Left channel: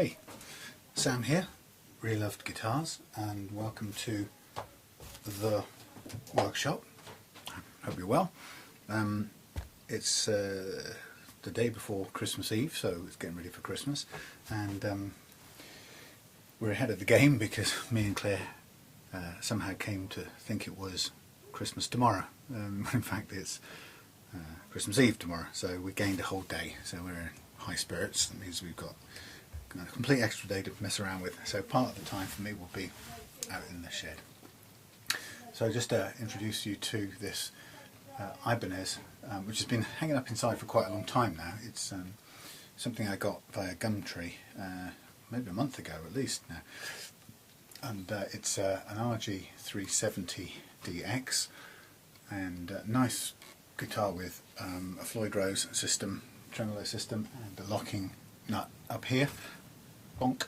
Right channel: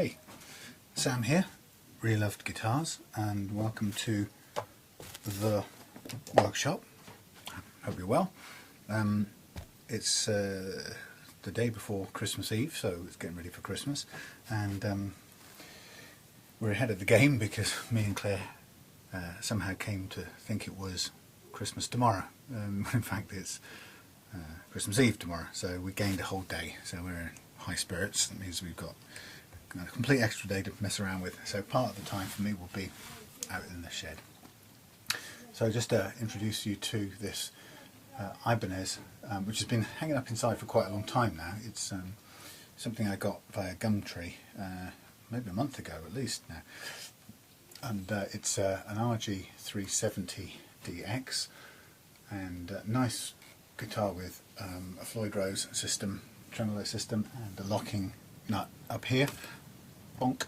Hey, Sam here, Reloved Guitars, and welcome to the workshop. Hope you're well. It's the day before Christmas Eve, so it's getting ready for Christmas, and we're ahead of the game because me and Claire somehow came to think it was Christmas tomorrow. In fact, it's Christmas Eve tomorrow, so we gained a whole day, so we're in high spirits. That means we've got a complete extra day to mess around with, so part of the time for me will be out in the shed. So just to introduce you to this Ibanez, which has been hanging up inside for quite a long time now. It's something I got via Gumtree maybe a month ago at least now, and it's an RG370DX, and a nice guitar with a Floyd Rose system, tremelo system, and a locking nut up here. Bonk.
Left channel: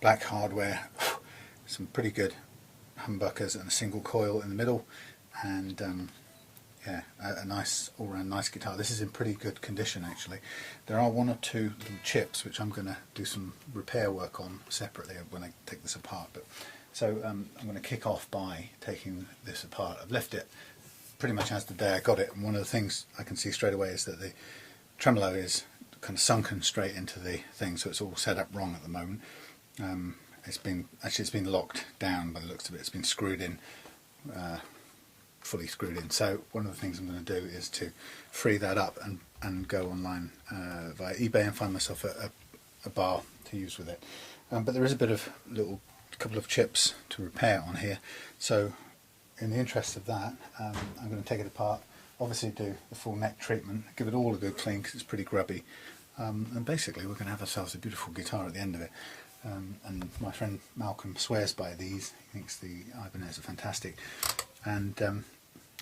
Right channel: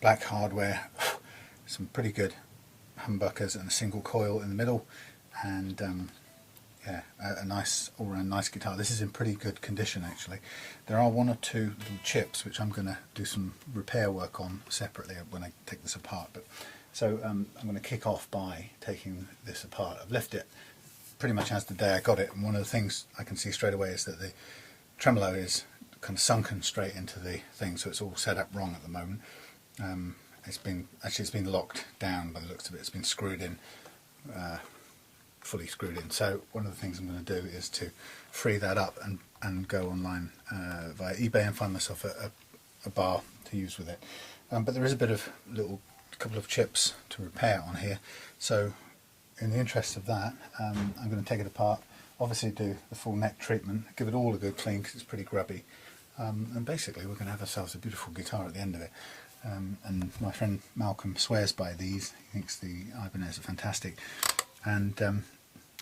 Black hardware, some pretty good humbuckers and a single coil in the middle, and yeah, a nice all-round nice guitar. This is in pretty good condition actually. There are one or two little chips which I'm going to do some repair work on separately when I take this apart. But so I'm going to kick off by taking this apart. I've left it pretty much as the day I got it, and one of the things I can see straight away is that the tremolo is kind of sunken straight into the thing, so it's all set up wrong at the moment. It's been locked down by the looks of it. It's been screwed in, fully screwed in. So one of the things I'm going to do is to free that up and go online via eBay and find myself a bar to use with it. But there is a bit of couple of chips to repair on here, so in the interest of that, I'm going to take it apart, obviously do the full neck treatment, give it all a good clean because it's pretty grubby, and basically we're going to have ourselves a beautiful guitar at the end of it. And my friend Malcolm swears by these. He thinks the Ibanez are fantastic, and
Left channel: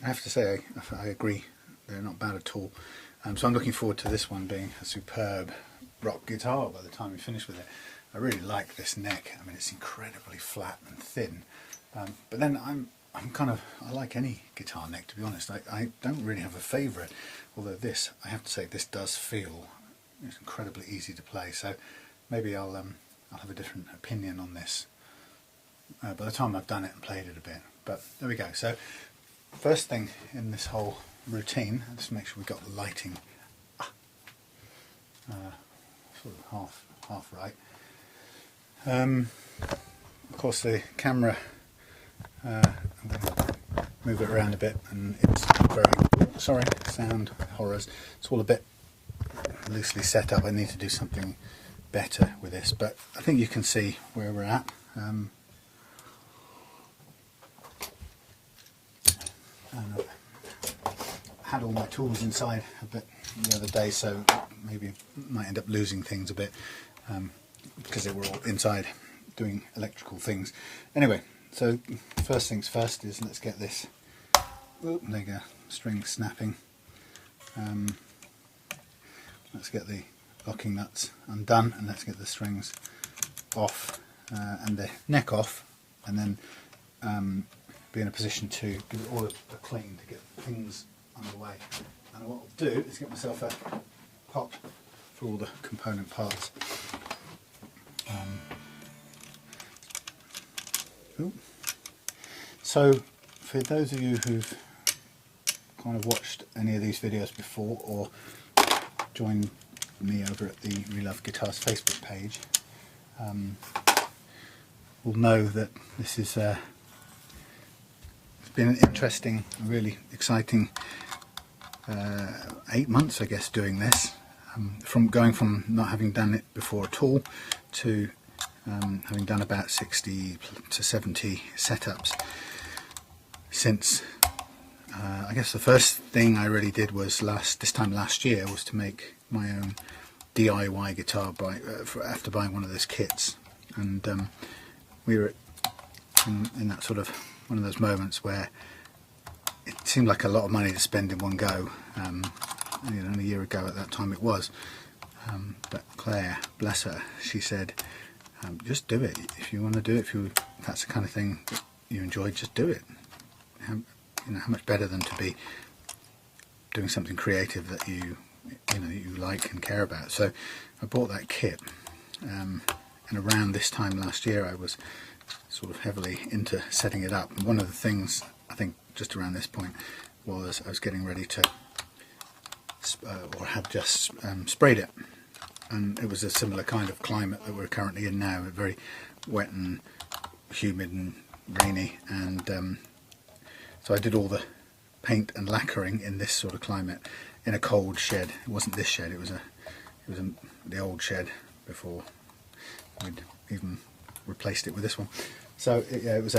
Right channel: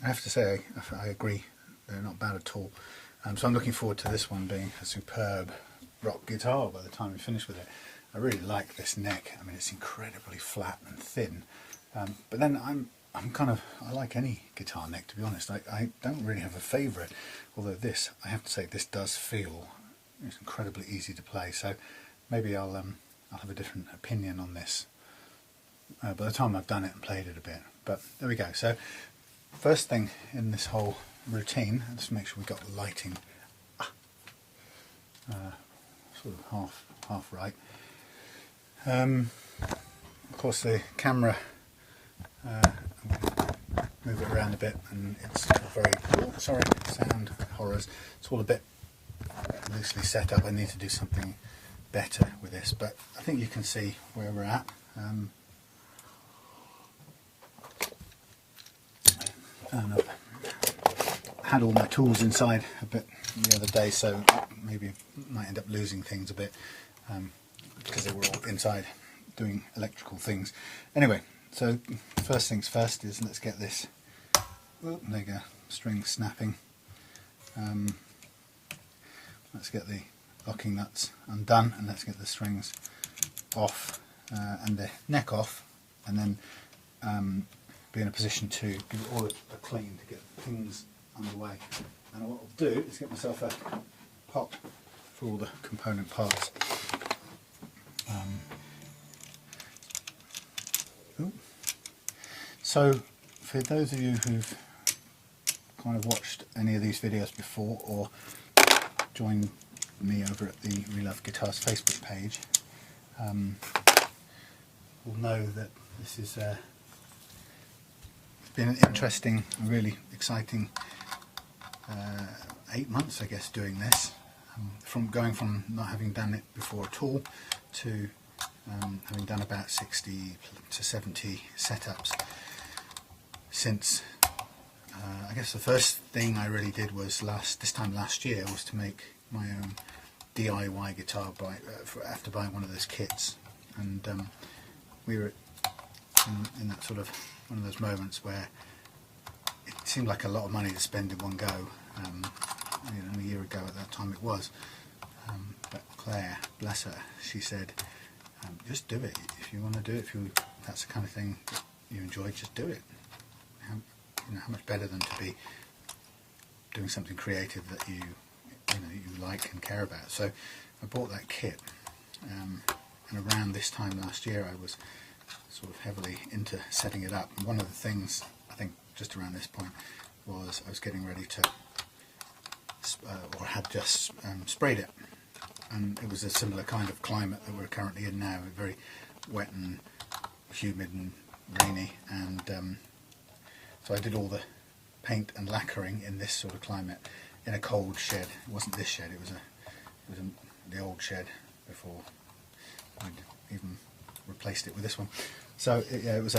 I have to say I agree, they're not bad at all. So I'm looking forward to this one being a superb rock guitar by the time we finish with it. I really like this neck. I mean, it's incredibly flat and thin, but then I like any guitar neck, to be honest. I don't really have a favourite, although this, I have to say, this does feel, it's incredibly easy to play, so maybe I'll have a different opinion on this by the time I've done it and played it a bit. But there we go. So first thing in this whole routine, let's make sure we got the lighting sort of half right. Of course the camera, I'm going to move it around a bit, and it's very, sorry, sound horrors, it's all a bit loosely set up. I need to do something better with this, but I think you can see where we're at. And I've had all my tools inside a bit the other day, so maybe might end up losing things a bit because they were all inside doing electrical things. Anyway, so first things first is let's get this, there you go, string snapping. Let's get the locking nuts undone, and let's get the strings off and the neck off, and then be in a position to give it all a clean to get things underway. And what I'll do is get myself a pot for all the component parts. So for those of you who've kind of watched any of these videos before or joined me over at the Reloved Guitars Facebook page, will know that this is it's been an interesting, really exciting 8 months, I guess, doing this. From going from not having done it before at all to having done about 60 to 70 setups since. I guess the first thing I really did was this time last year was to make my own DIY guitar after buying one of those kits, and we were in that sort of one of those moments where it seemed like a lot of money to spend in one go. A year ago at that time it was, but Claire, bless her, she said, just do it. If you want to do it, if that's the kind of thing that you enjoy, just do it. How much better than to be doing something creative that you like and care about. So I bought that kit, and around this time last year I was sort of heavily into setting it up. And one of the things, I think just around this point, was I was getting ready to, or had just sprayed it. And it was a similar kind of climate that we're currently in now, very wet and humid and rainy, and so I did all the paint and lacquering in this sort of climate in a cold shed. It wasn't this shed, it was the old shed before we'd even replaced it with this one. So yeah, it was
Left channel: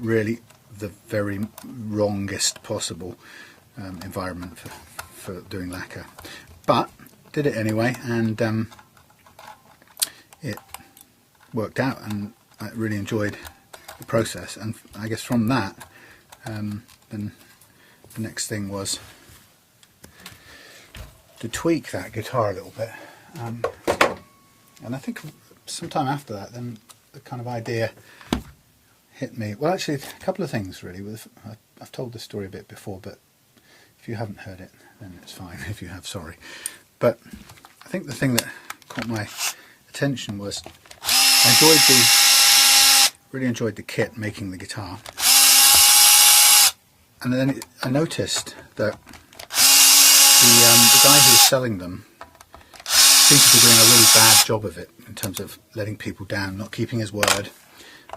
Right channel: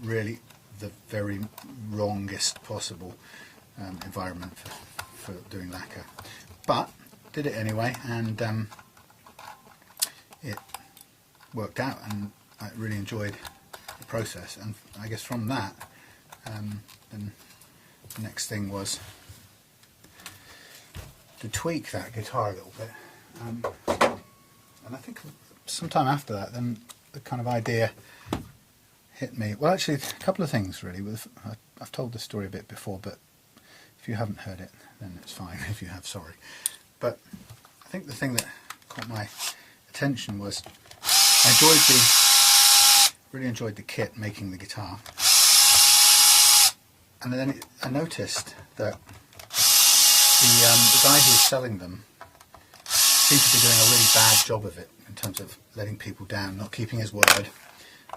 really the very wrongest possible environment for doing lacquer, but did it anyway, and it worked out, and I really enjoyed the process. And I guess from that, then the next thing was to tweak that guitar a little bit, and I think sometime after that, then the kind of idea hit me. Well, actually, a couple of things really. I've told this story a bit before, but if you haven't heard it, then it's fine. If you have, sorry. But I think the thing that caught my attention was I really enjoyed the kit, making the guitar, and then I noticed that the guy who was selling them seemed to be doing a really bad job of it in terms of letting people down, not keeping his word,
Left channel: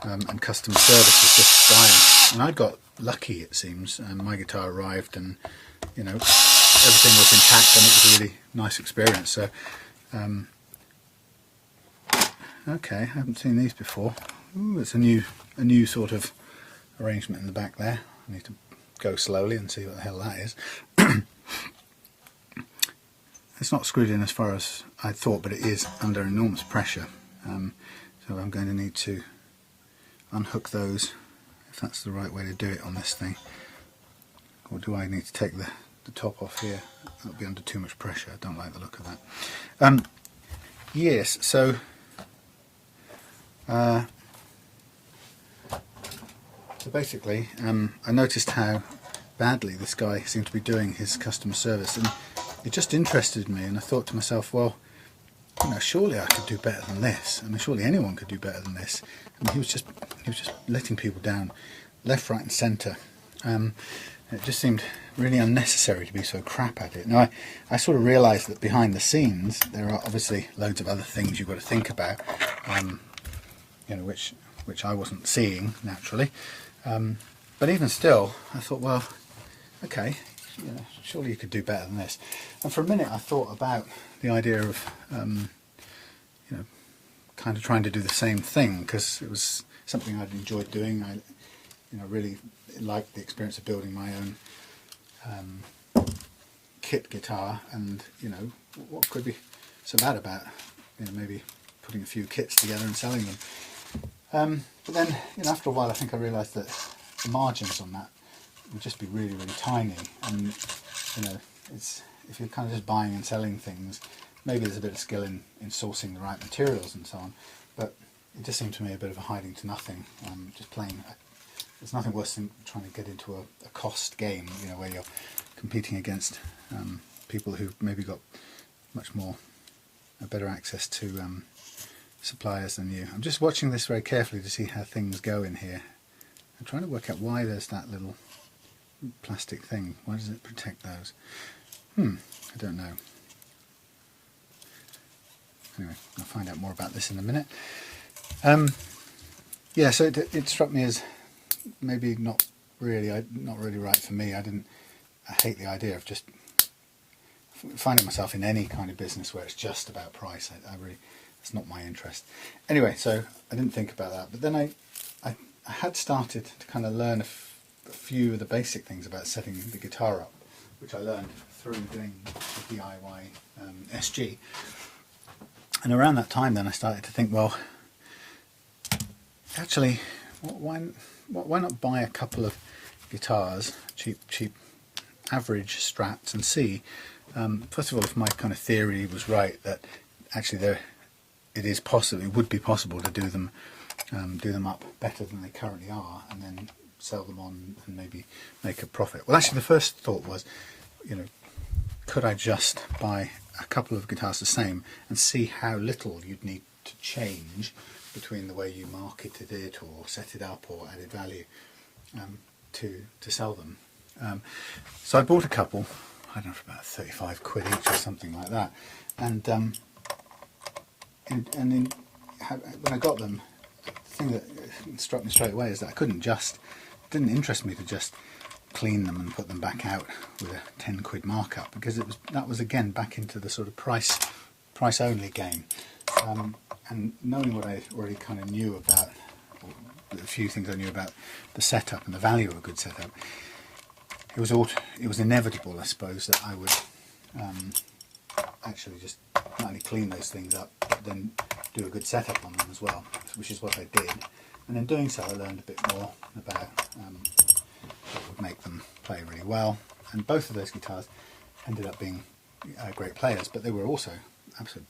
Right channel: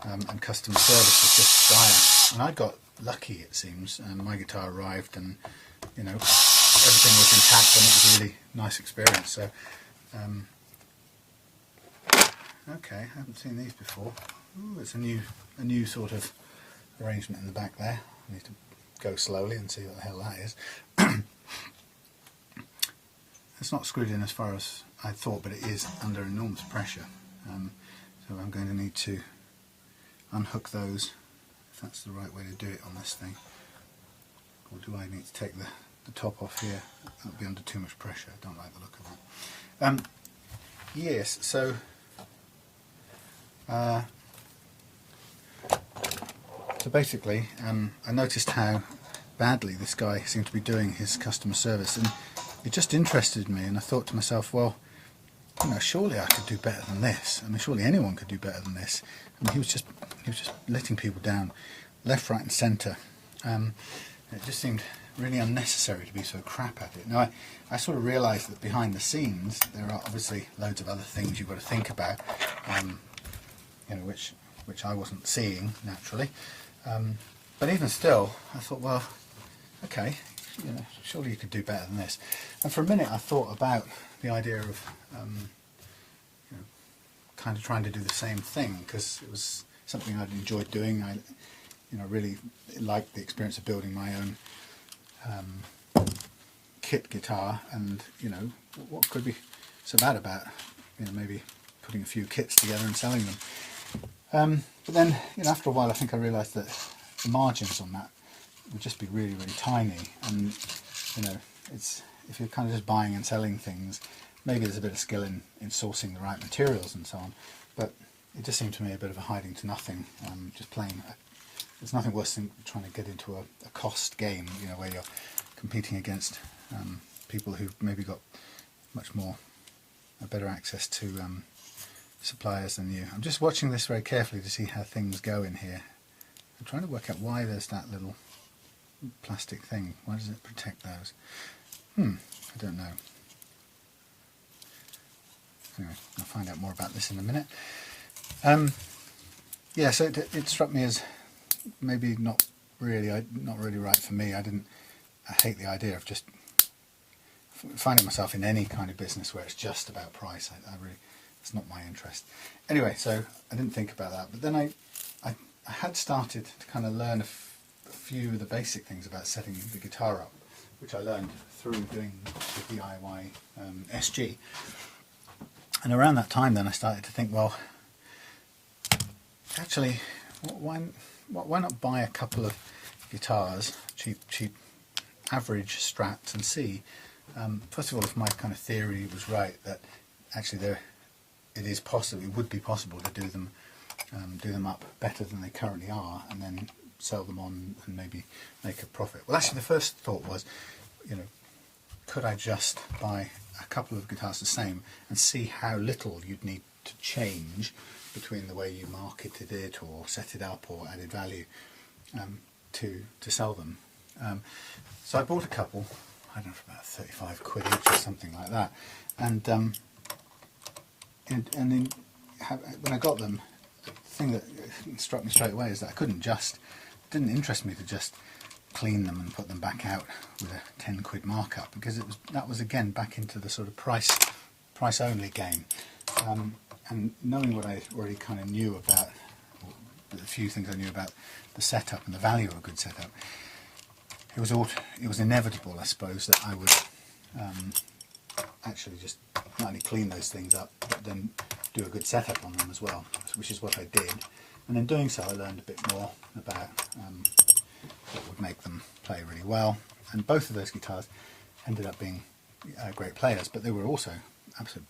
and customer service was just dire. And I got lucky, it seems, and my guitar arrived, and you know, everything was intact, and it was a really nice experience. So okay, I haven't seen these before. Ooh, it's a new sort of arrangement in the back there. I need to go slowly and see what the hell that is. It's not screwed in as far as I thought, but it is under enormous pressure, so I'm going to need to unhook those, if that's the right way to do it on this thing. Or do I need to take the top off here? That'll be under too much pressure. I don't like the look of that. Yes, so basically, I noticed how badly this guy seemed to be doing his customer service, and it just interested me, and I thought to myself, well, you know, surely I could do better than this. I mean, surely anyone could do better than this. I mean, he was just letting people down left, right and centre. It just seemed really unnecessary to be so crap at it. Now, I sort of realised that behind the scenes there are obviously loads of other things you've got to think about, you know, which I wasn't seeing naturally. But even still, I thought, well, okay, you know, surely you could do better than this. And for a minute I thought about the idea of you know, kind of trying to do the same thing, because it was something I'd enjoyed doing. I, you know, really liked the experience of building my own kit guitar, and you know, what could be so bad about, you know, maybe putting a few kits together and selling them. But then, you know, after a while I think I realised that the margins on that would just be really, really tiny, and you know, it's, if you're kind of just buying and selling things, maybe there's a bit of skill in sourcing the right materials and so on, but it just seemed to me a bit of a hiding to nothing, just playing. There's nothing worse than trying to get into a cost game, you know, where you're competing against people who've maybe got much more, better access to suppliers than you. I'm just watching this very carefully to see how things go in here. I'm trying to work out why there's that little plastic thing. Why does it protect those? I don't know. Anyway, I'll find out more about this in a minute. Yeah, so it struck me as maybe not really right for me. I hate the idea of just finding myself in any kind of business where it's just about price. I really, it's not my interest. Anyway, so I didn't think about that, but then I had started to kind of learn a few of the basic things about setting the guitar up, which I learned through doing the DIY SG. And around that time then I started to think, well, actually, why not buy a couple of guitars, cheap average strats, and see, first of all, if my kind of theory was right, that actually it would be possible to do them up better than they currently are, and then sell them on and maybe make a profit. Well, actually the first thought was, you know, could I just buy a couple of guitars the same and see how little you'd need to change between the way you marketed it or set it up or added value to sell them. So I bought a couple, I don't know, for about 35 quid each or something like that, and when I got them, the thing that struck me straight away is that it didn't interest me to just clean them and put them back out with a 10 quid markup, because that was again back into the sort of price only game. And knowing what I already kind of knew about, or the few things I knew about the setup and the value of a good setup, it was inevitable, I suppose, that I would actually just not only clean those things up, but then do a good setup on them as well, which is what I did. And in doing so, I learned a bit more about what would make them play really well. And both of those guitars ended up being great players, but they were also absolute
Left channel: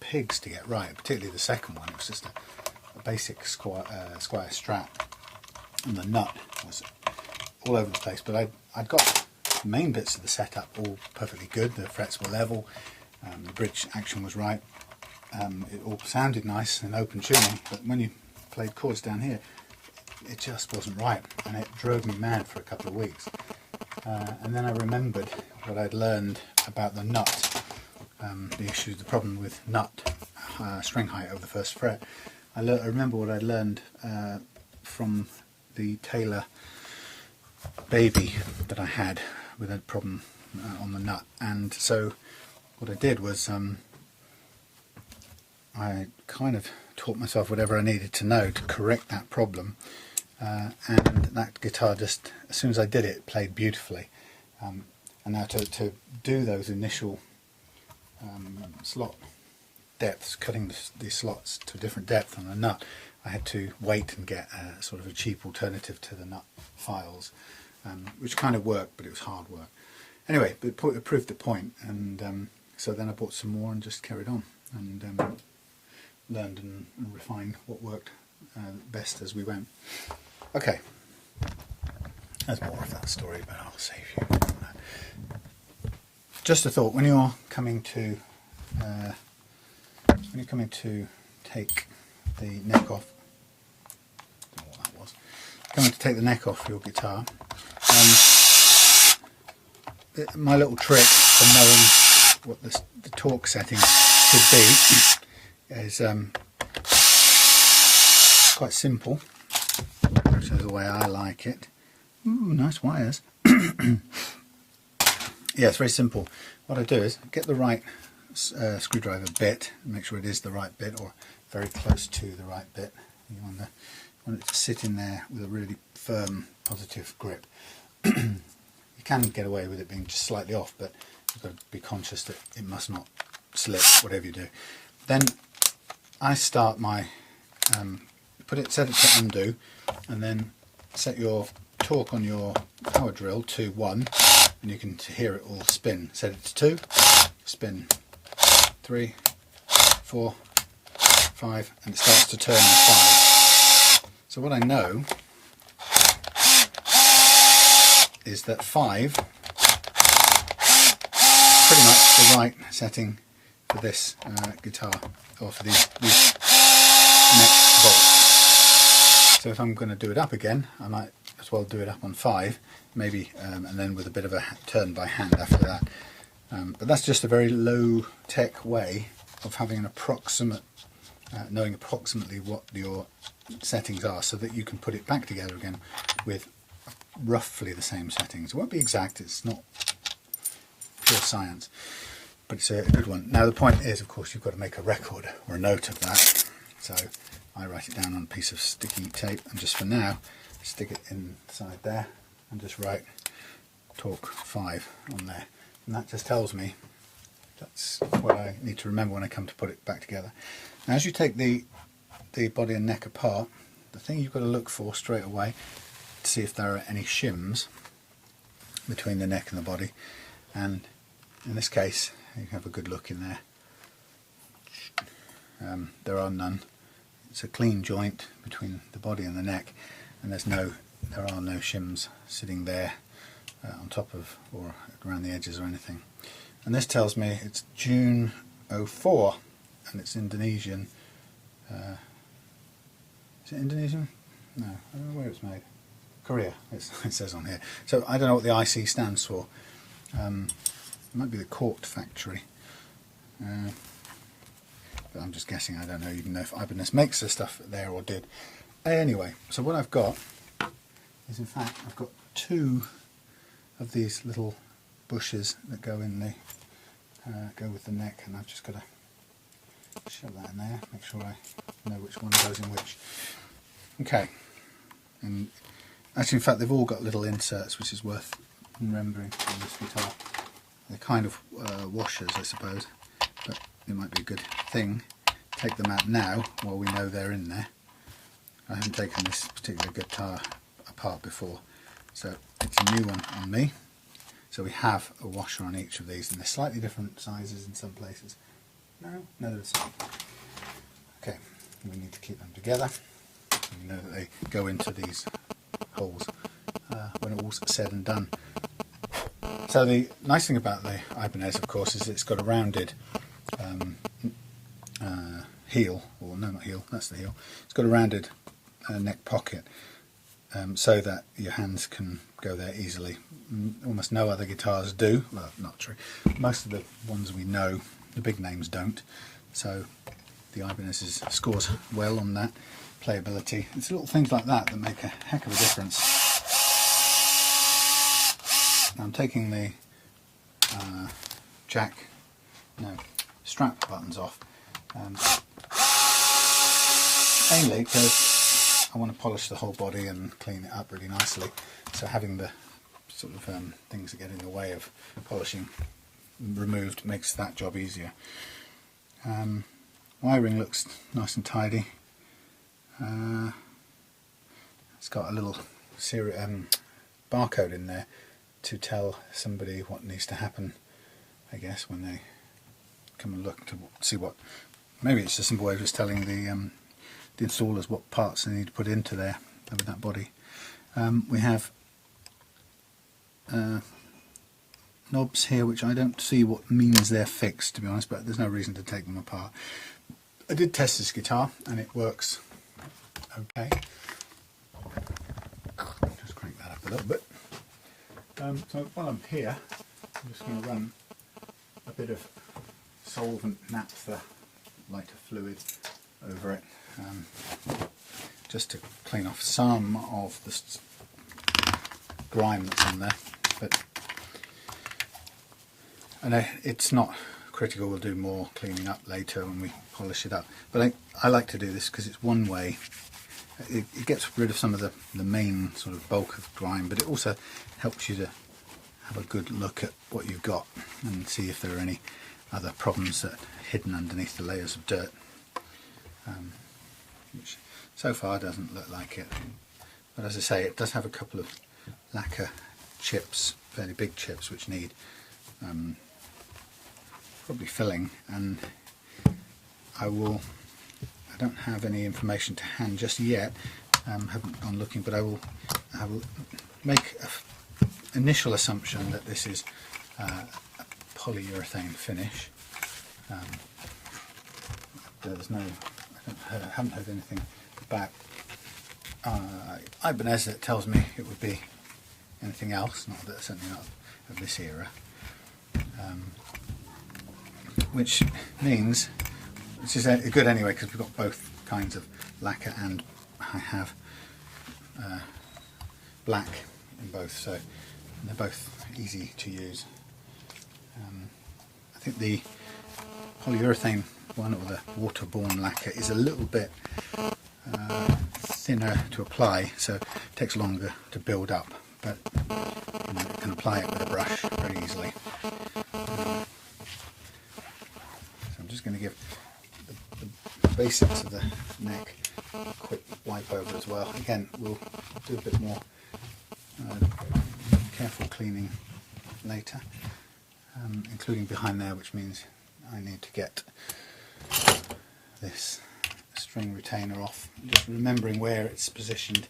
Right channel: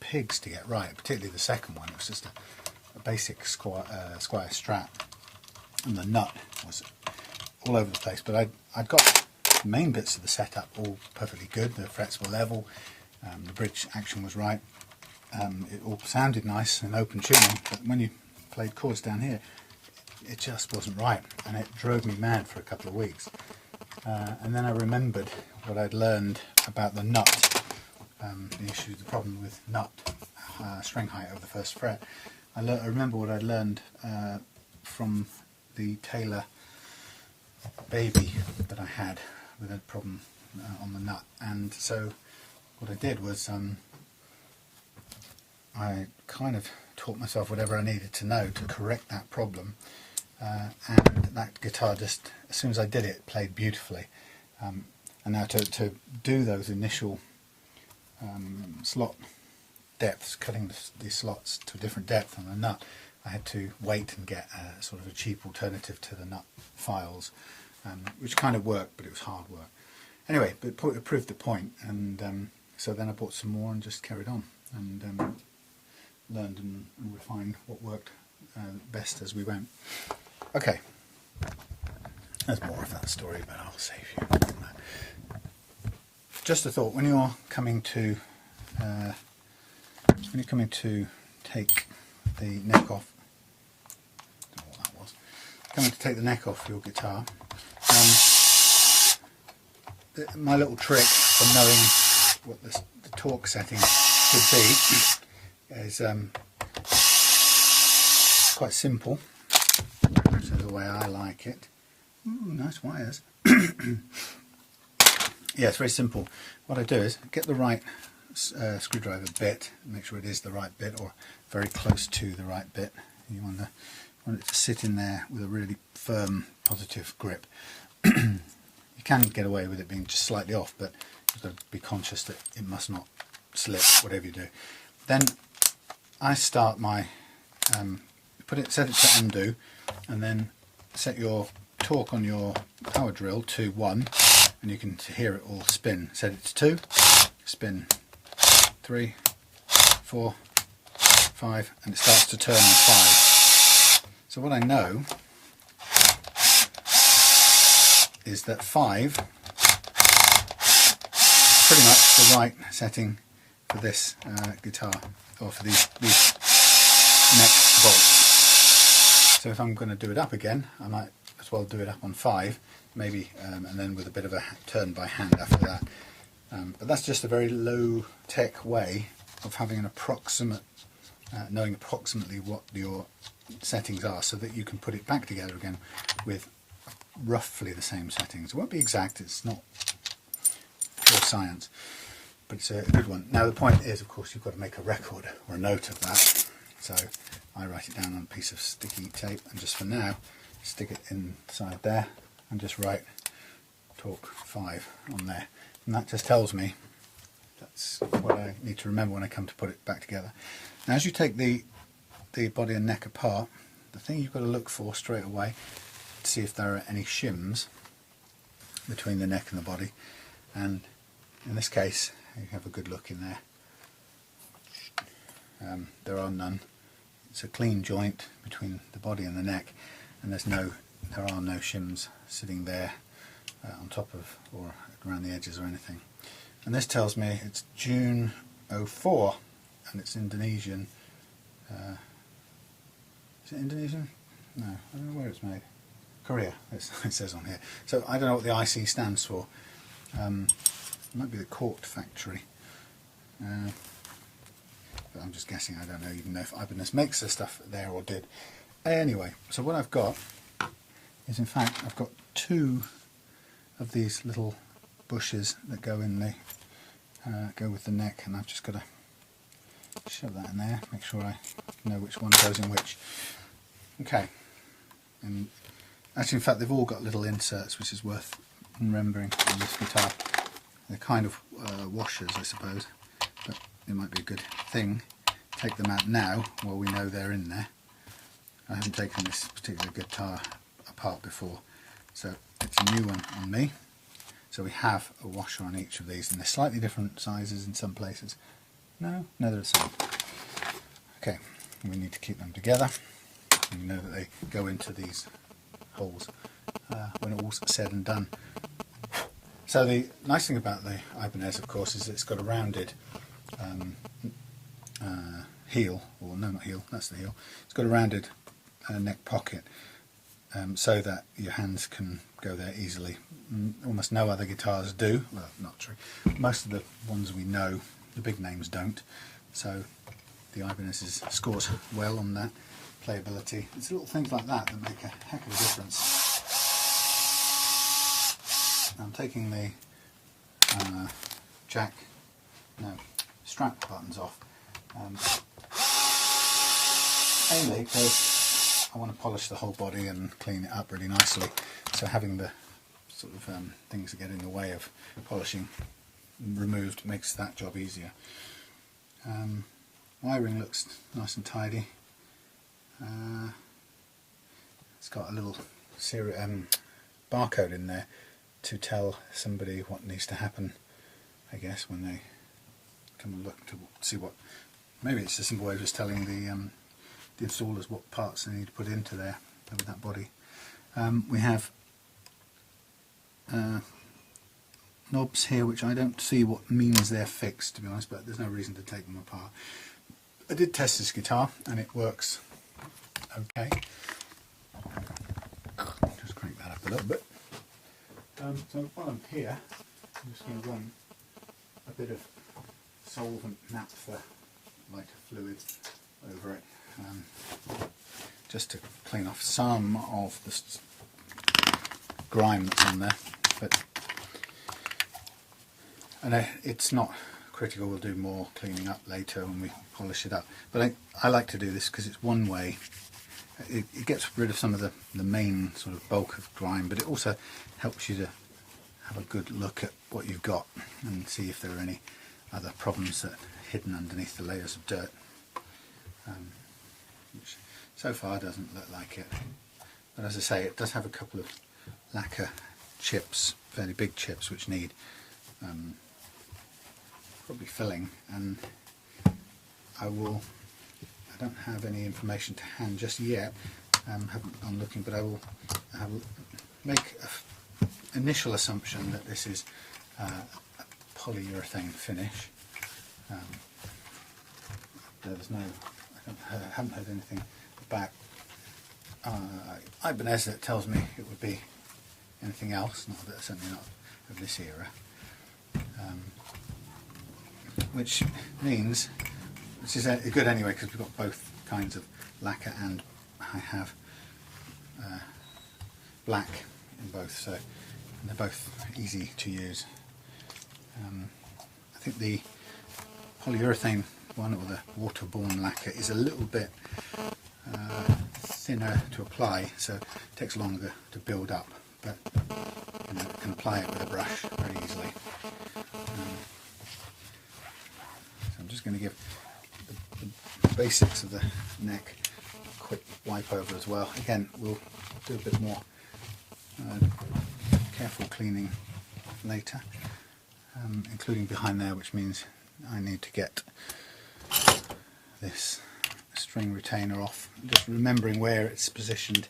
pigs to get right, particularly the second one. It was just a basic Squire strat, and the nut was all over the place, but I'd got the main bits of the setup all perfectly good. The frets were level, the bridge action was right, it all sounded nice and open tuning, but when you played chords down here, it just wasn't right, and it drove me mad for a couple of weeks. And then I remembered what I'd learned about the nut, the problem with nut string height over the first fret. I remember what I'd learned from the Taylor Baby that I had with a problem on the nut, and so what I did was I kind of taught myself whatever I needed to know to correct that problem, and that guitar just, as soon as I did it, played beautifully. And now to do those initial slot depths, cutting the slots to a different depth on the nut, I had to wait and get a sort of a cheap alternative to the nut files, which kind of worked, but it was hard work. Anyway, but it proved the point, and so then I bought some more and just carried on, and learned and refined what worked best as we went. Okay, there's more of that story, but I'll save you from that. Just a thought: when you're coming to take the neck off, I don't know what that was. Coming to take the neck off your guitar. My little trick for knowing what the torque setting should be is quite simple, which is the way I like it. Ooh, nice wires. Yeah, it's very simple. What I do is get the right screwdriver bit, make sure it is the right bit or very close to the right bit. You want it to sit in there with a really firm, positive grip. You can get away with it being just slightly off, but you've got to be conscious that it must not slip, whatever you do. Then I start my set it to undo, and then set your torque on your power drill to 1, and you can hear it all spin. Set it to 2, spin 3, 4, 5, and it starts to turn on 5. So what I know is that 5 is pretty much the right setting for this guitar, or for these neck bolts. So if I'm going to do it up again, I might as well do it up on 5, maybe, and then with a bit of a turn by hand after that. But that's just a very low-tech way of having an approximate, knowing approximately what your settings are, so that you can put it back together again with roughly the same settings. It won't be exact, it's not pure science, but it's a good one. Now the point is, of course, you've got to make a record or a note of that, so I write it down on a piece of sticky tape, and just for now stick it inside there and just write torque 5 on there, and that just tells me that's what I need to remember when I come to put it back together. Now as you take the body and neck apart, the thing you've got to look for straight away to see if there are any shims between the neck and the body, and in this case you have a good look in there. There are none. It's a clean joint between the body and the neck, and there are no shims sitting there on top of or around the edges or anything. and this tells me it's June 04 and it's Indonesian. Is it Indonesian? No, I don't know where it's made. Korea, it says on here. So I don't know what the IC stands for. It might be the Court factory. But I'm just guessing, I don't know even know if Ibanez makes the stuff there or did. Anyway, so what I've got is, in fact, I've got two of these little bushes that go in the go with the neck, and I've just got to shove that in there, make sure I know which one goes in which. Okay, and actually, in fact, they've all got little inserts, which is worth remembering on this guitar. They're kind of washers, I suppose, but it might be a good thing to take them out now while we know they're in there. I haven't taken this particular guitar apart before, so it's a new one on me. So we have a washer on each of these, and they're slightly different sizes in some places. No, they're the same. Okay, we need to keep them together. You know that they go into these holes when all's said and done. So the nice thing about the Ibanez, of course, is it's got a rounded heel, or no, not heel, that's the heel. It's got a rounded neck pocket, so that your hands can go there easily. Almost no other guitars do. Well, not true. Most of the ones we know, the big names don't. So the Ibanez scores well on that playability. It's little things like that that make a heck of a difference. Now I'm taking the strap buttons off, mainly because I want to polish the whole body and clean it up really nicely, so having the sort of things that get in the way of polishing removed makes that job easier. Wiring looks nice and tidy. It's got a little barcode in there to tell somebody what needs to happen, I guess, when they come and look to see what. Maybe it's a simple way of just telling the installers what parts they need to put into there with that body. We have knobs here, which I don't see what means they're fixed, to be honest, but there's no reason to take them apart. I did test this guitar and it works okay. Just crank that up a little bit. So while I'm here, I'm just going to run a bit of solvent naphtha lighter fluid over it, just to clean off some of the grime that's on there. But and it's not critical. We'll do more cleaning up later when we polish it up. But I like to do this because it's one way. It gets rid of some of the main sort of bulk of grime, but it also helps you to have a good look at what you've got and see if there are any other problems that are hidden underneath the layers of dirt, which so far doesn't look like it. But as I say, it does have a couple of lacquer chips, fairly big chips, which need probably filling, and I don't have any information to hand just yet. Haven't gone looking, but I will make an initial assumption that this is a polyurethane finish. There's no, I haven't heard anything about Ibanez that tells me it would be anything else. Certainly not of this era. Which means, which is good anyway, because we've got both kinds of lacquer, and I have black in both, so they're both easy to use. I think the polyurethane one, or the waterborne lacquer, is a little bit thinner to apply, so it takes longer to build up, but you can apply it with a brush very easily. So I'm just going to give the basics of the neck a quick wipe over as well. Again, we'll do a bit more careful cleaning later, including behind there, which means I need to get this string retainer off. Just remembering where it's positioned.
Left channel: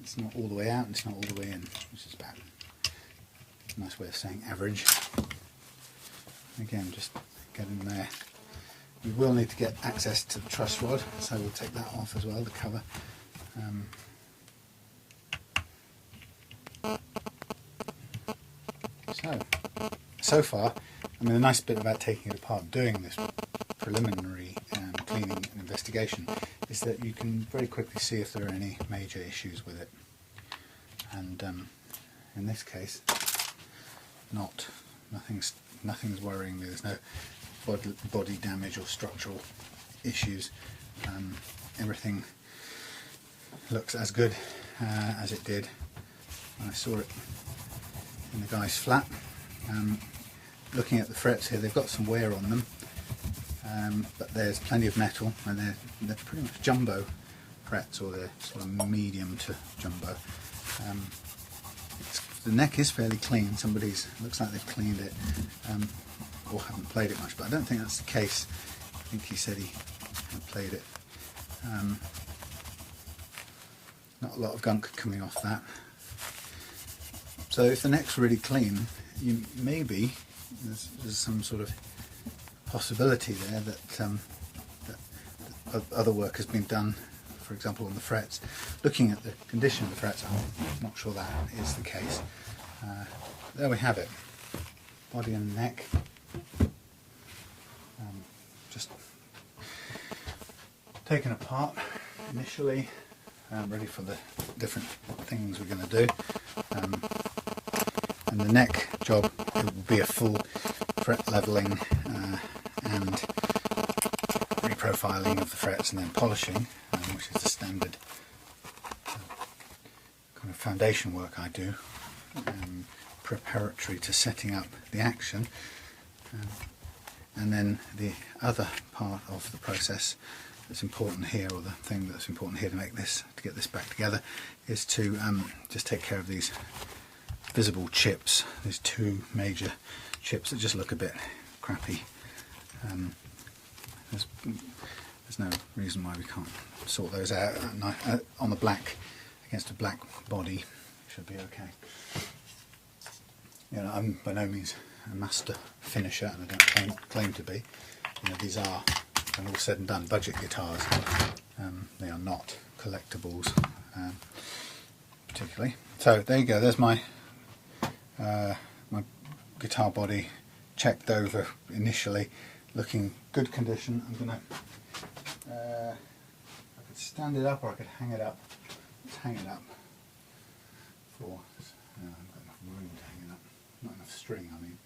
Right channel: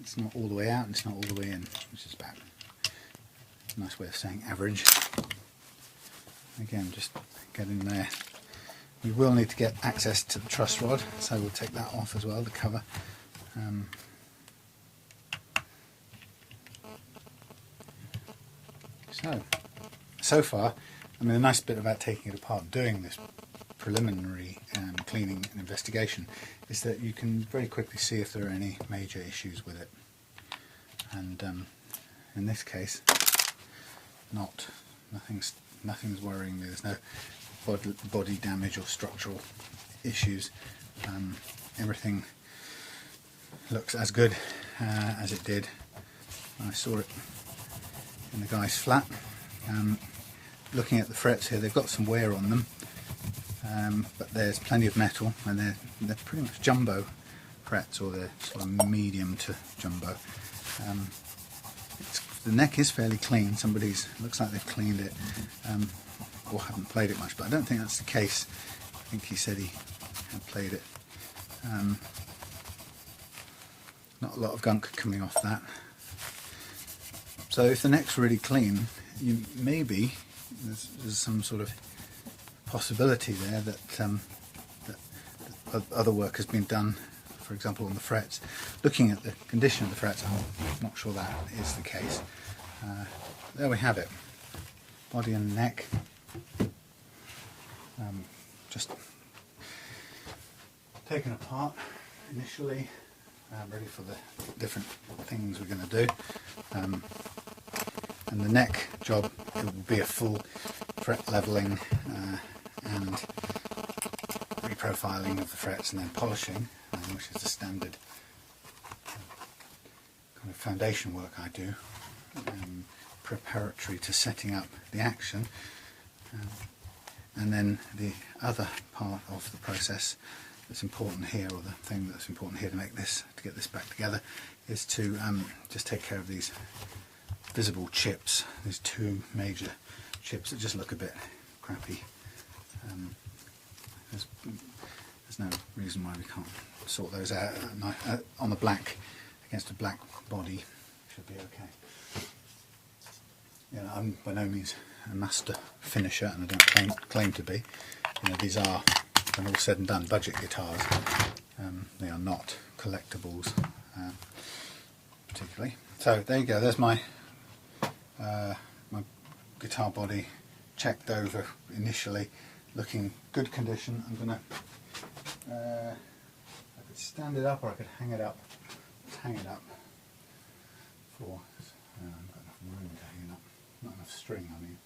It's not all the way out and it's not all the way in, which is about Nice way of saying average. Again, just get in there. We will need to get access to the truss rod, so we'll take that off as well, the cover. So far, I mean, the nice bit about taking it apart, doing this preliminary cleaning and investigation, is that you can very quickly see if there are any major issues with it. And in this case, nothing's worrying me. There's no body damage or structural issues. Everything looks as good as it did when I saw it in the guy's flat. Looking at the frets here, they've got some wear on them, but there's plenty of metal, and they're pretty much jumbo frets, or they're sort of medium to jumbo. The neck is fairly clean. Looks like they've cleaned it, or haven't played it much, but I don't think that's the case. I think he said he had played it. Not a lot of gunk coming off that. So if the neck's really clean, maybe there's some sort of possibility there that other work has been done, for example on the frets. Looking at the condition of the frets, I'm not sure that is the case. There we have it, body and neck. Just taken apart initially, ready for the different things we're going to do. And the neck job, it will be a full fret levelling and reprofiling of the frets, and then polishing, which is the standard kind of foundation work I do, preparatory to setting up the action. And then the other part of the process that's important here, or the thing that's important here to get this back together, is to just take care of these visible chips, these two major chips that just look a bit crappy. There's no reason why we can't sort those out on the black, against a black body. Should be okay. You know, I'm by no means a master finisher, and I don't claim to be. You know, these are, when all said and done, budget guitars. They are not collectibles, particularly. So there you go. There's my guitar body, checked over initially, looking good condition. I'm gonna I could stand it up, or I could hang it up. Let's hang it up. I haven't got enough room to hang it up. Not enough string, I mean.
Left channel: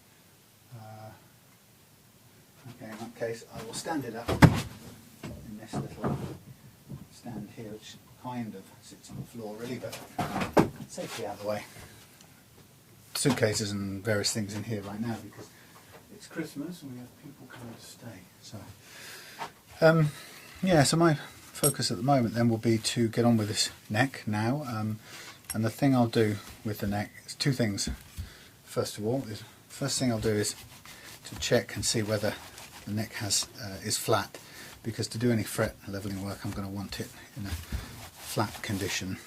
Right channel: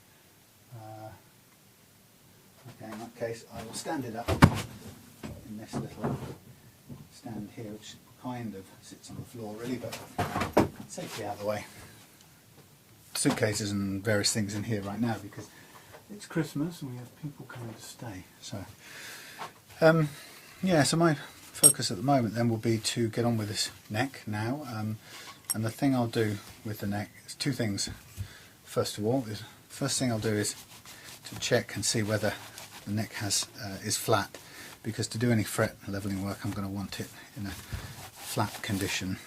Okay, in that case, I will stand it up in this little stand here, which kind of sits on the floor really, but safely out of the way. Suitcases and various things in here right now because it's Christmas and we have people coming to stay. So, yeah, so my focus at the moment then will be to get on with this neck now. And the thing I'll do with the neck is two things. First of all, first thing I'll do is to check and see whether the neck is flat, because to do any fret leveling work I'm going to want it in a flat condition.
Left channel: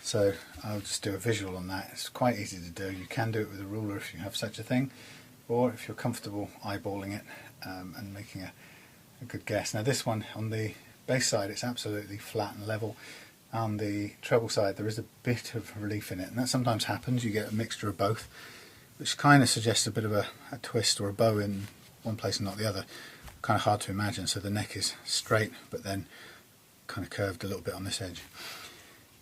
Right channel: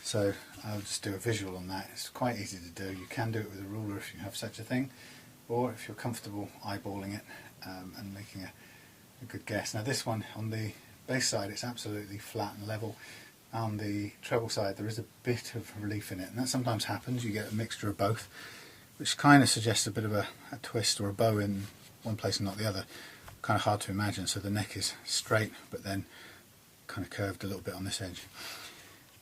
So I'll just do a visual on that. It's quite easy to do. You can do it with a ruler if you have such a thing, or if you're comfortable eyeballing it and making a good guess. Now this one, on the bass side, it's absolutely flat and level. On the treble side there is a bit of relief in it, and that sometimes happens. You get a mixture of both, which kind of suggests a bit of a twist or a bow in one place and not the other. Kind of hard to imagine. So the neck is straight but then kind of curved a little bit on this edge.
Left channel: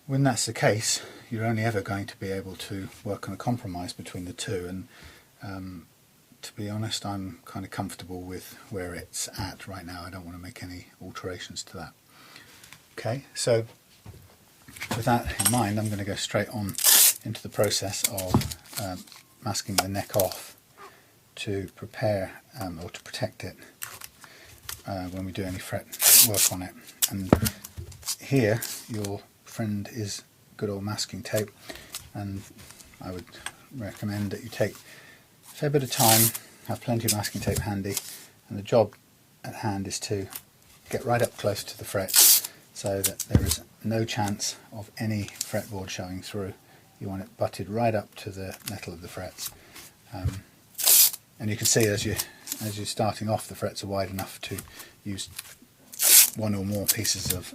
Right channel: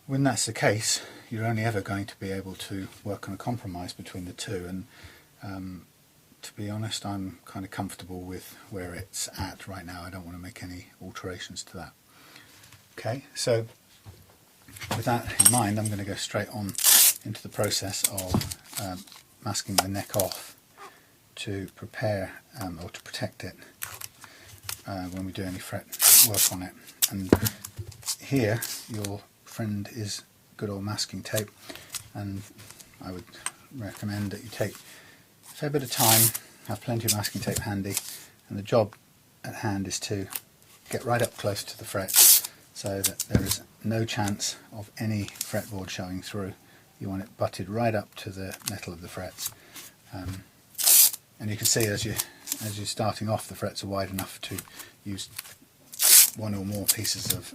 When that's the case, you're only ever going to be able to work on a compromise between the two, and to be honest, I'm kind of comfortable with where it's at right now. I don't want to make any alterations to that. Okay, so with that in mind, I'm going to go straight on into the process of masking the neck off to prepare or to protect it when we do any fret work on it. And here your friend is good old masking tape, and I would recommend that you take a fair bit of time, have plenty of masking tape handy, and the job at hand is to get right up close to the frets so that there is no chance of any fretboard showing through you want it butted right up to the metal of the frets. And you can see as you're starting off, the frets are wide enough to use one or more pieces of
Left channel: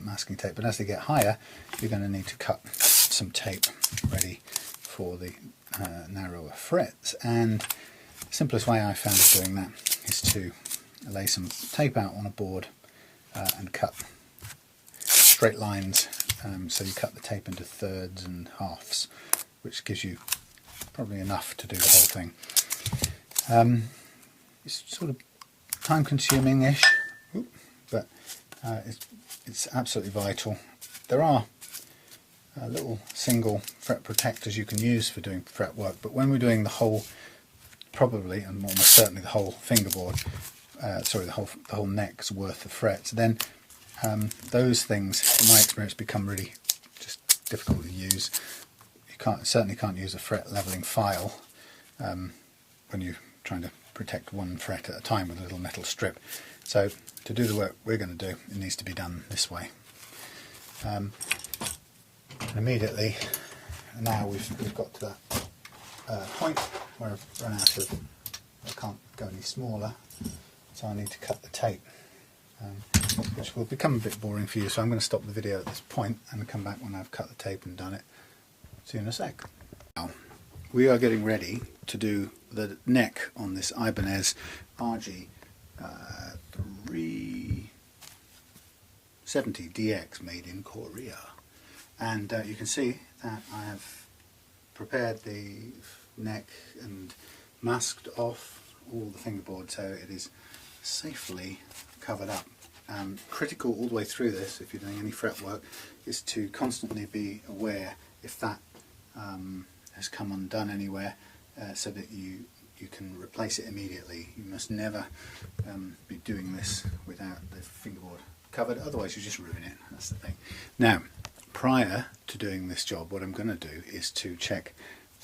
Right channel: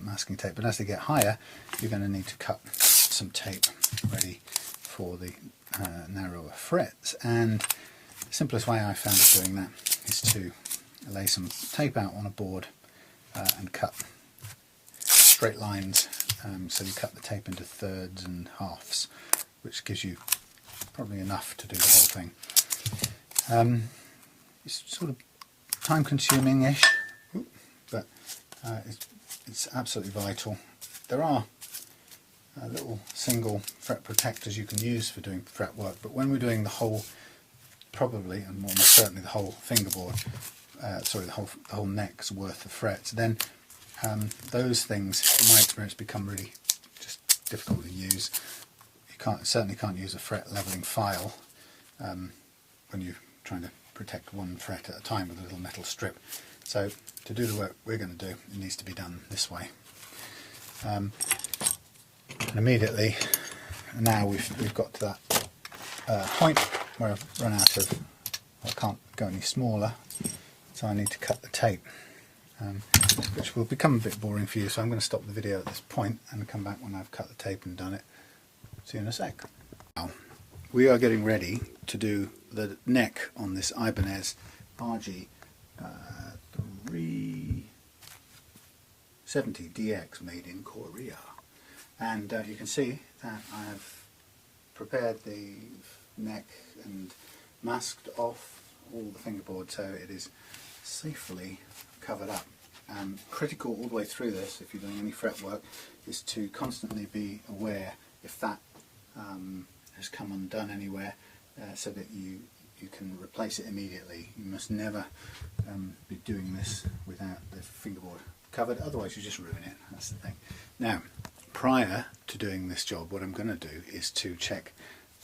masking tape, but as they get higher you're going to need to cut some tape ready for the narrower frets. And the simplest way I found of doing that is to lay some tape out on a board and cut straight lines, so you cut the tape into thirds and halves, which gives you probably enough to do the whole thing. It's sort of time consuming-ish, but it's absolutely vital. There are little single fret protectors you can use for doing fret work, but when we're doing the whole, probably and almost certainly the whole fingerboard, the whole neck's worth of frets, then those things, in my experience, become really just difficult to use. You certainly can't use a fret leveling file when you're trying to protect one fret at a time with a little metal strip. So to do the work we're going to do, it needs to be done this way. And immediately now we've got to that point where I've run out of, I can't go any smaller, so I need to cut the tape, which will become a bit boring for you, so I'm going to stop the video at this point and come back when I've cut the tape and done it. See you in a sec. Now, we are getting ready to do the neck on this Ibanez RG370DX made in Korea. And you can see that I have prepared the neck and masked off all the fingerboard so it is safely covered up. Critical all the way through this, if you're doing any fret work, is to constantly be aware if that has come undone anywhere, so that you can replace it immediately. You must never be doing this without the fingerboard covered, otherwise you just ruin it. That's the thing. Now, prior to doing this job, what I'm going to do is to check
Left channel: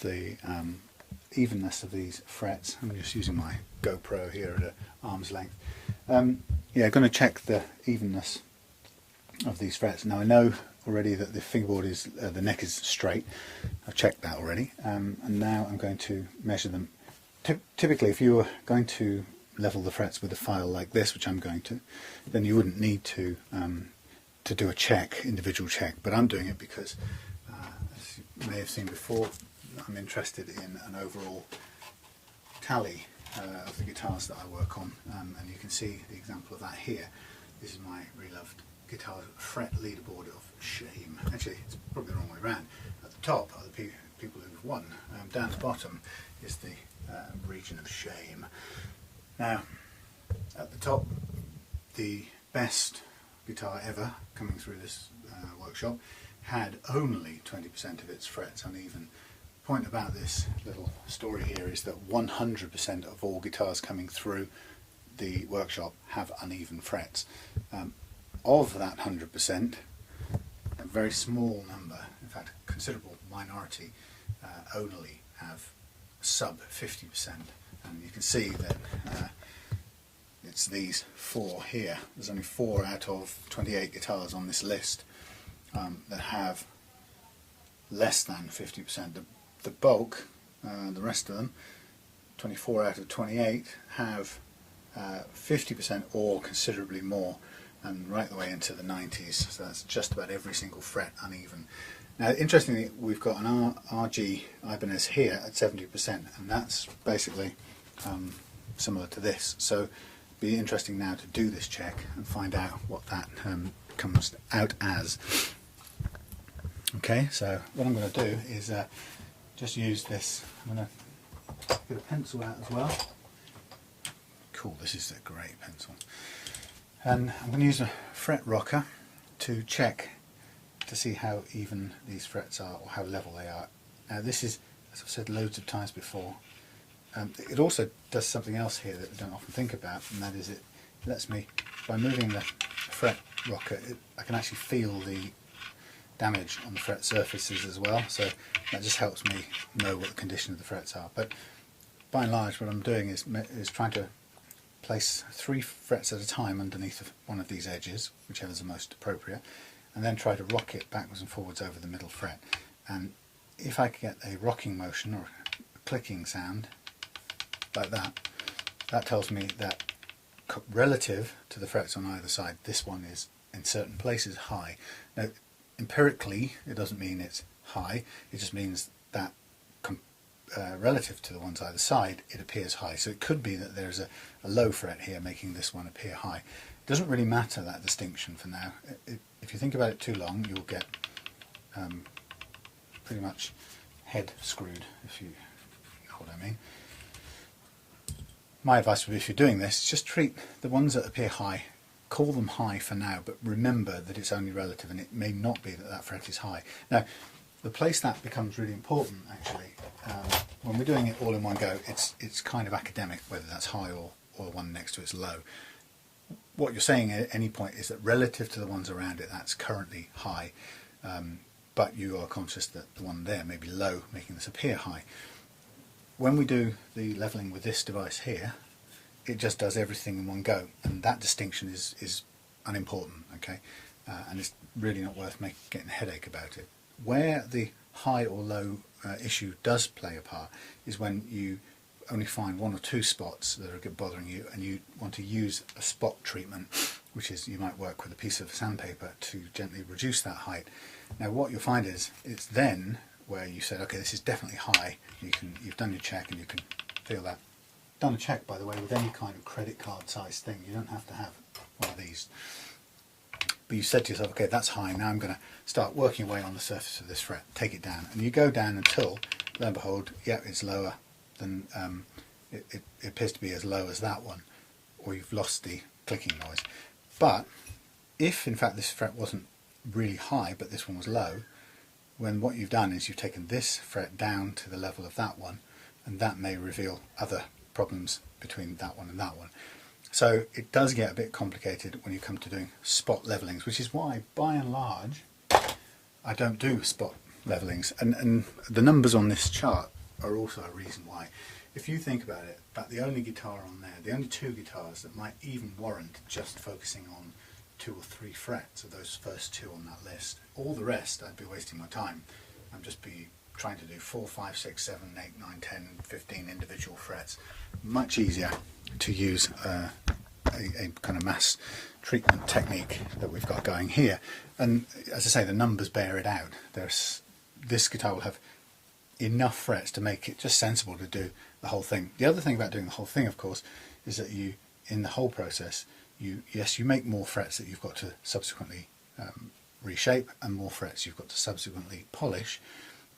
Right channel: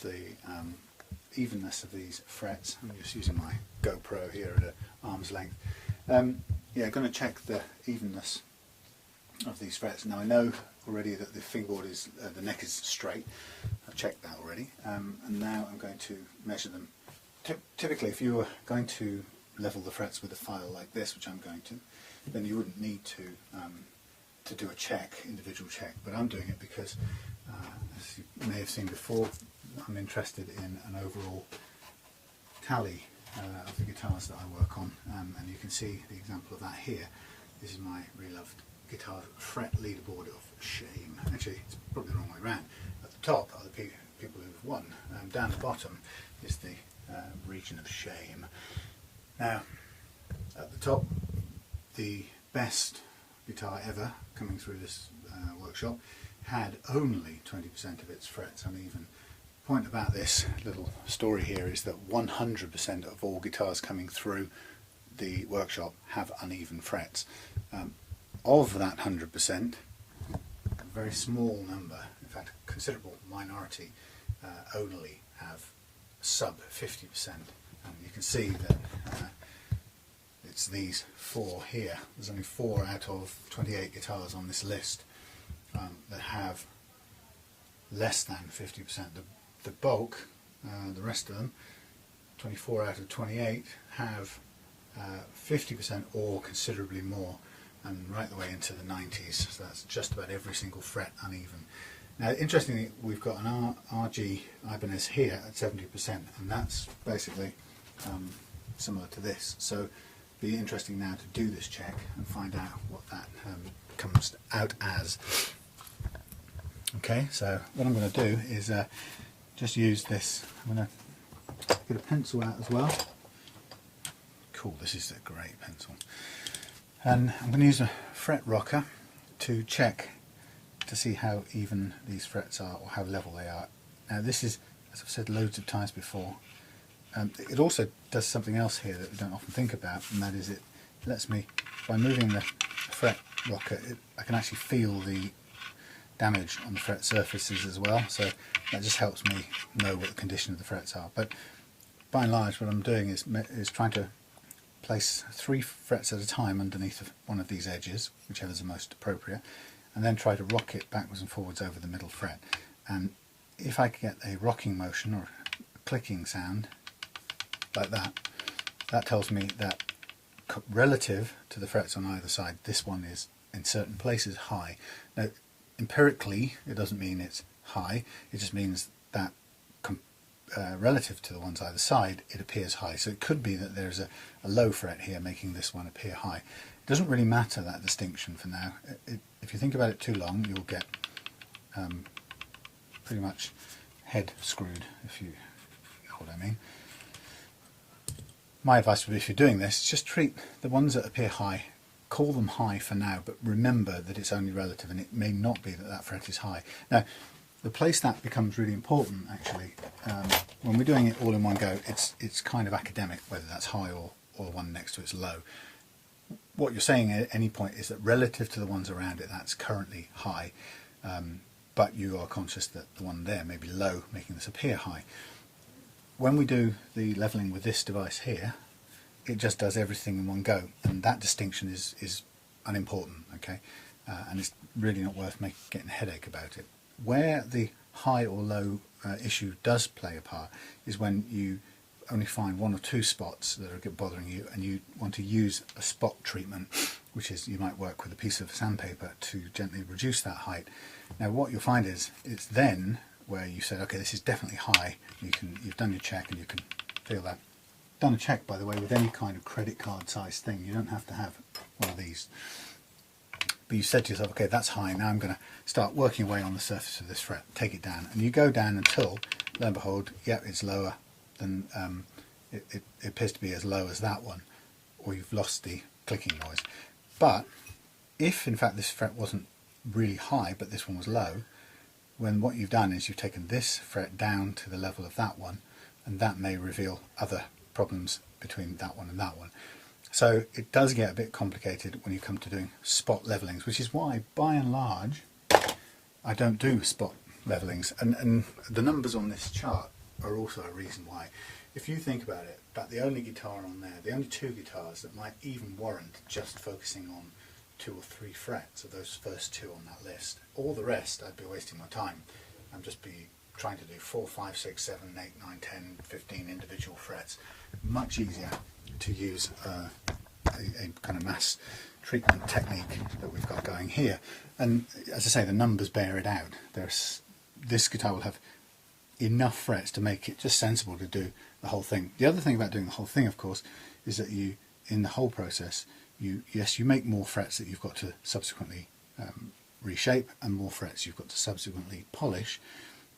the evenness of these frets. I'm just using my GoPro here at arm's length. Yeah, going to check the evenness of these frets. Now I know already that the fingerboard is, the neck is straight. I've checked that already, and now I'm going to measure them. Typically, if you were going to level the frets with a file like this, which I'm going to, then you wouldn't need to do a individual check. But I'm doing it because, as you may have seen before, I'm interested in an overall tally of the guitars that I work on, and you can see the example of that here. This is my Reloved Guitars fret leaderboard of shame. Actually, it's probably the wrong way around. At the top are the people who've won. Down the bottom is the region of shame. Now, at the top, the best guitar ever coming through this workshop had only 20% of its frets uneven. The point about this little story here is that 100% of all guitars coming through the workshop have uneven frets. Of that 100%, a very small number, in fact a considerable minority, only have sub 50%, and you can see that it's these 4 here. There's only 4 out of 28 guitars on this list that have less than 50%. The bulk, the rest of them, 24 out of 28, have 50% or considerably more, and right the way into the 90s, so that's just about every single fret uneven. Now, interestingly, we've got an RG Ibanez here at 70%, and that's basically similar to this. So it'll be interesting now to do this check and find out what that comes out as. Okay, so what I'm going to do is just use this. I'm going to get a pencil out as well. Cool, this is a great pencil. And I'm going to use a fret rocker to check to see how even these frets are or how level they are. Now this is, as I've said loads of times before, it also does something else here that we don't often think about, and that is it lets me, by moving the fret rocker, I can actually feel the damage on the fret surfaces as well, so that just helps me know what the condition of the frets are. But by and large what I'm doing is trying to place 3 frets at a time underneath one of these edges, whichever is the most appropriate, and then try to rock it backwards and forwards over the middle fret. And if I get a rocking motion or a clicking sound like that, that tells me that relative to the frets on either side, this one is in certain places high. Now, empirically, it doesn't mean it's high, it just means that relative to the ones either side, it appears high. So it could be that there's a low fret here making this one appear high. It doesn't really matter, that distinction, for now. If you think about it too long, you'll get pretty much head screwed, if you know what I mean. My advice would be, if you're doing this, just treat the ones that appear high, call them high for now, but remember that it's only relative, and it may not be that that fret is high. Now, the place that becomes really important, actually, when we're doing it all in one go, it's kind of academic whether that's high or the one next to it's low. What you're saying at any point is that relative to the ones around it, that's currently high, but you are conscious that the one there may be low, making this appear high. When we do the leveling with this device here, it just does everything in one go, and that distinction is unimportant, okay? And it's really not worth getting a headache about it. Where the high or low issue does play a part is when you only find one or two spots that are bothering you, and you want to use a spot treatment, which is you might work with a piece of sandpaper to gently reduce that height. Now what you'll find is it's then where you said, okay, this is definitely high. You've done your check and you can feel that. Done a check, by the way, with any kind of credit card size thing. You don't have to have one of these. But you said to yourself, okay, that's high, now I'm going to start working away on the surface of this fret, take it down, and you go down until, lo and behold, yeah, it's lower than, it appears to be as low as that one, or you've lost the clicking noise. But if in fact this fret wasn't really high, but this one was low, when what you've done is you've taken this fret down to the level of that one, and that may reveal other problems between that one and that one. So it does get a bit complicated when you come to doing spot levelings, which is why, by and large, I don't do spot levelings. And the numbers on this chart are also a reason why. If you think about it, about the only guitar on there, the only two guitars that might even warrant just focusing on 2 or 3 frets are those first 2 on that list. All the rest, I'd be wasting my time. I'd just be trying to do 4, 5, 6, 7, 8, 9, 10, 15 individual frets. Much easier to use a kind of mass treatment technique that we've got going here. And as I say, the numbers bear it out. This guitar will have enough frets to make it just sensible to do the whole thing. The other thing about doing the whole thing, of course, is that you, in the whole process, you make more frets that you've got to subsequently reshape, and more frets you've got to subsequently polish.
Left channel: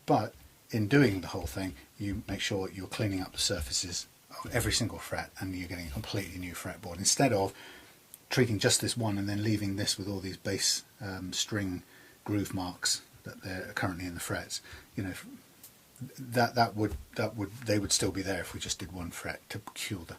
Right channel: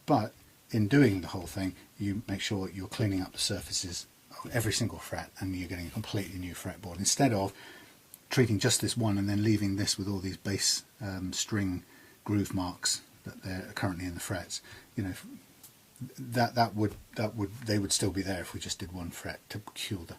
But in doing the whole thing, you make sure you're cleaning up the surfaces of every single fret, and you're getting a completely new fretboard, instead of treating just this one and then leaving this with all these bass string groove marks that they're currently in the frets. You know, they would still be there if we just did one fret to cure the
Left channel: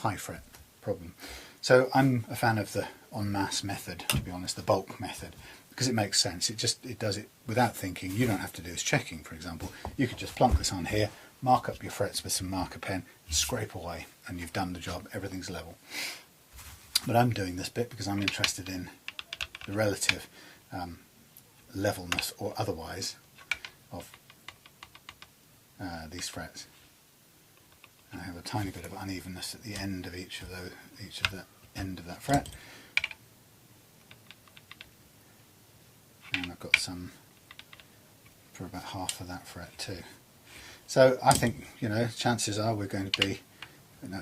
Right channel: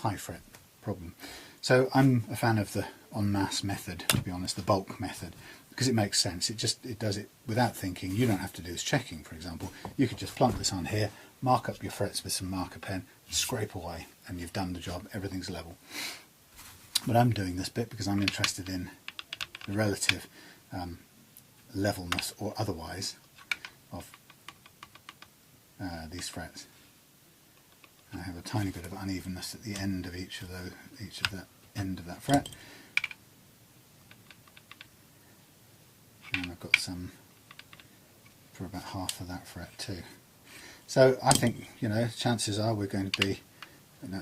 high fret problem. So I'm a fan of the en masse method, to be honest, the bulk method, because it makes sense. It does it without thinking. You don't have to do this checking, for example. You could just plonk this on here, mark up your frets with some marker pen, scrape away, and you've done the job. Everything's level. But I'm doing this bit because I'm interested in the relative levelness or otherwise of these frets. And I have a tiny bit of unevenness at the end of each of the end of that fret, and I've got some for about half of that fret too. So I think, you know, chances are we're going to be,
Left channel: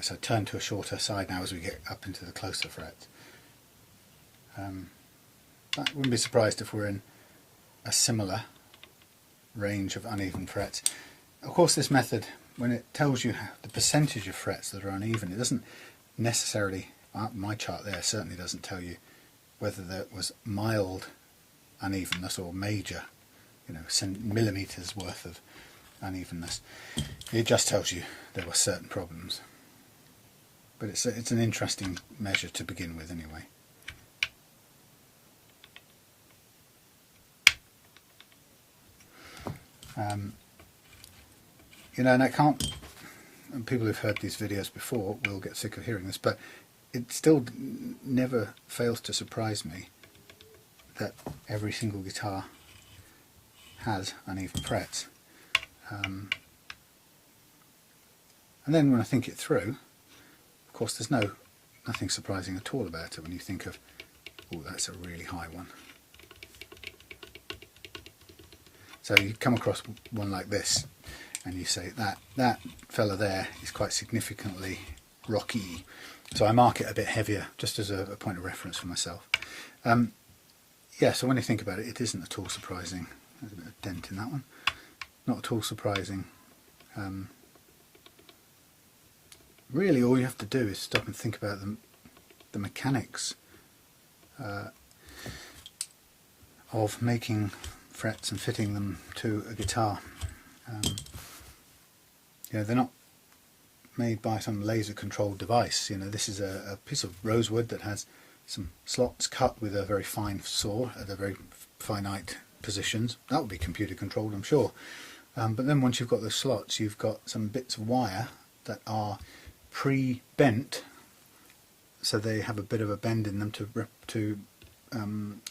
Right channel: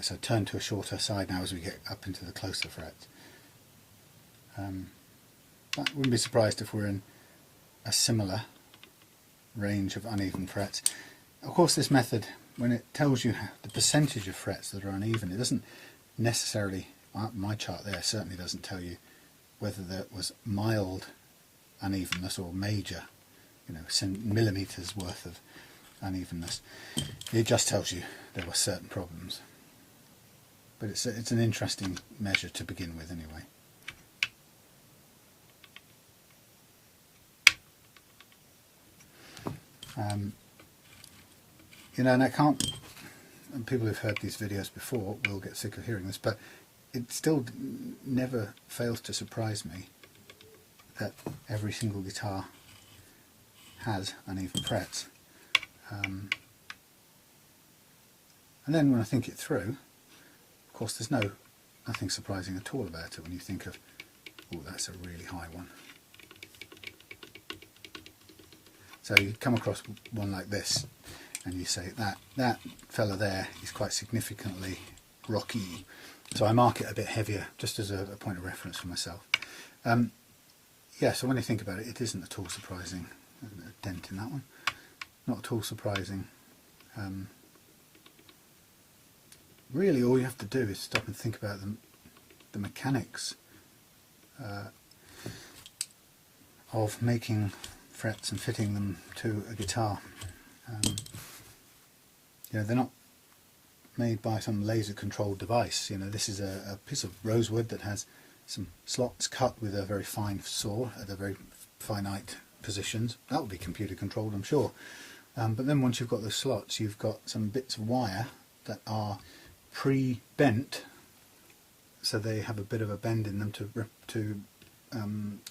so turn to a shorter side now as we get up into the closer frets. I wouldn't be surprised if we're in a similar range of uneven frets. Of course, this method, when it tells you the percentage of frets that are uneven, it doesn't necessarily, my chart there certainly doesn't tell you whether there was mild unevenness or major, you know, millimeters worth of unevenness. It just tells you there were certain problems. But it's an interesting measure to begin with anyway. You know, and I can't, and people who've heard these videos before will get sick of hearing this, but it still never fails to surprise me that every single guitar has uneven frets. And then when I think it through, of course there's nothing surprising at all about it when you think of, oh, that's a really high one. So you come across one like this and you say that fella there is quite significantly rocky. So I mark it a bit heavier just as a point of reference for myself. Yeah, so when you think about it, it isn't at all surprising. There's a bit of dent in that one. Not at all surprising. Really all you have to do is stop and think about the mechanics of making frets and fitting them to a guitar. You know, they're not made by some laser controlled device. You know, this is a piece of rosewood that has some slots cut with a very fine saw at a very finite positions. That would be computer controlled, I'm sure. But then once you've got those slots, you've got some bits of wire that are pre-bent, so they have a bit of a bend in them to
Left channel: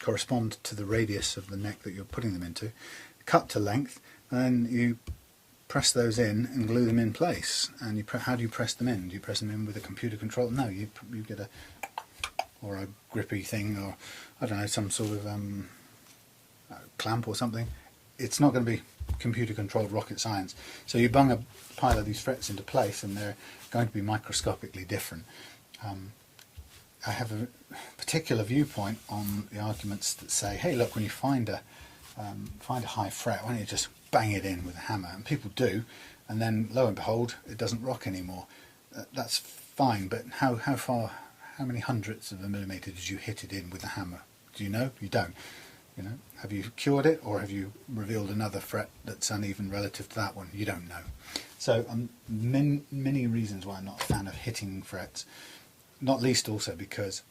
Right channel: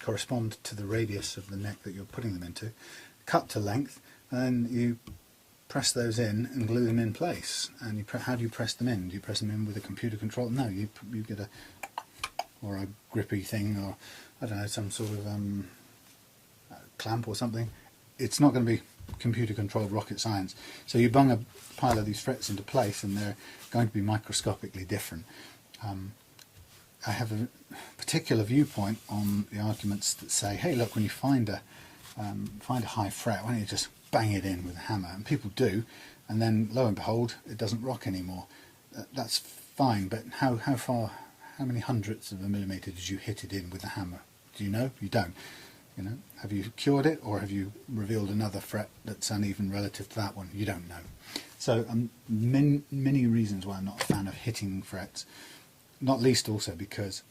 correspond to the radius of the neck that you're putting them into, cut to length, and then you press those in and glue them in place. And how do you press them in? Do you press them in with a computer control? No, you get a grippy thing, or I don't know, some sort of clamp or something. It's not going to be computer controlled rocket science. So you bung a pile of these frets into place and they're going to be microscopically different. I have a particular viewpoint on the arguments that say, hey look, when you find a high fret, why don't you just bang it in with a hammer? And people do, and then lo and behold, it doesn't rock anymore. That's fine, but how many hundredths of a millimetre did you hit it in with a hammer? Do you know? You don't. You know, have you cured it, or have you revealed another fret that's uneven relative to that one? You don't know. So many reasons why I'm not a fan of hitting frets, not least also because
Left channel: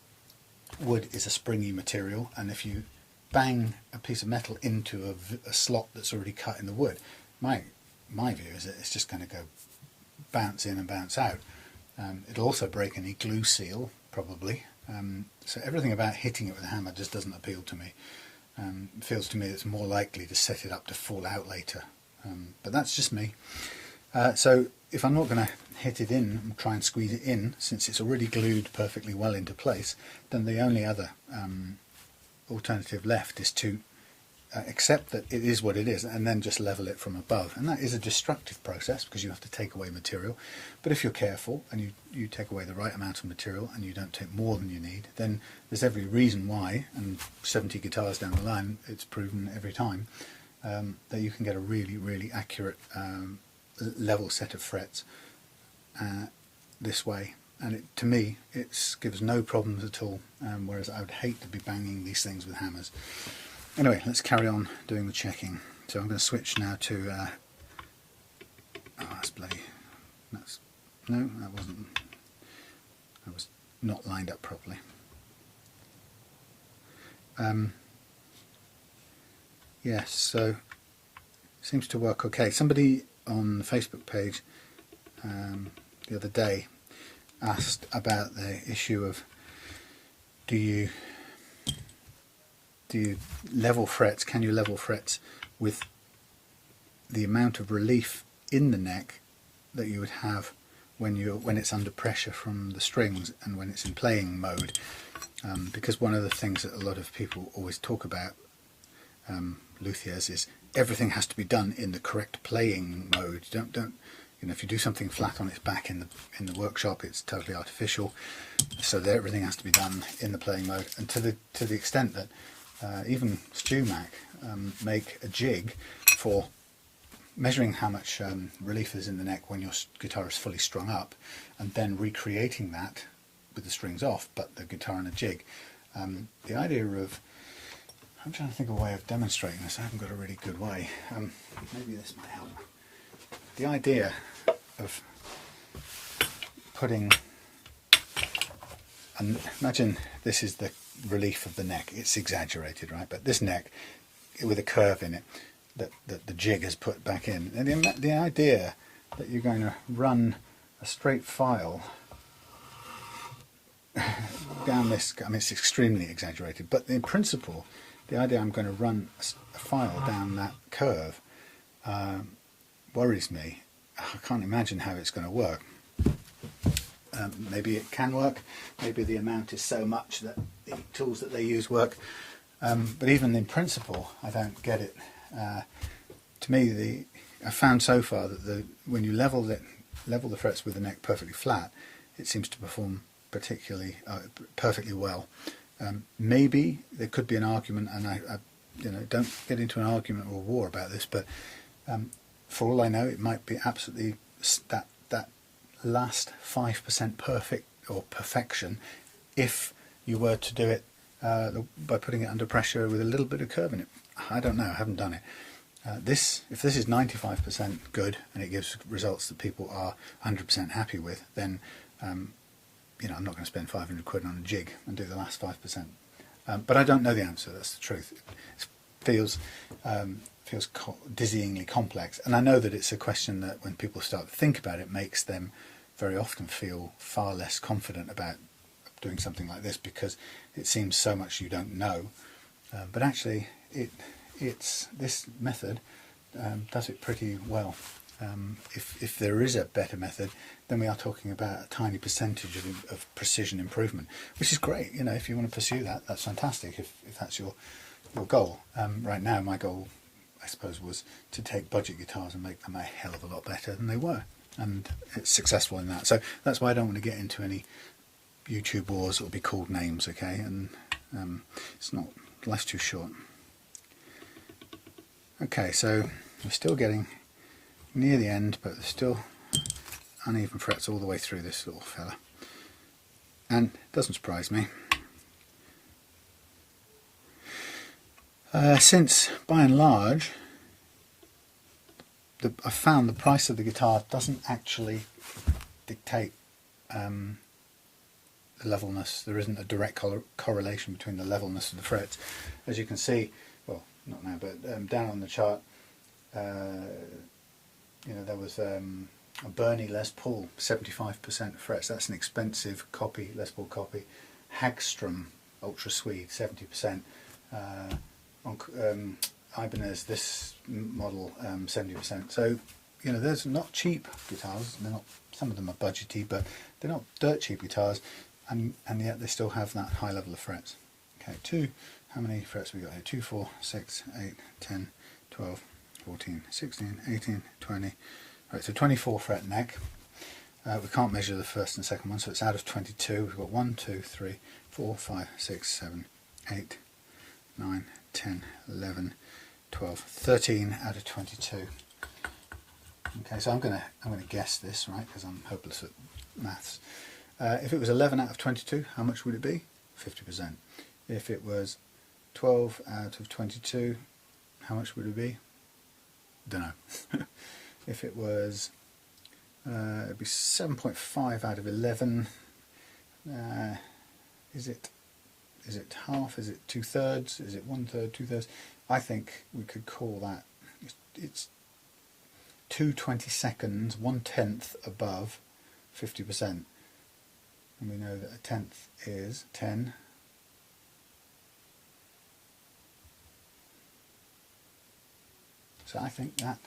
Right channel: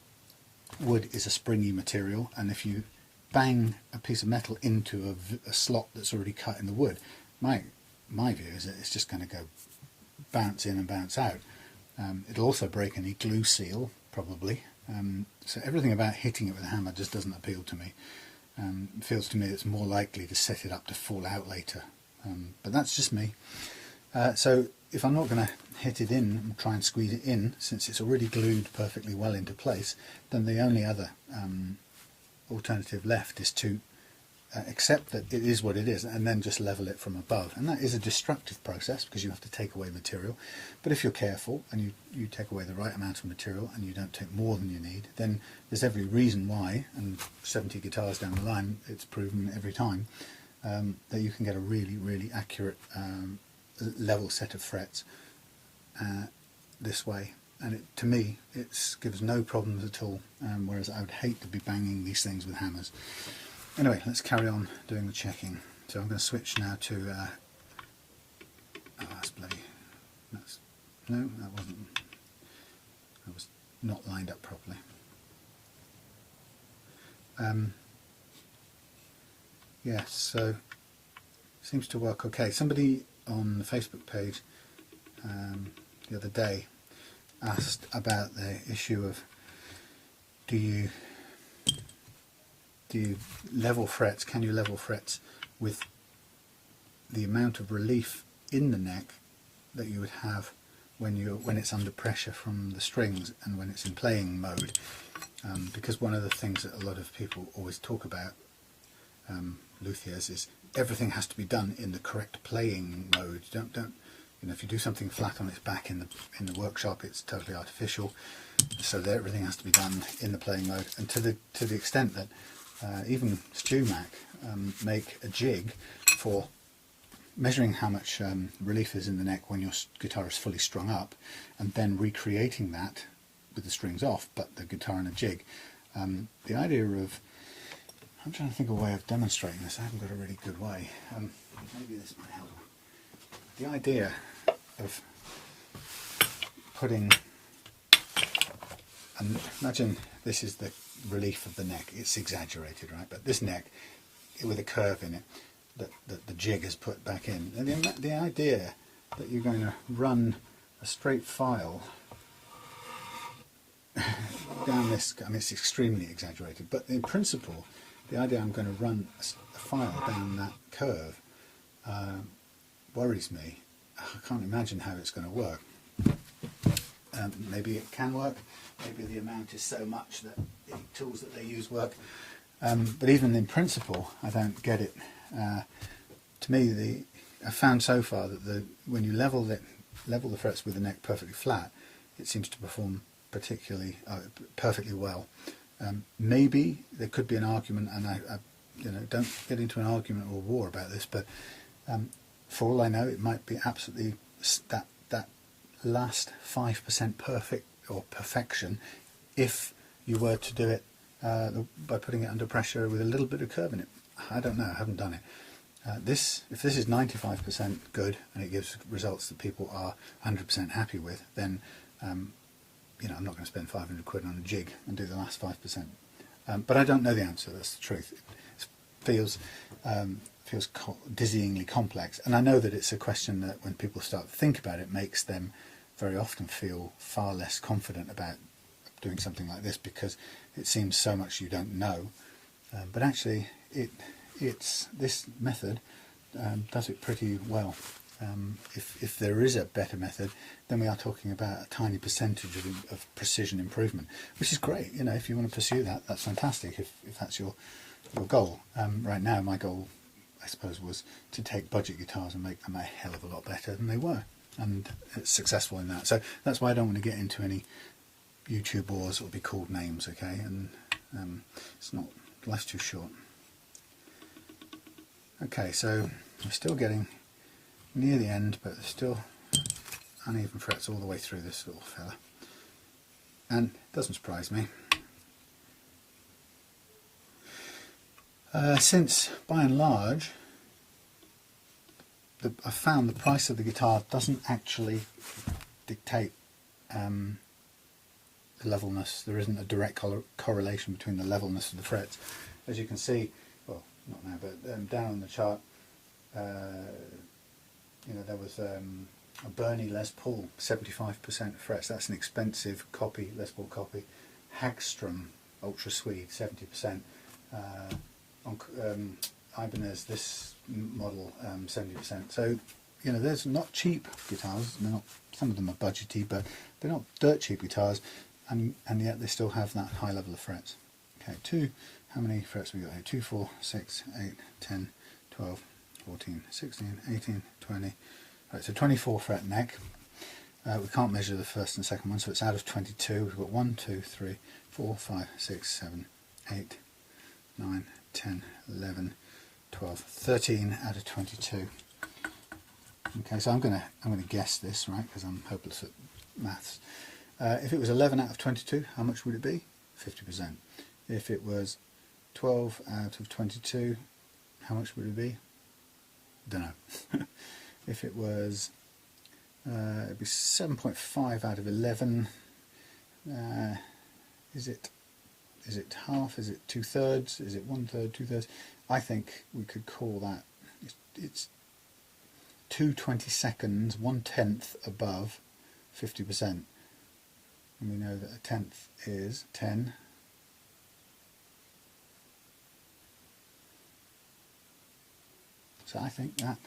wood is a springy material, and if you bang a piece of metal into a slot that's already cut in the wood, my view is that it's just going to go bounce in and bounce out. It'll also break any glue seal, probably. So everything about hitting it with a hammer just doesn't appeal to me. It feels to me it's more likely to set it up to fall out later. But that's just me. So if I'm not going to hit it in and try and squeeze it in, since it's already glued perfectly well into place, then the only other alternative left is to accept that it is what it is and then just level it from above. And that is a destructive process because you have to take away material. But if you're careful and you take away the right amount of material and you don't take more than you need, then there's every reason why, and 70 guitars down the line, it's proven every time, that you can get a really, really accurate level set of frets this way. And to me, it gives no problems at all, whereas I would hate to be banging these things with hammers. Anyway, let's carry on doing the checking. So I'm going to switch now to, oh, that's bloody, no, that wasn't, that was not lined up properly. Yes, so seems to work okay. Somebody on the Facebook page the other day asked about the issue of do you level frets, can you level frets with the amount of relief in the neck that you would have when it's under pressure from the strings and when it's in playing mode, because one of the things that a lot of people always talk about, luthiers, is everything has to be done in the correct playing mode. Don't you know, if you do something flat on its back in the workshop, it's totally artificial. So that everything has to be done in the playing mode, and to the extent that even StewMac make a jig for measuring how much relief is in the neck when your guitar is fully strung up, and then recreating that with the strings off, but the guitar in a jig. The idea of, I'm trying to think of a way of demonstrating this. I haven't got a really good way. Maybe this might help. The idea of putting, imagine this is the relief of the neck. It's exaggerated, right? But this neck with a curve in it that the jig has put back in. And the idea that you're going to run a straight file down this, I mean, it's extremely exaggerated, but in principle, the idea I'm going to run a file down that curve worries me. I can't imagine how it's going to work. Maybe it can work, maybe the amount is so much that the tools that they use work, but even in principle I don't get it. To me, I've found so far that when you level the frets with the neck perfectly flat, it seems to perform perfectly well. Maybe there could be an argument, and I don't get into an argument or a war about this, but for all I know, it might be absolutely that last 5% perfect or perfection if you were to do it by putting it under pressure with a little bit of curve in it. I don't know, I haven't done it. If this is 95% good and it gives results that people are 100% happy with, then I'm not going to spend 500 quid on a jig and do the last 5%. But I don't know the answer, that's the truth. It feels dizzyingly complex, and I know that it's a question that when people start to think about it, makes them very often feel far less confident about doing something like this, because it seems so much you don't know. But actually, it's this method does it pretty well. If there is a better method, then we are talking about a tiny percentage of precision improvement, which is great. If you want to pursue that, that's fantastic. If that's your goal. Right now, my goal, I suppose, was to take budget guitars and make them a hell of a lot better than they were, and it's successful in that. So that's why I don't want to get into any YouTube wars or be called names, okay? And it's not, life's too short. Okay, so we're still getting near the end, but there's still uneven frets all the way through this little fella, and it doesn't surprise me. Since, by and large, I've found the price of the guitar doesn't actually dictate the levelness. There isn't a direct correlation between the levelness of the frets. As you can see, well, not now, but down on the chart, there was a Bernie Les Paul, 75% frets. That's an expensive copy, Les Paul copy. Hagstrom Ultra Swede, 70%. On Ibanez, this model, 70%. So, there's not cheap guitars. They're not. Some of them are budgety, but they're not dirt cheap guitars, and yet they still have that high level of frets. Okay, how many frets we got here? 2, 4, 6, 8, 10, 12, 14, 16, 18, 20. Right, so 24 fret neck. We can't measure the first and second one, so it's out of 22. We've got 1, 2, 3, 4, 5, 6, 7, 8, 9, 10, 11, 12, 13 out of 22. Okay, so I'm gonna guess this, right, because I'm hopeless at maths. If it was 11 out of 22, how much would it be? 50%. If it was 12 out of 22, how much would it be? Don't know. If it was, it'd be 7.5 out of 11. Is it half? Is it 2/3? Is it 1/3? 2/3? I think we could call that. It's 2 22nds, 1/10 above 50%, and we know that a tenth is 10. So I think that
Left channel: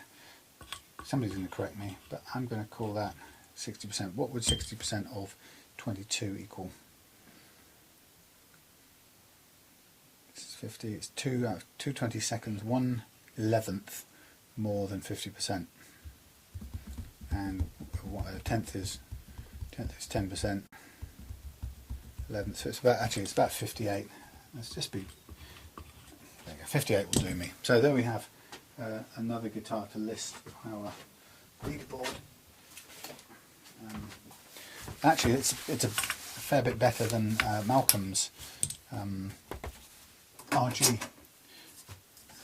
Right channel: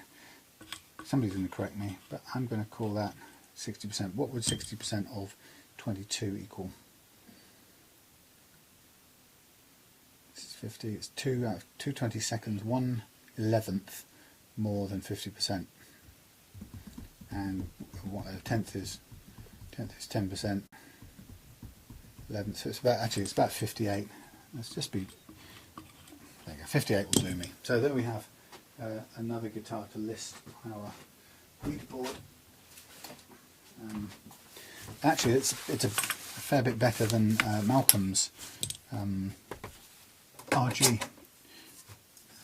somebody's going to correct me, but I'm going to call that 60%. What would 60% of 22 equal? 50, it's 2 out of 2 22nds, 1/11 more than 50%, and what a tenth is 10%. 11th, so it's about 58. Let's just be, there you go, 58 will do me. So there we have another guitar to list on our leaderboard. Actually, it's a fair bit better than Malcolm's RG,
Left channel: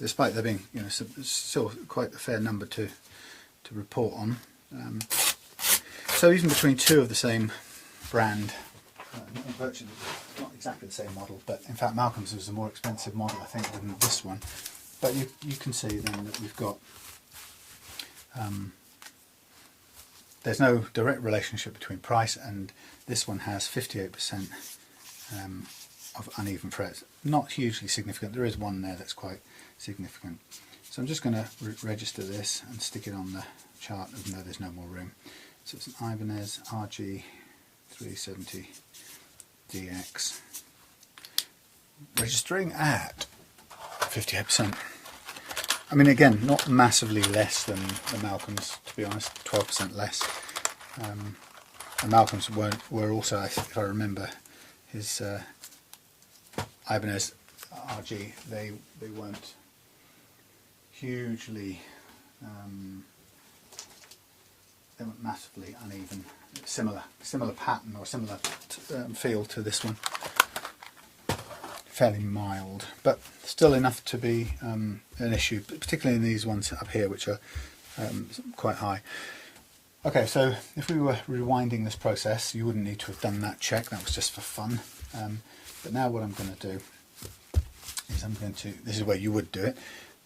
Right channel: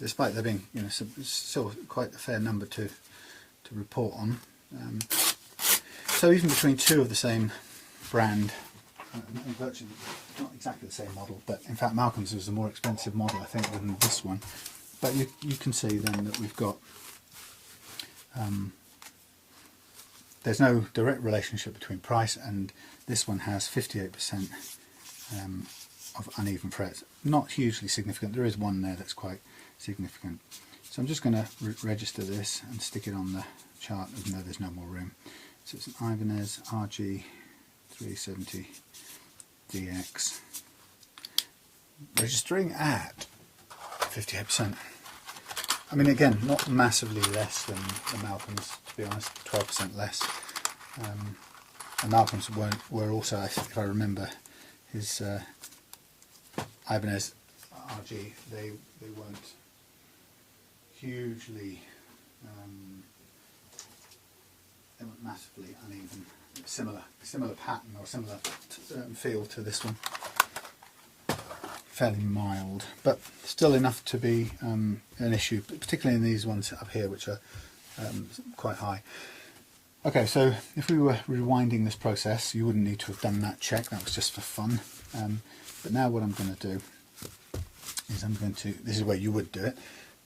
despite there being still quite a fair number to report on. So even between two of the same brand, virtually not exactly the same model, but in fact Malcolm's was a more expensive model, I think, than this one. But you can see then that we've got there's no direct relationship between price, and this one has 58% of uneven frets. Not hugely significant. There is one there that's quite significant. So I'm just going to register this and stick it on the chart, even though there's no more room. So it's an Ibanez RG370DX, registering at 58%. I mean, again, not massively less than the Malcolms, to be honest, 12% less. The Malcolms were also, if I remember, his Ibanez RG, they weren't hugely, they weren't massively uneven. Similar pattern or similar feel to this one. Fairly mild, but still enough to be an issue, particularly in these ones up here, which are quite high. Okay, so if we were rewinding this process, you wouldn't need to have done that check. That was just for fun. But now what I'm going to do is this is where you would do it,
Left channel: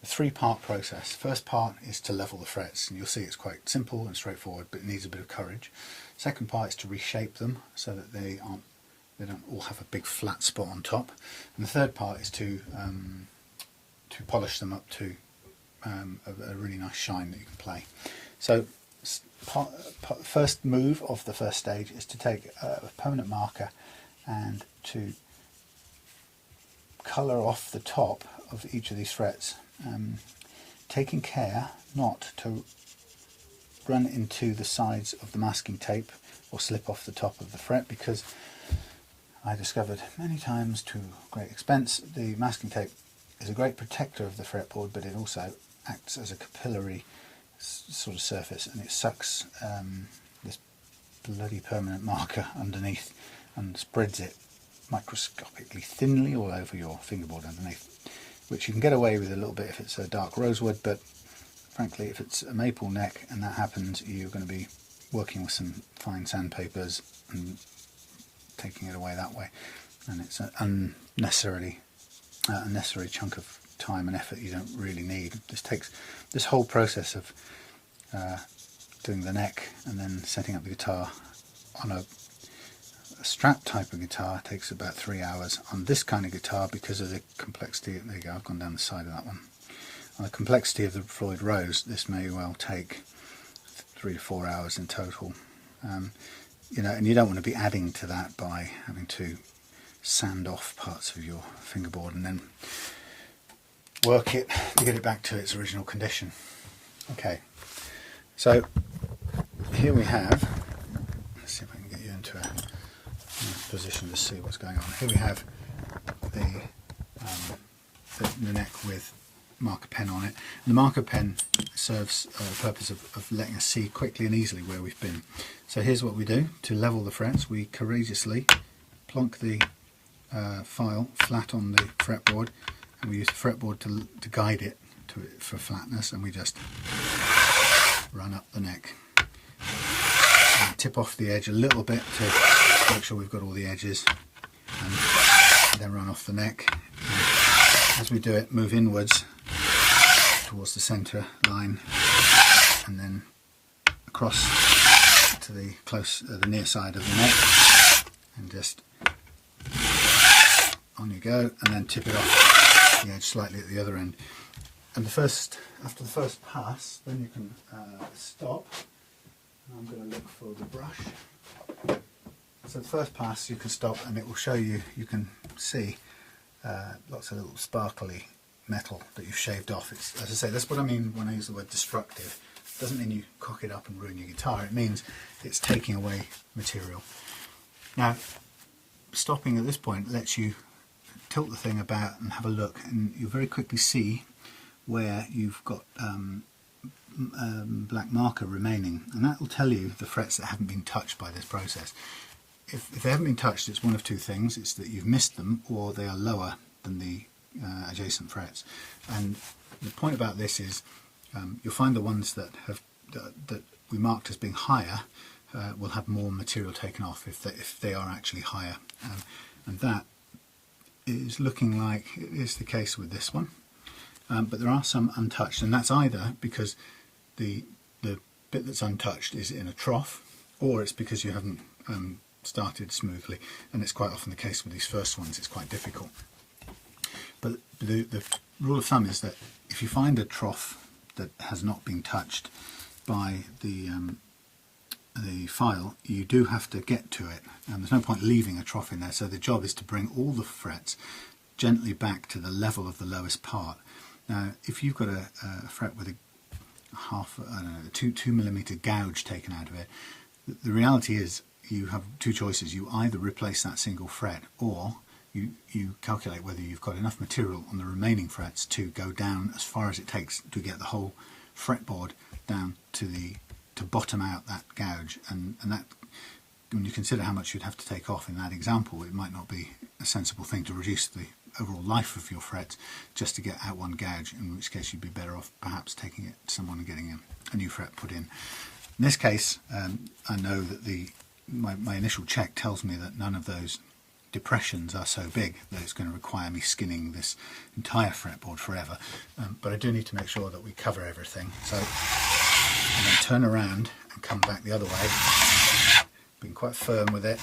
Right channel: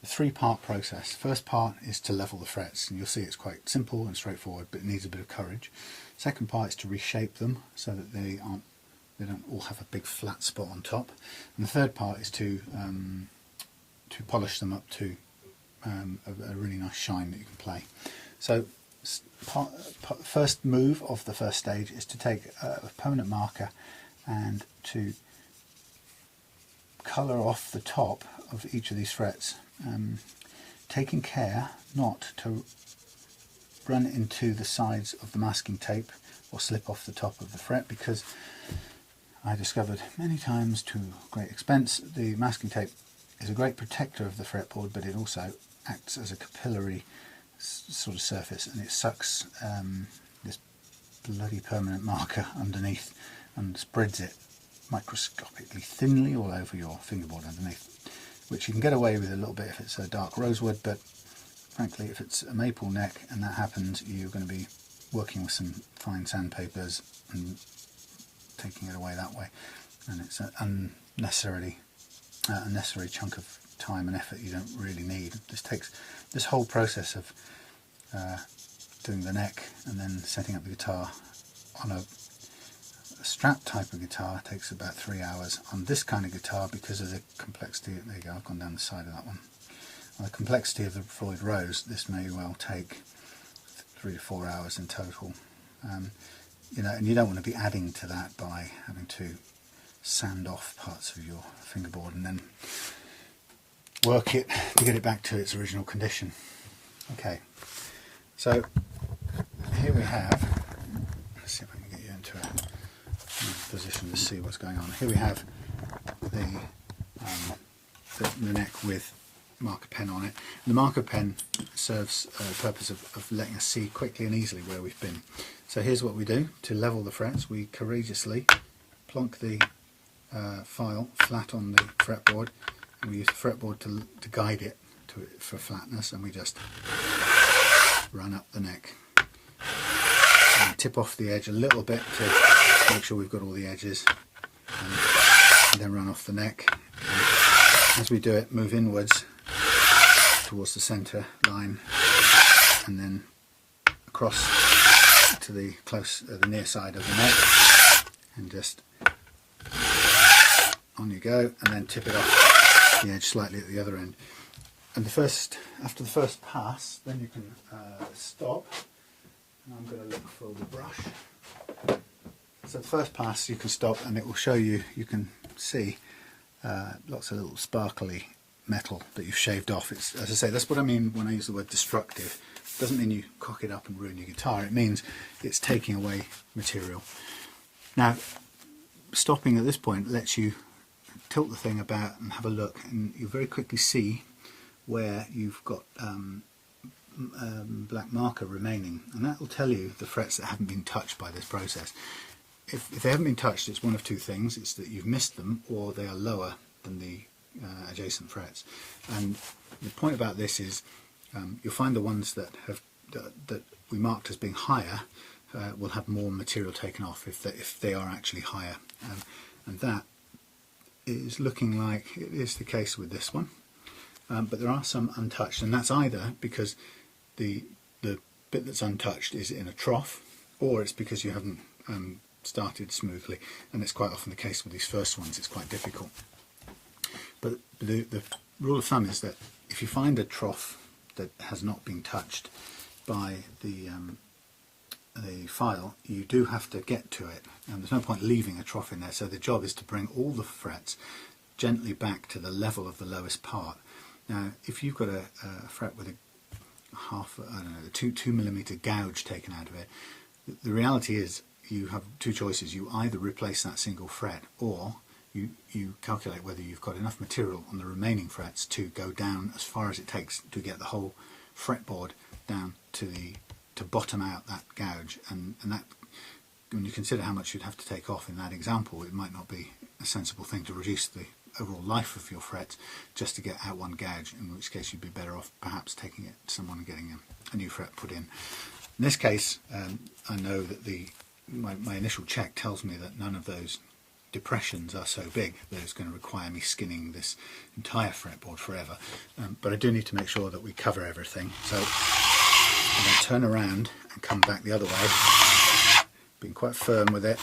the 3-part process. First part is to level the frets, and you'll see it's quite simple and straightforward, but it needs a bit of courage. Second part is to reshape them so that they don't all have a big flat spot on top. And the third part is to polish them up to a really nice shine that you can play. So first move of the first stage is to take a permanent marker and to colour off the top of each of these frets, taking care not to run into the sides of the masking tape or slip off the top of the fret, because I discovered many times to great expense the masking tape is a great protector of the fretboard, but it also acts as a capillary sort of surface, and it sucks this bloody permanent marker underneath and spreads it microscopically thinly all over your fingerboard underneath, which you can get away with a little bit if it's a dark rosewood, but frankly if it's a maple neck and that happens, you're going to be working with some fine sandpapers and taking it away that way, and it's an unnecessary chunk of time and effort you don't really need. This whole process of doing the neck and then setting up the guitar on a strat type of guitar takes about 3 hours. On this kind of guitar, because of the complexity, there you go, I've gone down the side of that one. On the complexity of the Floyd Rose, this may well take 3 to 4 hours in total. You know, and you don't want to be adding to that by having to sand off parts of your fingerboard and then work it to get it back to its original condition. Okay, so here we have, let's see if I can get you into a position to see what's going on. Here we have the neck with marker pen on it. And the marker pen serves the purpose of letting us see quickly and easily where we've been. So here's what we do. To level the frets, we courageously plonk the file flat on the fretboard, and we use the fretboard to guide it for flatness, and we just run up the neck and tip off the edge a little bit to make sure we've got all the edges, and then run off the neck. And as we do it, move inwards towards the centre line and then across to the near side of the neck, and just on you go, and then tip it off the edge slightly at the other end. And after the first pass, then you can stop. And I'm going to look for the brush. So the first pass you can stop, and it will show you, you can see lots of little sparkly metal that you've shaved off. It's, as I say, that's what I mean when I use the word destructive. It doesn't mean you cock it up and ruin your guitar. It means it's taking away material. Now, stopping at this point lets you tilt the thing about and have a look, and you very quickly see where you've got black marker remaining, and that will tell you the frets that haven't been touched by this process. If they haven't been touched, it's one of two things. It's that you've missed them, or they are lower than the adjacent frets. And the point about this is you'll find the ones that we marked as being higher will have more material taken off if they are actually higher, and that is looking like it is the case with this one. But there are some untouched, and that's either because the bit that's untouched is in a trough, or it's because you haven't started smoothly, and it's quite often the case with these first ones. It's quite difficult. But the rule of thumb is that if you find a trough that has not been touched by the file, you do have to get to it, and there's no point leaving a trough in there. So the job is to bring all the frets gently back to the level of the lowest part. Now, if you've got a fret with a two millimeter gouge taken out of it, the reality is you have two choices. You either replace that single fret, or you calculate whether you've got enough material on the remaining frets to go down as far as it takes to get the whole fretboard down to bottom out that gouge, and that, when you consider how much you'd have to take off in that example, it might not be a sensible thing to reduce the overall life of your frets just to get out one gouge, in which case you'd be better off perhaps taking it to someone and getting a new fret put in. In this case, I know that my initial check tells me that none of those depressions are so big that it's going to require me skinning this entire fretboard forever, but I do need to make sure that we cover everything. So I'm going to turn around and come back the other way, being quite firm with it,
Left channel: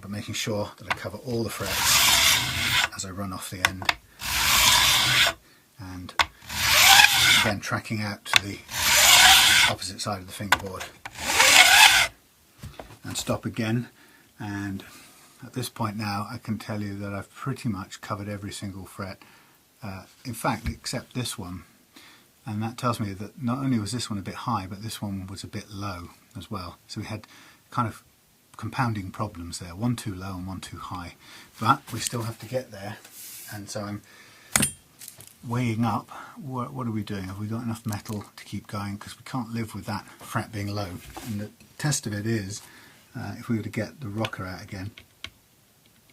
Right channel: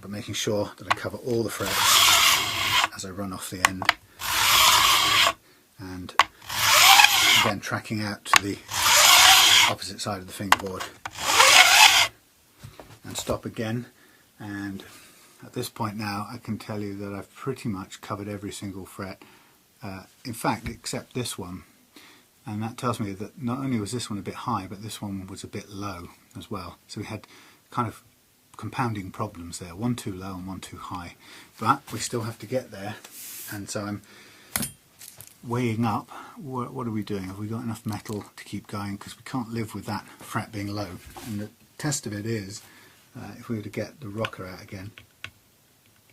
but making sure that I cover all the frets as I run off the end, and again tracking out to the opposite side of the fingerboard, and stop again. And at this point now I can tell you that I've pretty much covered every single fret, in fact except this one, and that tells me that not only was this one a bit high, but this one was a bit low as well. So we had kind of compounding problems there, one too low and one too high, but we still have to get there. And so I'm weighing up, what are we doing? Have we got enough metal to keep going? Because we can't live with that fret being low. And the test of it is, if we were to get the rocker out again,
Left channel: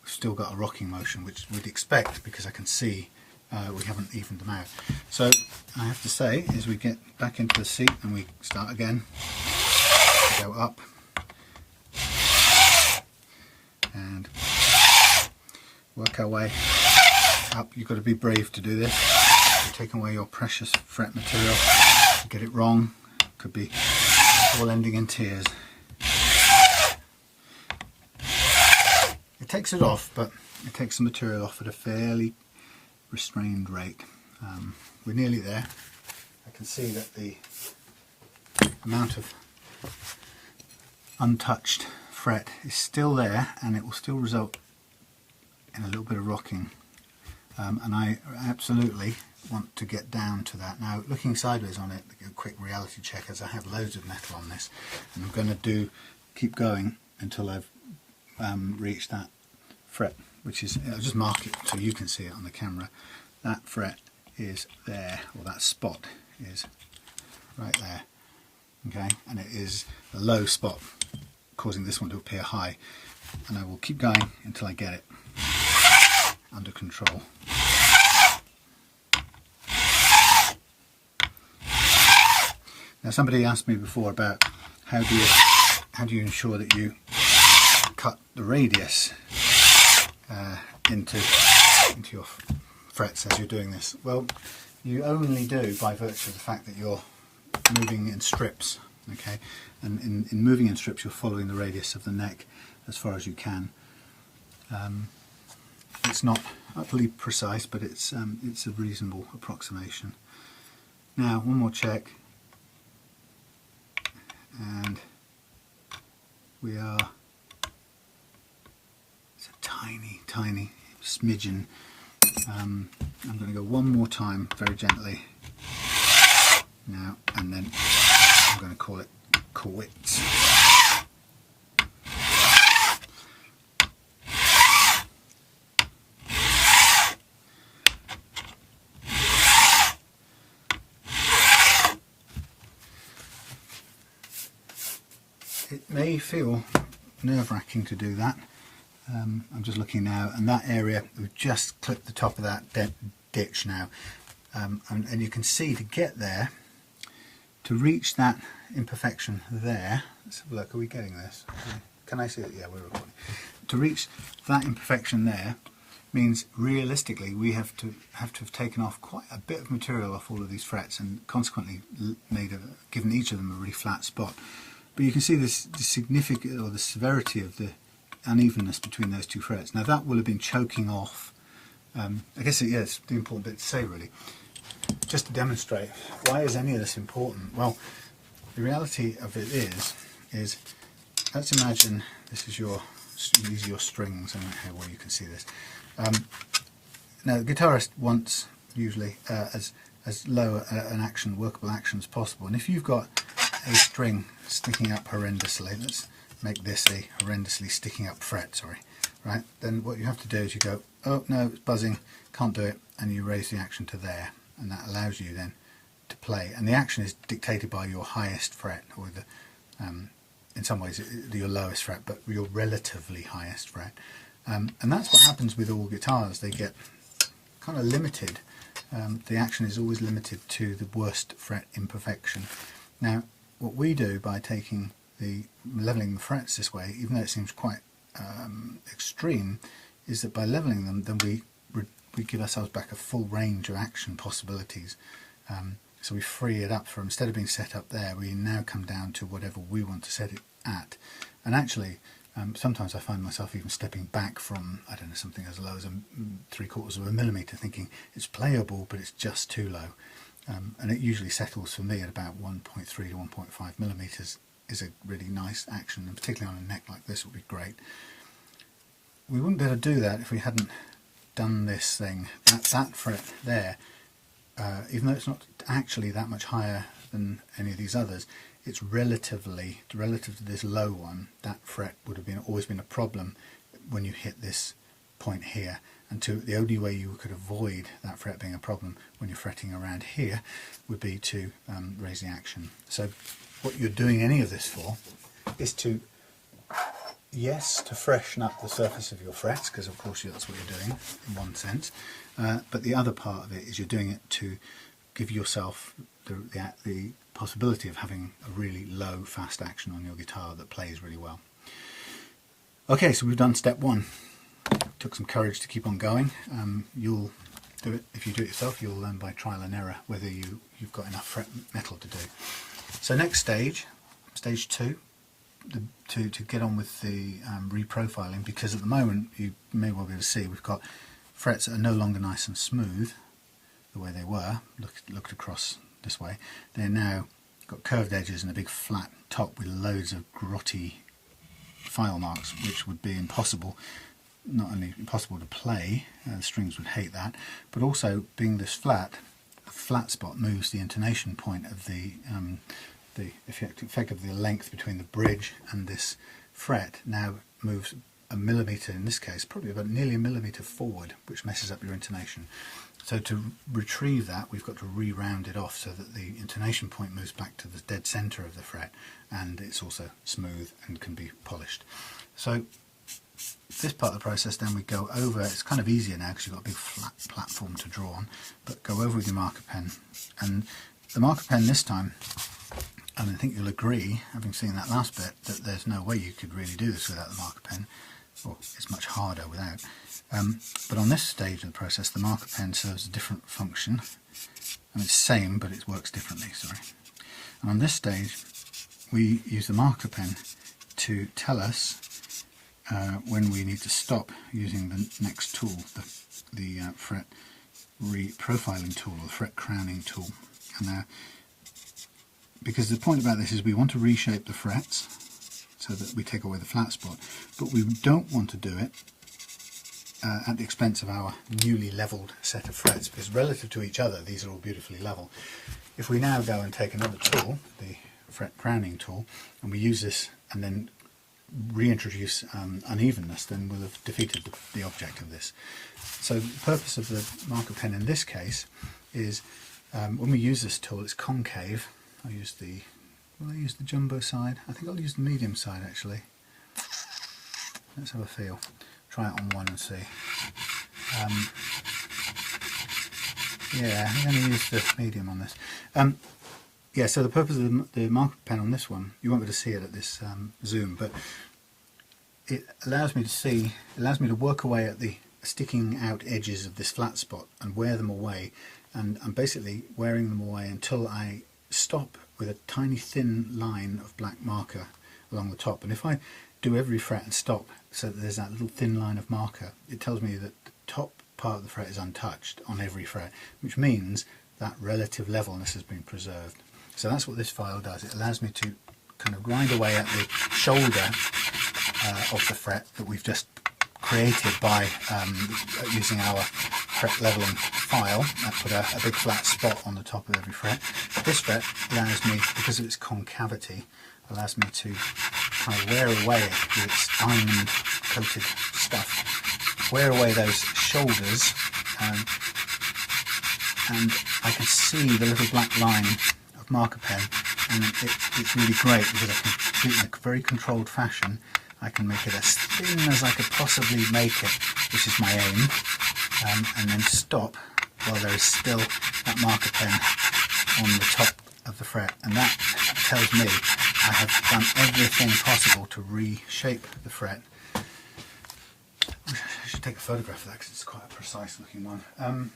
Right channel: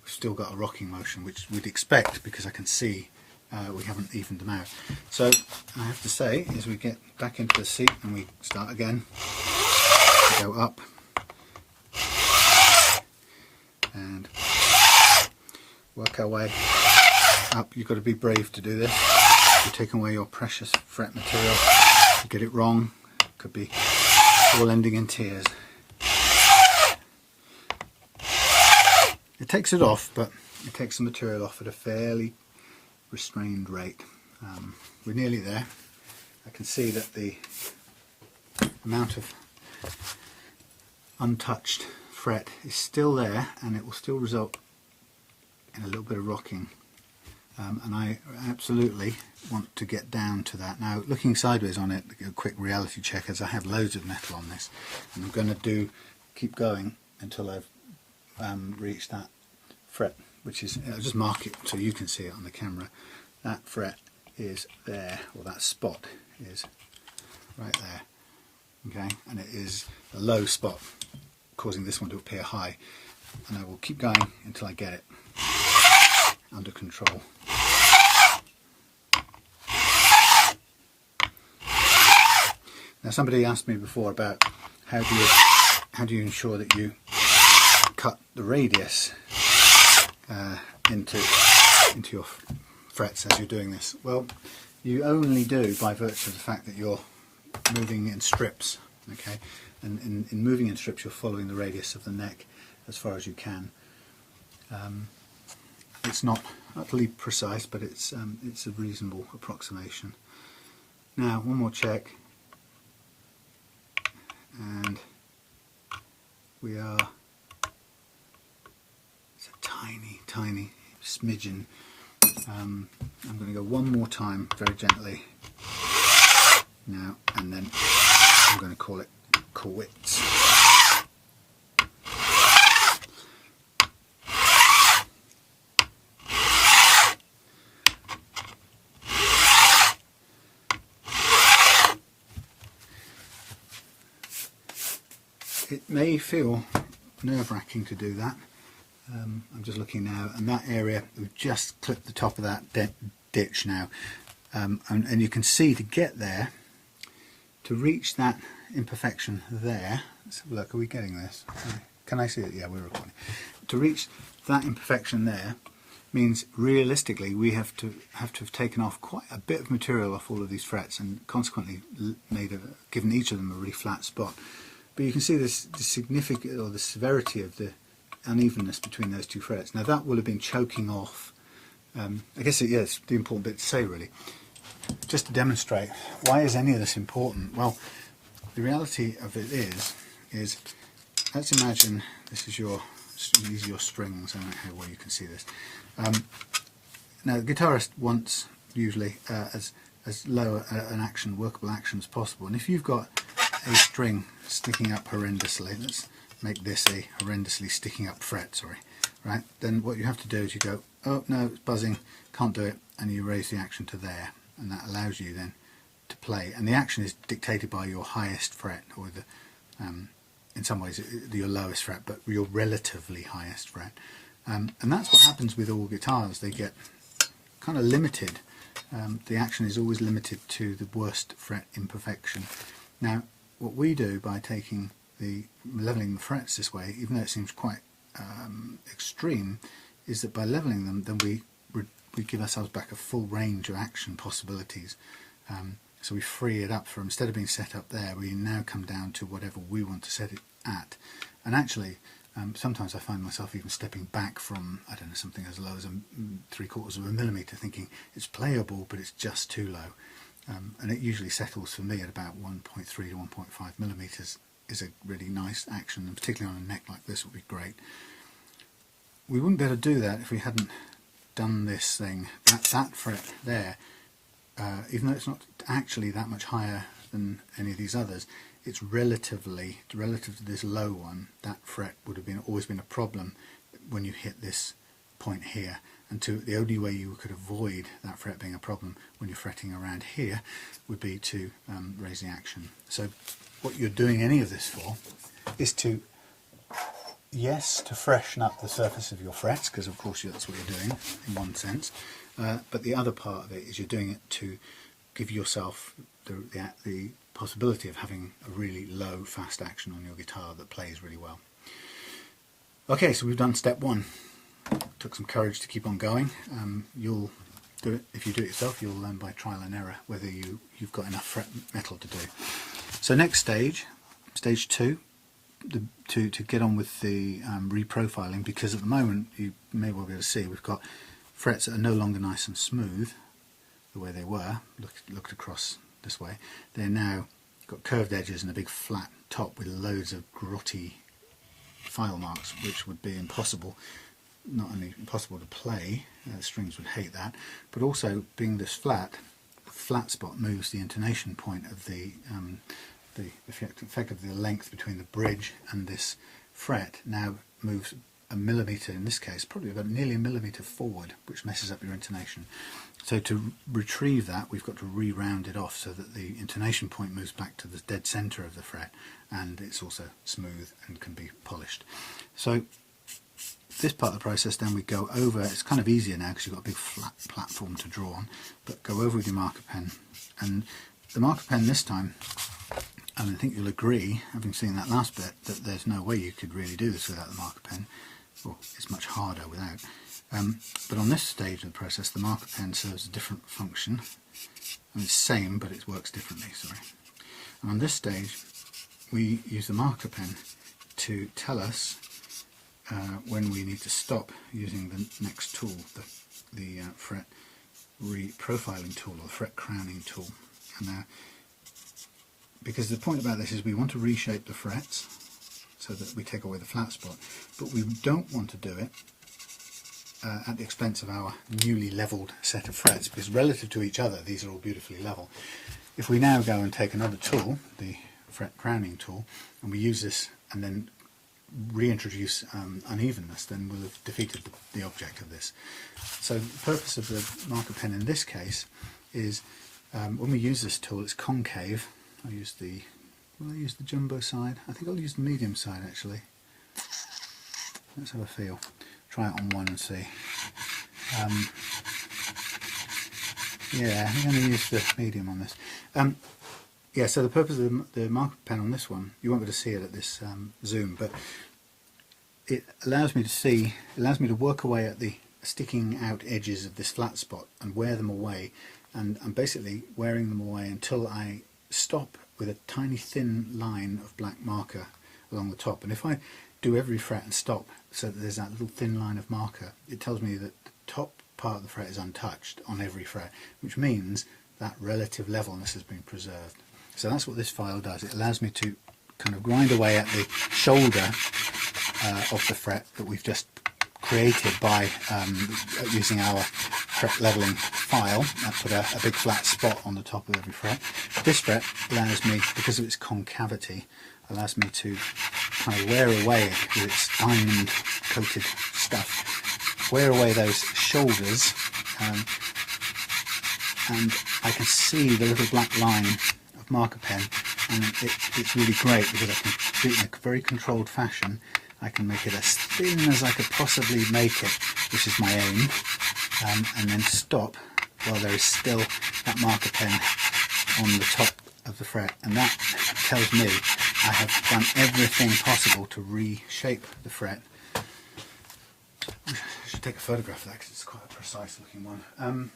we've still got a rocking motion, which we'd expect because I can see we haven't evened them out. So I have to say, as we get back into the seat and we start again, we go up and work our way up. You've got to be brave to do this. You're taking away your precious fret material. You get it wrong, it could be all ending in tears. It takes it off, but it takes the material off at a fairly restrained rate. We're nearly there. I can see that the amount of untouched fret is still there, and it will still result in a little bit of rocking, and I absolutely want to get down to that. Now, looking sideways on it, a quick reality check, as I have loads of metal on this, and I'm going to keep going until I've reached that fret, which is, I'll just mark it so you can see it on the camera. That fret is there, or that spot is right there, okay, and it is a low spot causing this one to appear high, and I will keep going until I get it under control. Now, somebody asked me before about how do you ensure that you cut the radius into your frets as you're doing this. Well, you only do by virtue of the fact that you're moving in strips, okay, and in moving in strips you're following the radius of the neck as far as you can. It's not utterly precise, but it's a reasonable approximation. Now, one more check, and we are, it's a tiny smidgen. I'm going to go one more time very gently now, and then I'm going to call it quits. It may feel nerve-wracking to do that. I'm just looking now, and that area, we've just clipped the top of that ditch now, and you can see to get there, to reach that imperfection there, let's have a look, are we getting this? Can I see it? Yeah, we're recording. To reach that imperfection there means realistically we have to have taken off quite a bit of material off all of these frets, and consequently given each of them a really flat spot. But you can see the significant, or the severity of the unevenness between those two frets. Now that will have been choking off, I guess it's the important bit to say really, just to demonstrate why is any of this important. Well, the reality of it is let's imagine these are your strings. I don't know how well you can see this. Now the guitarist wants usually as low an action, workable action as possible, and if you've got a string sticking up horrendously, let's make this a horrendously sticking up fret, right, then what you have to do is you go, oh no, it's buzzing, can't do it, and you raise the action to there, and that allows you then to play, and the action is dictated by your highest fret, or the in some ways your lowest fret, but your relatively highest fret, and that's what happens with all guitars. They get kind of limited. The action is always limited to the worst fret imperfection. Now what we do by taking leveling the frets this way, even though it seems quite extreme, is that by leveling them, then we give ourselves back a full range of action possibilities. So we free it up from, instead of being set up there, we now come down to whatever we want to set it at. And actually, sometimes I find myself even stepping back from, I don't know, something as low as 3/4 of a millimetre, thinking it's playable, but it's just too low. And it usually settles for me at about 1.3 to 1.5 millimetres is a really nice action, and particularly on a neck like this would be great. We wouldn't be able to do that if we hadn't done this thing. That fret there, even though it's not actually that much higher than any of these others, it's relative to this low one. That fret would have always been a problem when you hit this point here, and the only way you could avoid that fret being a problem when you're fretting around here would be to raise the action. So what you're doing any of this for is to freshen up the surface of your frets, because of course that's what you're doing in one sense, but the other part of it is you're doing it to give yourself the possibility of having a really low fast action on your guitar that plays really well. Okay, so we've done step one. Took some courage to keep on going. You'll do it, if you do it yourself, you'll learn by trial and error whether you've got enough fret metal to do. So next stage, stage two, to get on with the reprofiling, because at the moment you may well be able to see we've got frets that are no longer nice and smooth the way they were, looked across this way. They're now got curved edges and a big flat top with loads of grotty file marks, which would be impossible, not only impossible to play, the strings would hate that, but also being this flat, the flat spot moves the intonation point of the effectively the length between the bridge and this fret now moves a millimetre, in this case probably about nearly a millimetre forward, which messes up your intonation. So to retrieve that, we've got to re-round it off so that the intonation point moves back to the dead centre of the fret, and it's also smooth and can be polished. So this part of the process, then we go over, it's kind of easier now because you've got a big flat platform to draw on, but go over with your marker pen. And the marker pen this time, I think you'll agree, having seen that last bit, that there's no way you could really do this without the marker pen. Well, it's much harder without. But on this stage of the process, the marker pen serves a different function. I mean, it's the same, but it works differently, sorry. And on this stage, we use the marker pen to tell us when we need to stop using the next tool, the fret reprofiling tool, or the fret crowning tool. And because the point about this is we want to reshape the frets so that we take away the flat spot, but we don't want to do it at the expense of our newly levelled set of frets, because relative to each other these are all beautifully level. If we now go and take another tool, the fret crowning tool, and we use this and then reintroduce unevenness, then we'll have defeated the object of this. So the purpose of the marker pen in this case is when we use this tool, it's concave. Will I use the jumbo side? I think I'll use the medium side actually. Let's have a feel. Try it on one and see. Yeah, I'm going to use the medium on this. Yeah, so the purpose of the marker pen on this one, you won't be able to see it at this zoom, but it allows me to work away at the sticking out edges of this flat spot and wear them away, and I'm basically wearing them away until I stop with a tiny thin line of black marker along the top. And if I do every fret and stop so that there's that little thin line of marker, it tells me that the top part of the fret is untouched on every fret, which means that relative levelness has been preserved. So that's what this file does. It allows me to kind of grind away at the shoulder of the fret that we've just created by using our fret leveling file. That put a big flat spot on the top of every fret. This fret allows me, because of its concavity, allows me to kind of wear away with its diamond coated stuff, wear away those shoulders, and I can see the little black line of marker pen, and it's really great because I can do it in a very controlled fashion. I can make it as thin as I could possibly make it, which is my aim, and then stop while there is still that marker pen on the top of the fret, and that tells me I have done everything possible to reshape the fret. I should take a photograph of that because it's quite a precise looking one.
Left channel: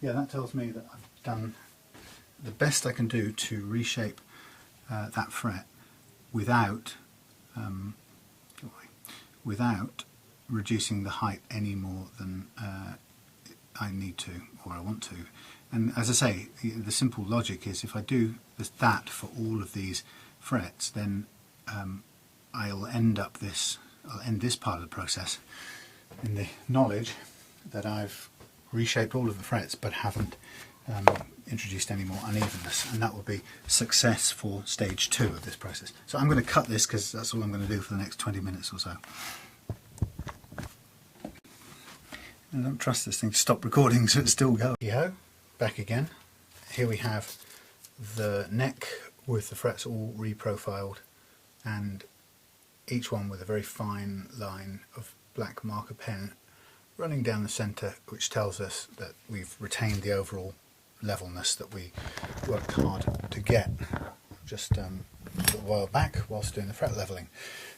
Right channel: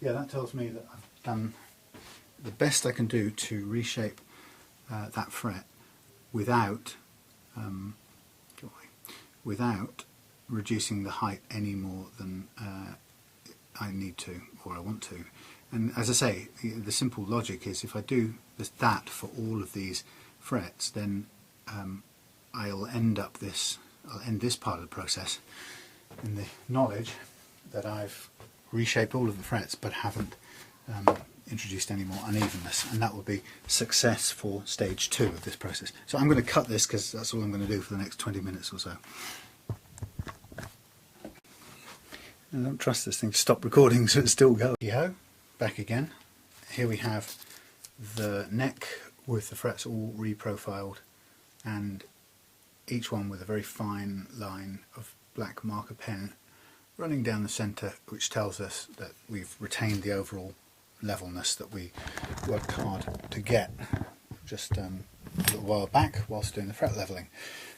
Yeah, that tells me that I've done the best I can do to reshape that fret without reducing the height any more than I need to or I want to. And as I say, the simple logic is if I do that for all of these frets, then I'll end this part of the process in the knowledge that I've reshaped all of the frets but haven't introduced any more unevenness, and that will be success for stage 2 of this process. So I'm going to cut this because that's all I'm going to do for the next 20 minutes or so. I don't trust this thing to stop recording, so it's still going. Yo, back again. Here we have the neck with the frets all reprofiled, and each one with a very fine line of black marker pen running down the centre, which tells us that we've retained the overall levelness that we worked hard to get just a little while back whilst doing the fret levelling.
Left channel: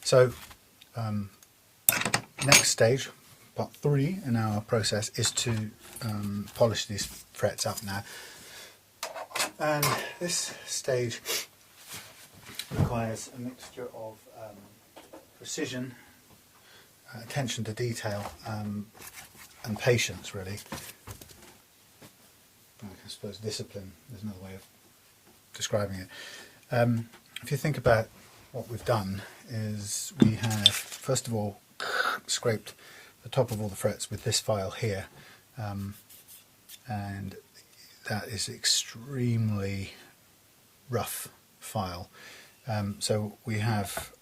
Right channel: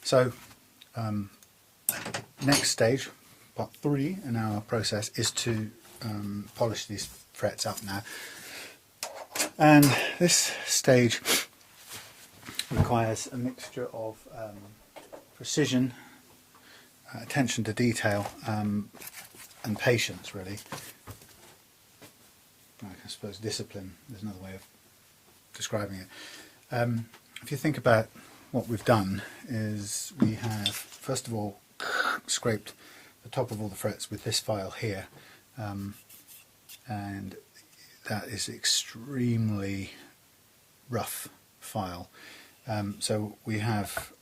So next stage, part 3 in our process, is to polish these frets up now, and this stage requires a mixture of precision, attention to detail, and patience, really. I suppose discipline, there's another way of describing it. If you think about what we've done, is we have first of all scraped the top of all the frets with this file here, and that is extremely rough file. So we have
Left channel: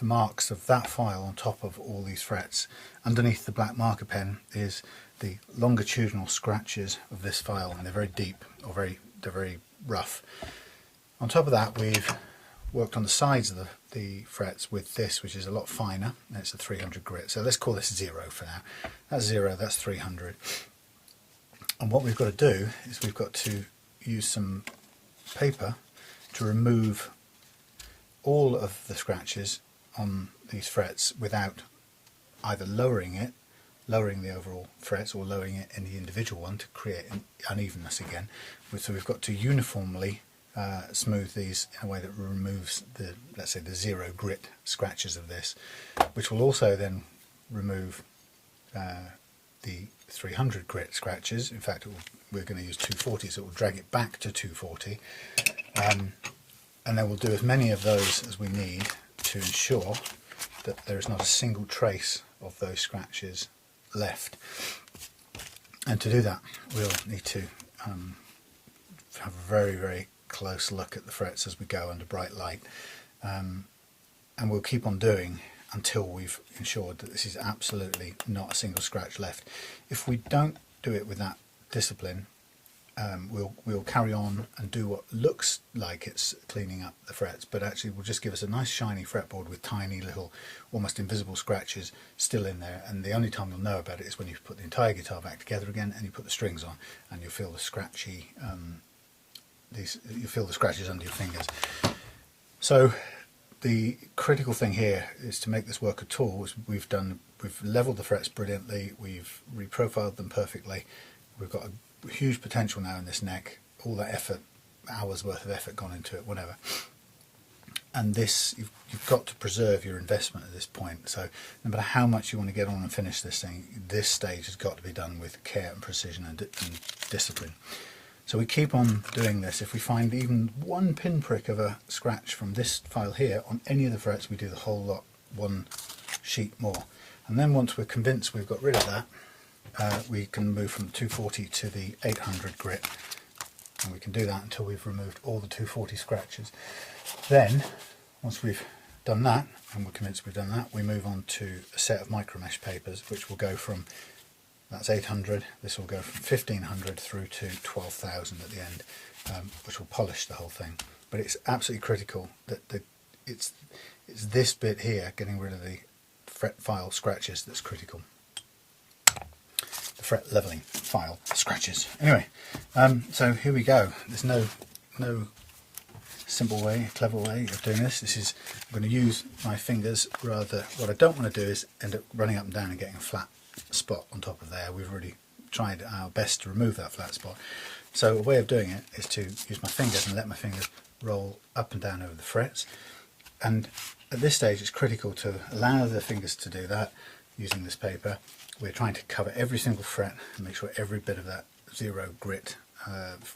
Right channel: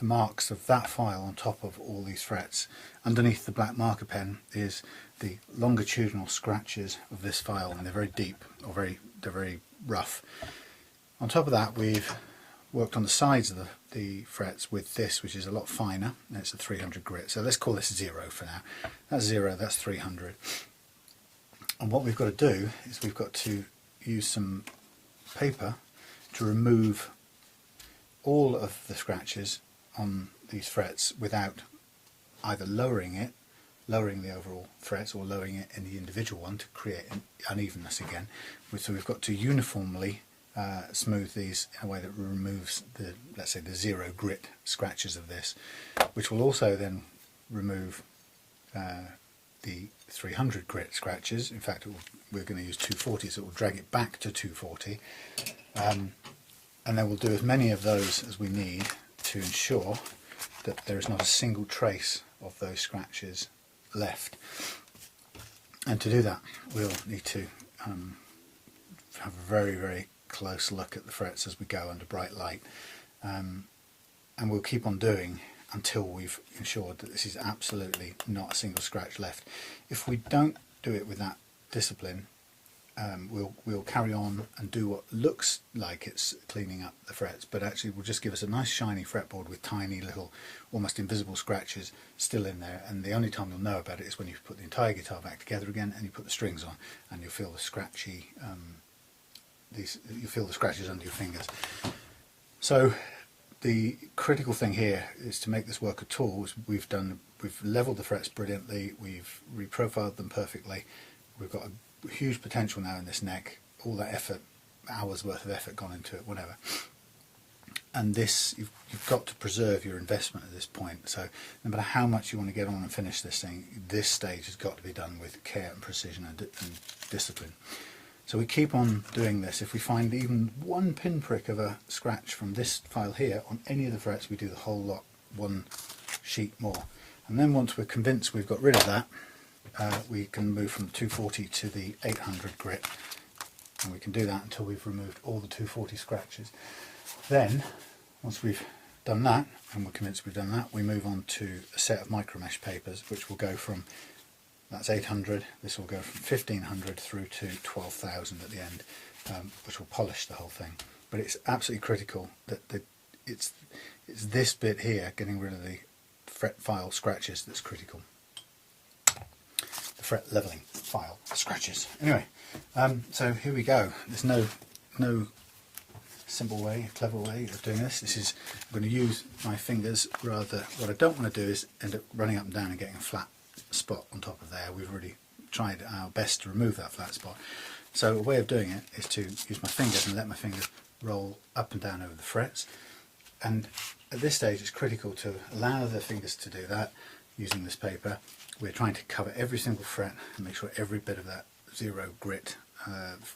the marks of that file on top of all these frets. Underneath the black marker pen is the longitudinal scratches of this file, and they're very deep, or they're very rough. On top of that, we've worked on the sides of the frets with this, which is a lot finer, and it's a 300 grit. So let's call this 0 for now. That's 0, that's 300. And what we've got to do is we've got to use some paper to remove all of the scratches on these frets without either lowering the overall frets, or lowering it in the individual one to create an unevenness again. So we've got to uniformly smooth these in a way that removes the, let's say, the 0 grit scratches of this, which will also then remove the 300 grit scratches. In fact, we're going to use 240, so it will drag it back to 240, and then we'll do as many of those as we need to ensure that there is not a single trace of those scratches left. And to do that, we'll need to have a very, very close look at the frets as we go under bright light, and we'll keep on doing until we've ensured that this is absolutely not a single scratch left. If we don't do it with that discipline, we'll carry on and do what looks like it's cleaning up the frets, but actually will just give us a nice shiny fretboard with tiny little, almost invisible scratches still in there. And the only time you'll know about it is when you put the entire guitar back together again and you put the strings on, and you'll feel the scratchy, you feel the scratches under your fingers. So the critical thing here is to make this work at all. We've leveled the frets brilliantly, we've reprofiled them perfectly, we've got a huge potential now in this neck, all that effort, hours worth of effort gone into it, whatever. and this, you've got to preserve your investment at this point. So no matter how much you want to get on and finish this thing, this stage has got to be done with care and precision and discipline. So we keep on doing this. If we find even one pinprick of a scratch from this file here on any of the frets, we do the whole lot one sheet more. And then once we're convinced we've got rid of that, we can move from the 240 to the 800 grit, and we can do that until we've removed all the 240 scratches. Then, once we've done that, and we're convinced we've done that, we move on to a set of micro mesh papers, which will go from, that's 800, this will go from 1500 through to 12,000 at the end, which will polish the whole thing. But it's absolutely critical that it's this bit here, getting rid of the fret file scratches, that's critical. The fret leveling file scratches. Anyway, so here we go. There's no simple way, clever way of doing this. I'm going to use my fingers rather. What I don't want to do is end up running up and down and getting a flat spot on top of there. We've already tried our best to remove that flat spot. So a way of doing it is to use my fingers and let my fingers roll up and down over the frets. And at this stage it's critical to allow the fingers to do that using this paper. We're trying to cover every single fret and make sure every bit of that zero grit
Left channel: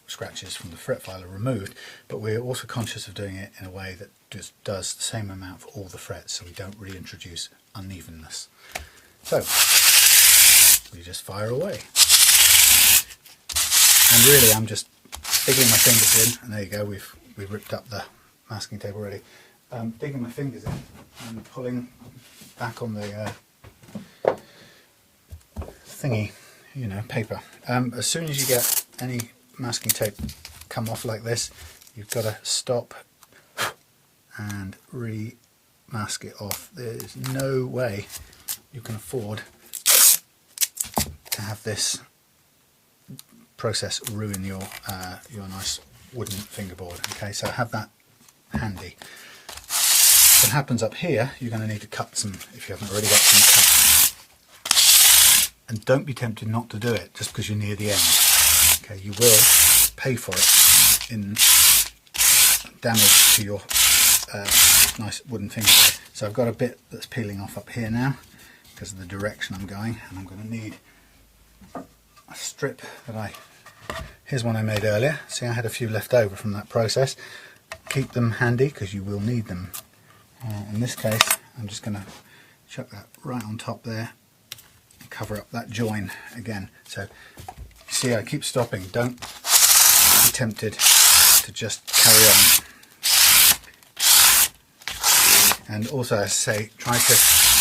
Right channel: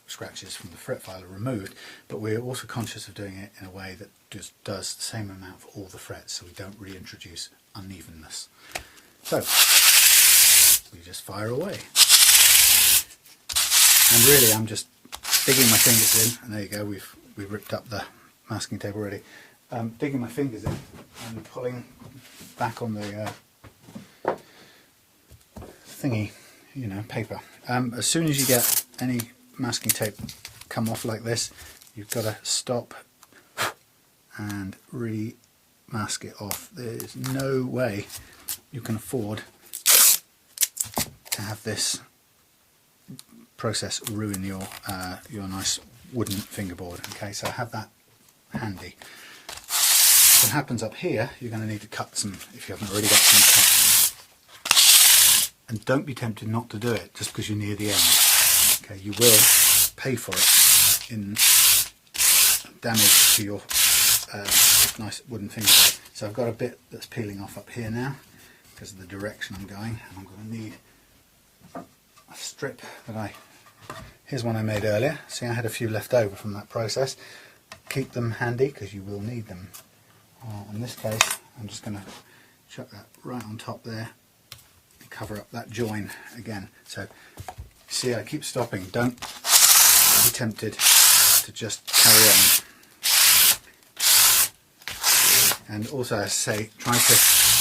scratches from the fret file are removed, but we're also conscious of doing it in a way that just does the same amount for all the frets, so we don't reintroduce unevenness. So we just fire away, and really I'm just digging my fingers in, and there you go, we've ripped up the masking tape already. Digging my fingers in and pulling back on the thingy, paper. As soon as you get any masking tape come off like this, you've got to stop and re-mask it off. There's no way you can afford to have this process ruin your nice wooden fingerboard. Okay, so have that handy. What happens up here, you're going to need to cut some, if you haven't already got some cut. And don't be tempted not to do it just because you're near the end. Okay, you will pay for it in damage to your nice wooden fingerboard. So I've got a bit that's peeling off up here now because of the direction I'm going, and I'm going to need a strip that here's one I made earlier. See, I had a few left over from that process. Keep them handy because you will need them. In this case, I'm just going to chuck that right on top there and cover up that join again. So see, I keep stopping. Don't be tempted to just carry on. And also, as I say, try to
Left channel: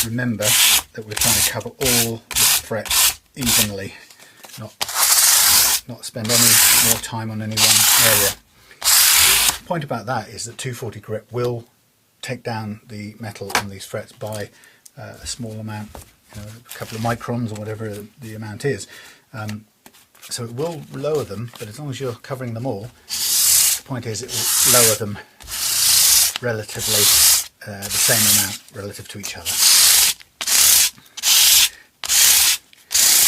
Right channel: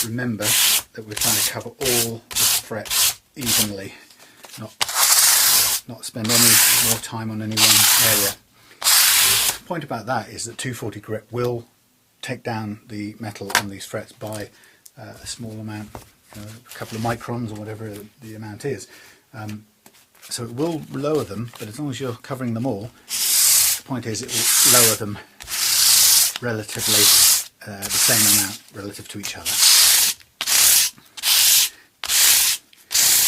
remember that we're trying to cover all the frets evenly, not spend any more time on any one area. The point about that is that 240 grit will take down the metal on these frets by a small amount, a couple of microns or whatever the amount is. So it will lower them, but as long as you're covering them all, the point is it will lower them relatively the same amount relative to each other.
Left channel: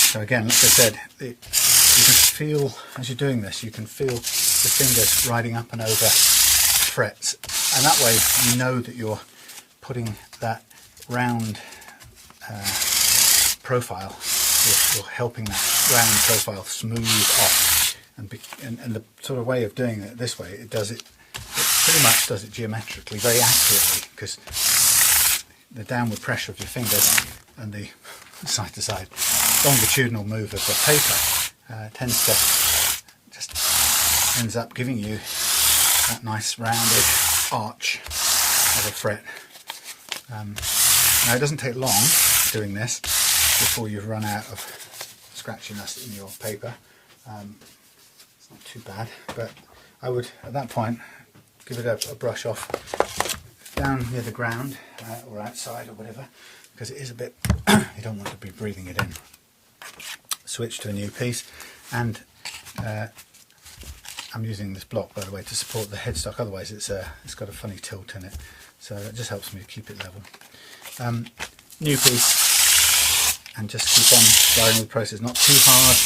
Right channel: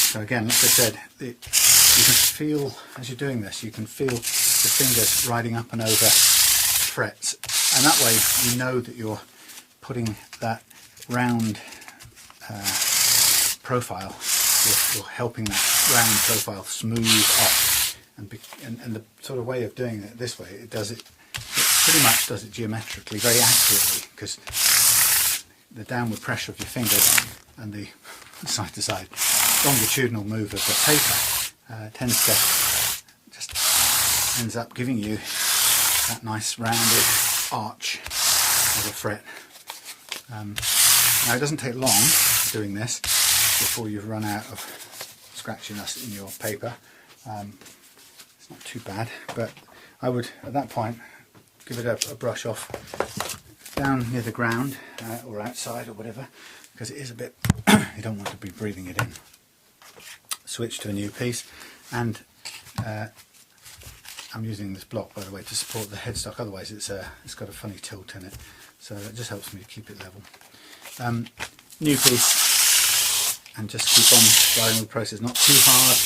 So again, like I said, you can feel, as you're doing this, you can feel the fingers riding up and over frets, and that way you know that you're putting that round profile, you're helping that round profile smooth off, and the sort of way of doing it this way, it pretty much does it geometrically very accurately, because the downward pressure of your fingers and the side to side longitudinal move of the paper tends to just ends up giving you that nice rounded arch of a fret. Now it doesn't take long doing this before you've run out of scratchiness in your paper. It's not too bad, but I would at that point give it a brush off down near the ground or outside or whatever, because it is a bit you don't want to be breathing it in. Switch to a new piece, and I'm using this block, by the way, to support the headstock, otherwise it's got a funny tilt in it, so that just helps me to keep it level. New piece, and just keep on going with the process, not too hard,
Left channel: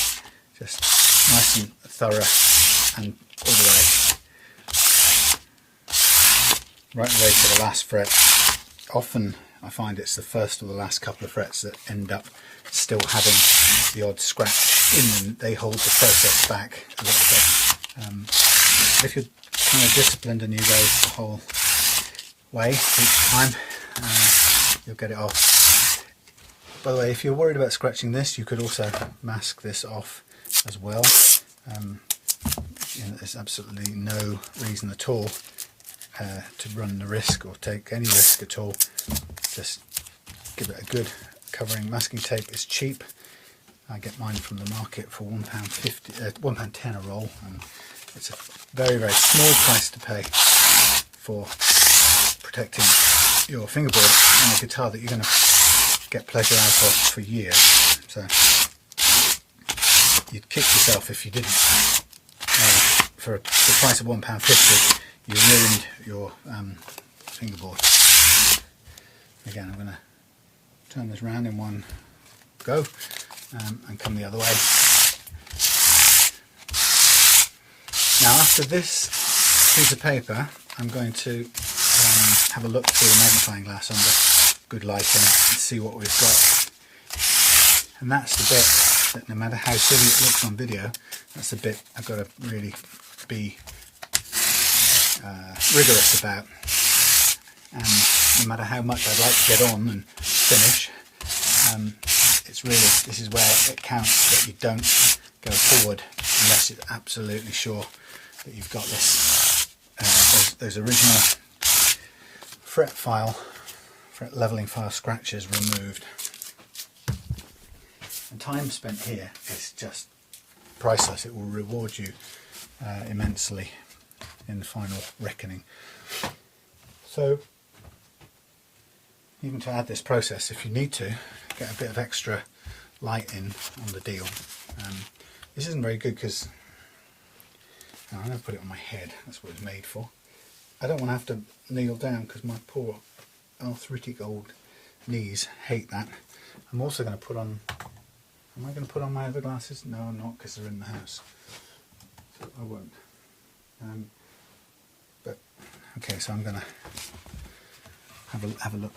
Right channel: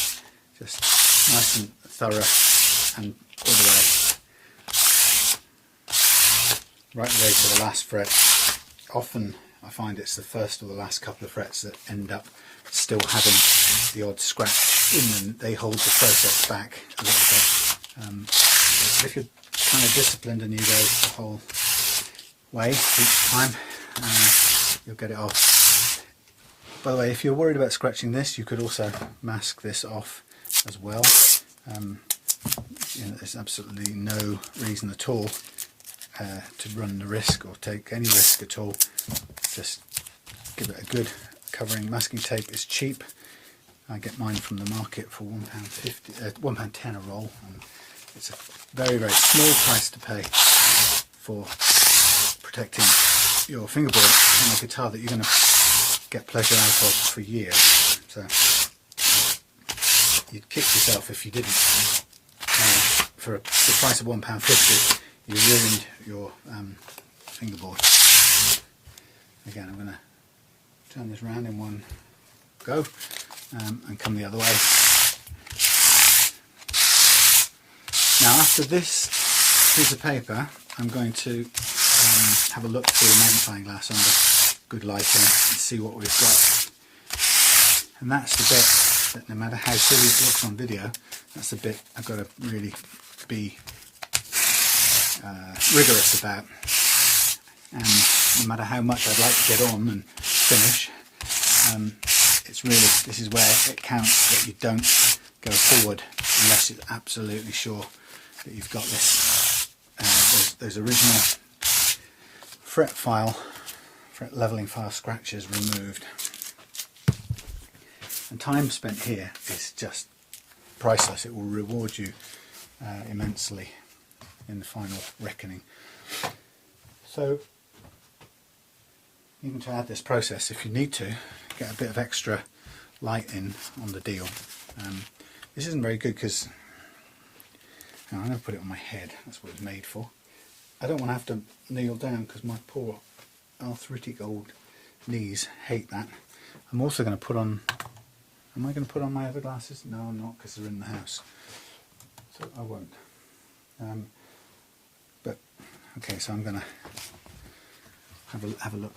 just nice and thorough and all the way. right the way to the last fret. Often I find it's the first or the last couple of frets that end up still having the odd scratch in them. They hold the process back a little bit. If you're kind of disciplined and you go the whole way each time, you'll get it off. By the way, if you're worried about scratching this, you could also mask this off as well. You know, there's absolutely no reason at all to run the risk or take any risk at all. Just give it a good covering. Masking tape is cheap. I get mine from the market for £1.50, £1.10 a roll. It's a very, very small price to pay for protecting your fingerboard on a guitar that you're going to get pleasure out of for years. So you'd kick yourself if you didn't. For the price of £1.50, you ruined your fingerboard. Again, I'm going to turn this round in one go and come the other way. Now, after this piece of paper, I'm going to have a look through the magnifying glass under good lighting and see what we've got. And that's the bit that, no matter how silly it looks on video, that's the bit I've got to really be rigorous about. And no matter how much I'd like to get on and finish, it's really, this is where it counts that you don't go forward unless you're absolutely sure that you've got this, those original fret leveling file scratches removed. And time spent here is just priceless. It will reward you immensely in the final reckoning. So even to add this process, if you need to, get a bit of extra light in on the deal. This isn't very good because I'm going to put it on my head. That's what it's made for. I don't want to have to kneel down because my poor arthritic old knees hate that. I'm also going to put on, am I going to put on my other glasses? No, I'm not, because they're in the house. So I won't. But okay, so I'm going to have a look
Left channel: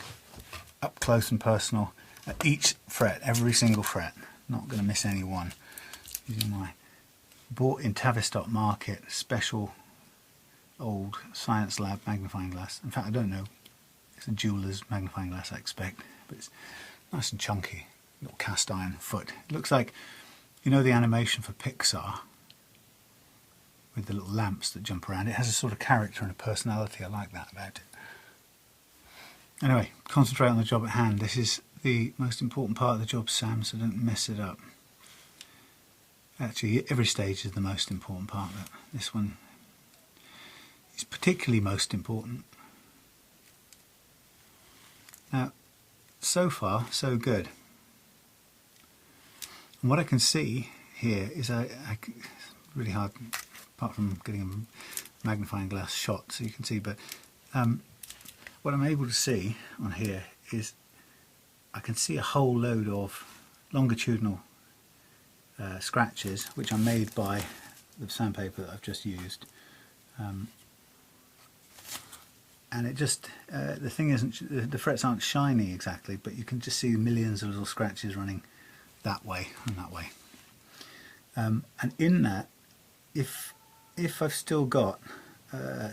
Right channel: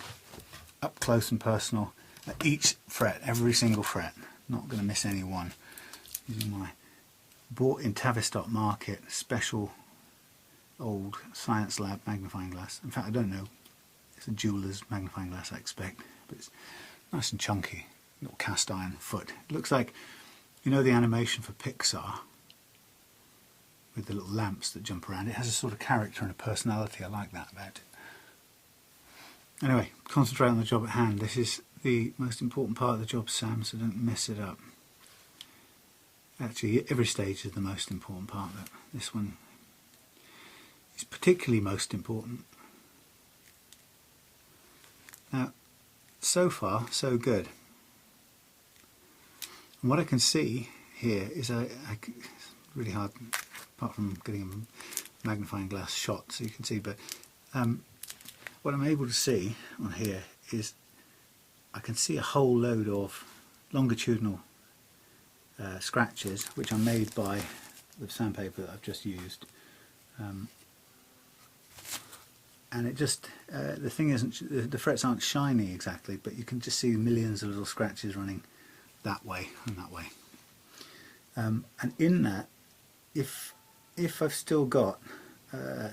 up close and personal at each fret, every single fret. Not going to miss any one. Using my bought in Tavistock Market special old Science Lab magnifying glass. In fact, I don't know. It's a jeweler's magnifying glass, I expect, but it's nice and chunky. Little cast iron foot. It looks like, you know, the animation for Pixar with the little lamps that jump around. It has a sort of character and a personality. I like that about it. Anyway, concentrate on the job at hand. This is the most important part of the job, Sam, so don't mess it up. Actually, every stage is the most important part, but this one is particularly most important. Now, so far, so good. And what I can see here is it's really hard, apart from getting a magnifying glass shot, so you can see, but what I'm able to see on here is I can see a whole load of longitudinal scratches, which are made by the sandpaper that I've just used. And it just, the thing isn't, the frets aren't shiny exactly, but you can just see millions of little scratches running that way and that way. And in that, if I've still got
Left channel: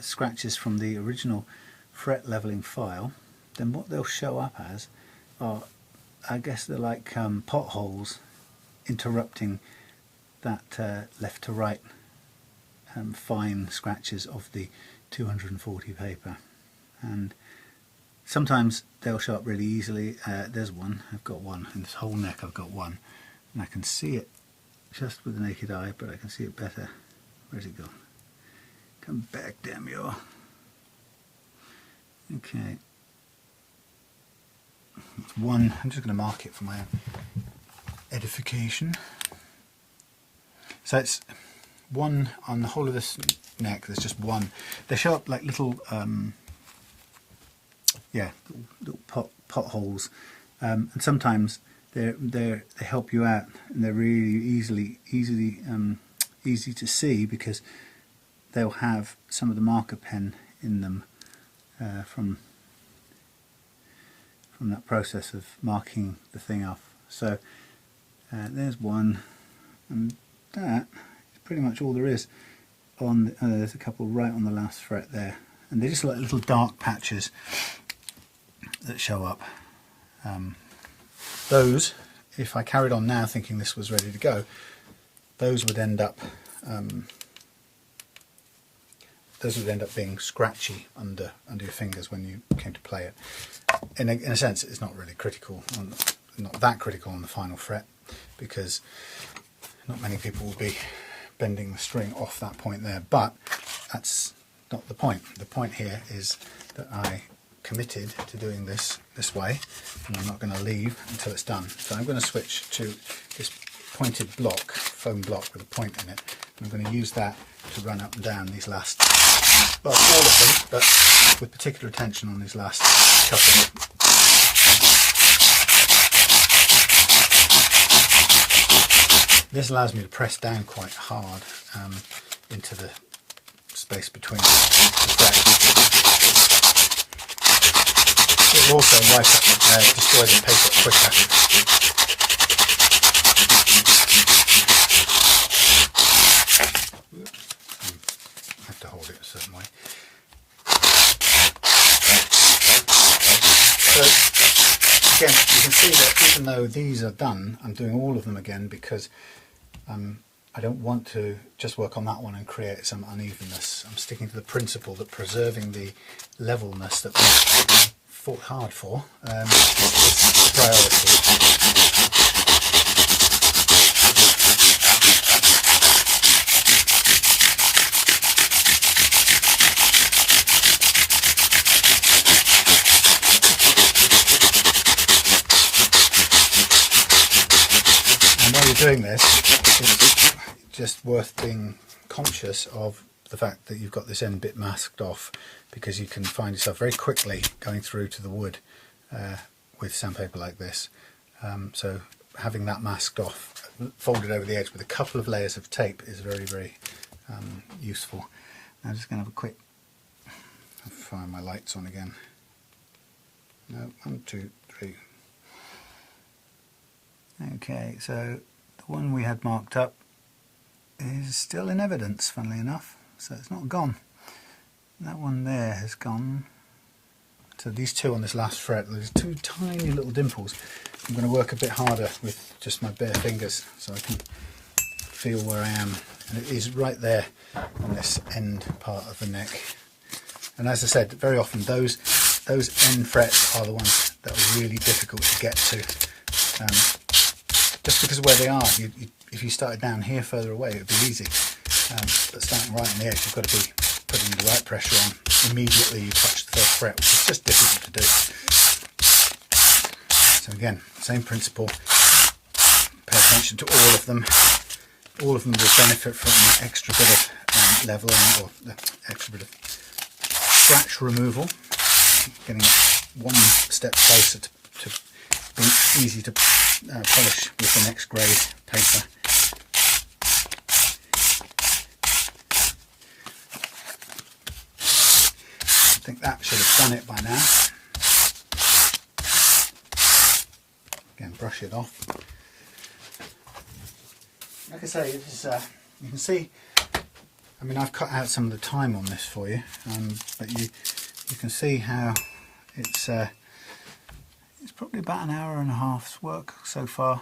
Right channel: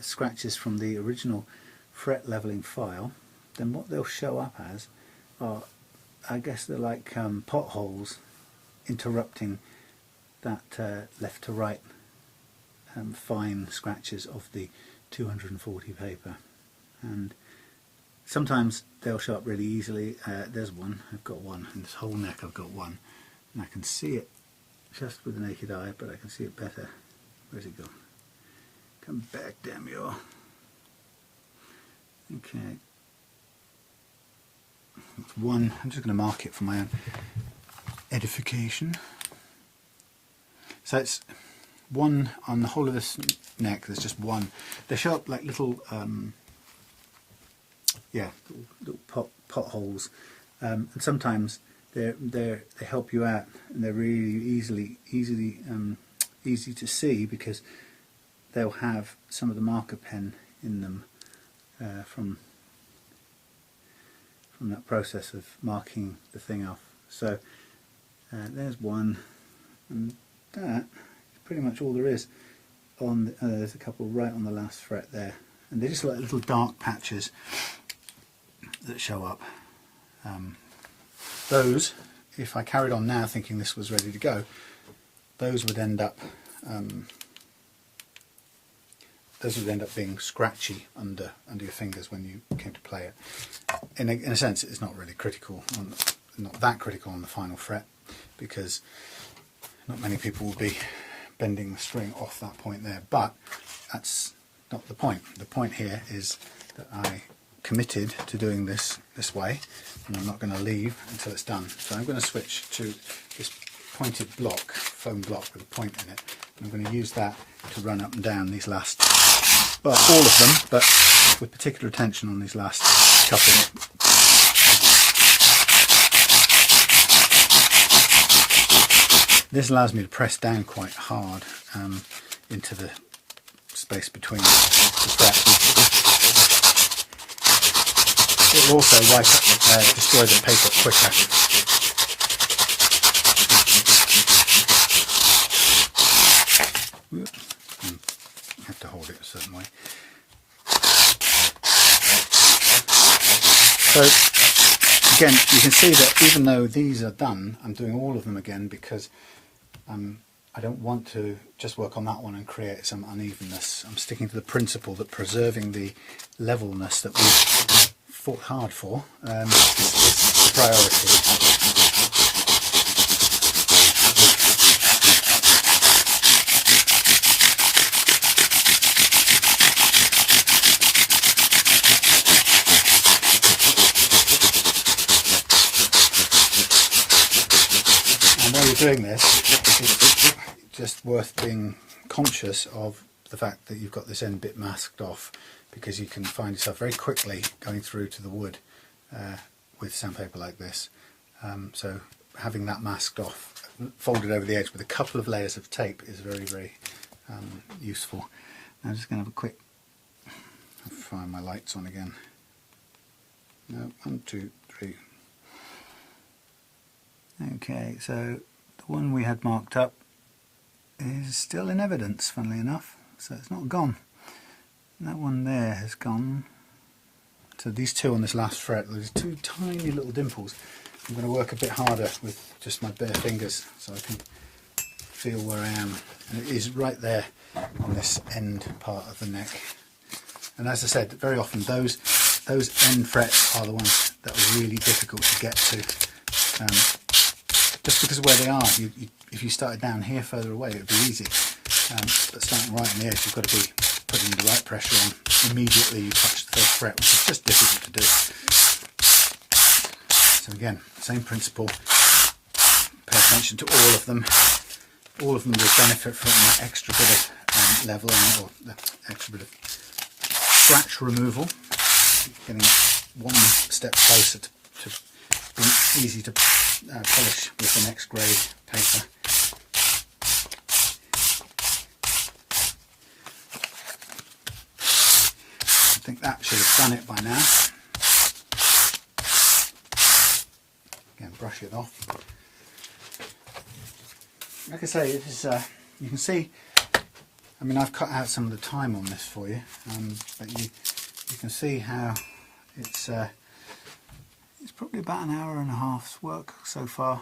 scratches from the original fret leveling file, then what they'll show up as are, I guess they're like potholes interrupting that left to right fine scratches of the 240 paper. And sometimes they'll show up really easily. There's one, I've got one, in this whole neck I've got one, and I can see it just with the naked eye, but I can see it better. Where's it gone? Come back, damn you. Okay. That's one. I'm just going to mark it for my own edification. So it's one on the whole of this neck. There's just one. They show up like little, little potholes, and sometimes they help you out, and they're really easy to see because they'll have some of the marker pen in them from that process of marking the thing off. So there's one, and that is pretty much all there is. On there's a couple right on the last fret there, and they're just like little dark patches that show up. Those, if I carried on now thinking this was ready to go, those would end up being scratchy under your fingers when you came to play it. In a sense, it's not really critical, not that critical on the final fret, because not many people will be bending the string off that point there. But that's not the point. The point here is that I committed to doing this way, and I'm not going to leave until it's done. So I'm going to switch to this pointed block, foam block with a point in it. I'm going to use that to run up and down these last, well, all of them, but with particular attention on these last couple. This allows me to press down quite hard into the space between the frets. It will also destroy the paper quicker. I have to hold it a certain way. So again, you can see that even though these are done, I'm doing all of them again because I don't want to just work on that one and create some unevenness. I'm sticking to the principle that preserving the levelness that we fought hard for is a priority. And while you're doing this, it's just worth being conscious of the fact that you've got this end bit masked off, because you can find yourself very quickly going through to the wood with sandpaper like this. So having that masked off, folded over the edge with a couple of layers of tape is very, very useful. Now I'm just going to have a quick, I'll find my lights on again. No, 1, 2, 3. Okay, so the one we had marked up is still in evidence, funnily enough, so it's not gone. That one there has gone. So these two on this last fret, there's two tiny little dimples. I'm going to work a bit harder with just my bare fingers so I can feel where I am. And it is right there on this end part of the neck. And as I said, very often those end frets are the ones that are really difficult to get to. Just because of where they are. If you started down here further away, it would be easy. But starting right on the edge, you've got to be putting the right pressure on immediately you touch the first fret, which is just difficult to do. So again, same principle. Pay attention to all of them. All of them will benefit from that extra bit of leveling, or the extra bit of scratch removal, getting one step closer to being easy to polish with the next grade paper. I think that should have done it by now. Again, brush it off. Like I say, it is, you can see, I mean, I've cut out some of the time on this for you, but you can see how it's probably about an hour and a half's work so far.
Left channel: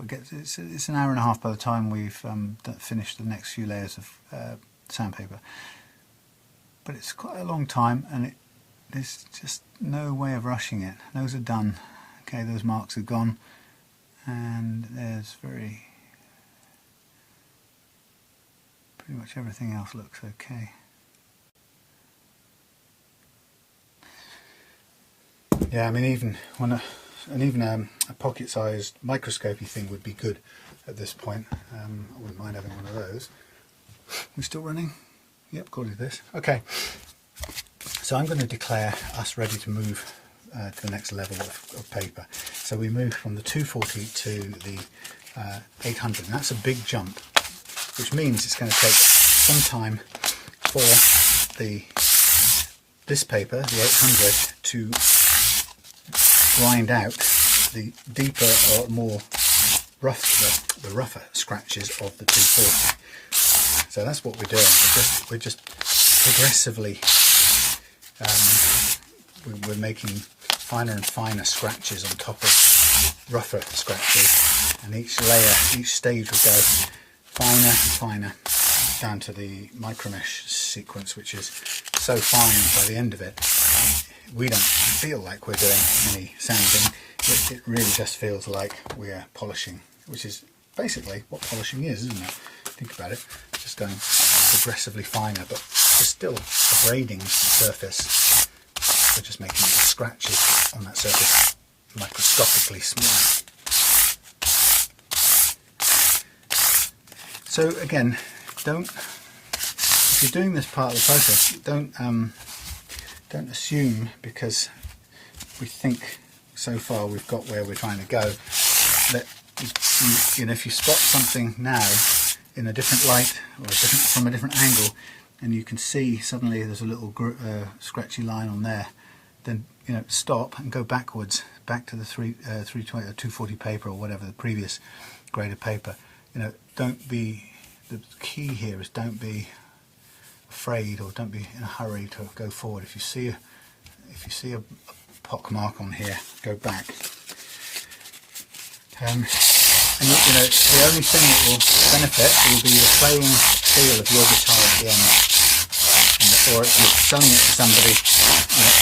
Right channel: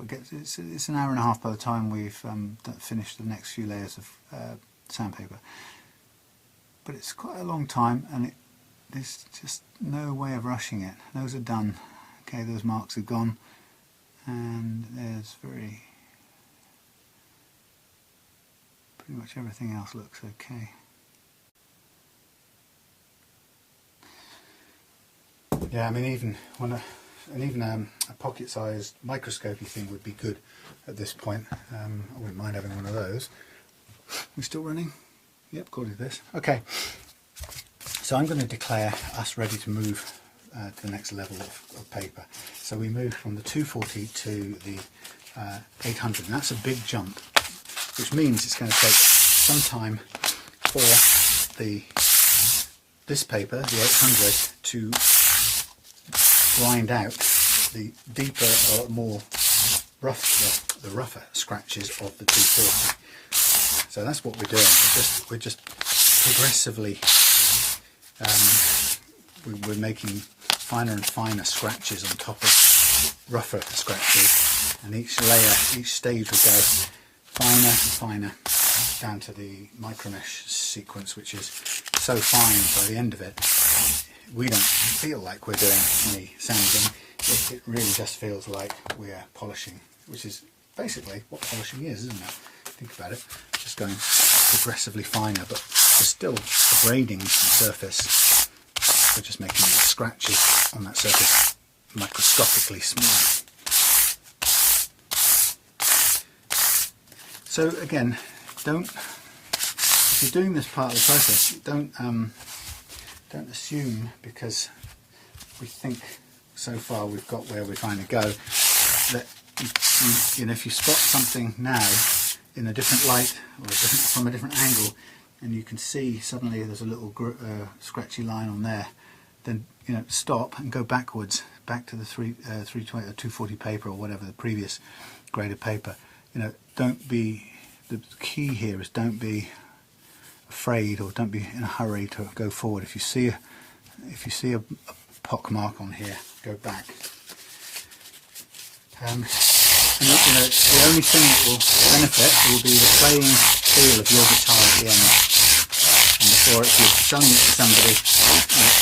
It's an hour and a half by the time we've finished the next few layers of sandpaper. But it's quite a long time, and there's just no way of rushing it. Those are done. Okay, those marks are gone, and there's pretty much everything else looks okay. Yeah, I mean, even a pocket-sized microscopy thing would be good at this point. I wouldn't mind having one of those. We're still running? Yep, according to this. Okay, so I'm going to declare us ready to move to the next level of paper. So we move from the 240 to the 800, and that's a big jump, which means it's going to take some time for the this paper, the 800, to grind out the deeper or more the rougher scratches of the 240. So that's what we're doing. We're just progressively we're making finer and finer scratches on top of rougher scratches, and each layer, each stage will go finer and finer down to the micro mesh sequence, which is so fine by the end of it we don't feel like we're doing any sanding. It really just feels like we're polishing, which is basically what polishing is, isn't it? Think about it, just going progressively finer, but we're still abrading the surface. We're just making the scratches on that surface microscopically small. So again, if you're doing this part of the process, don't assume because we think so far we've got where we're trying to go that if you spot something now in a different light or from a different angle, and you can see suddenly there's a little scratchy line on there, then stop and go backwards, back to the 320 or 240 paper or whatever, the previous grade of paper. Don't be, the key here is don't be afraid or don't be in a hurry to go forward. If you see a pock mark on here, go back. And the only thing that will benefit will be the playing feel of your guitar at the end. And if you're selling it to somebody,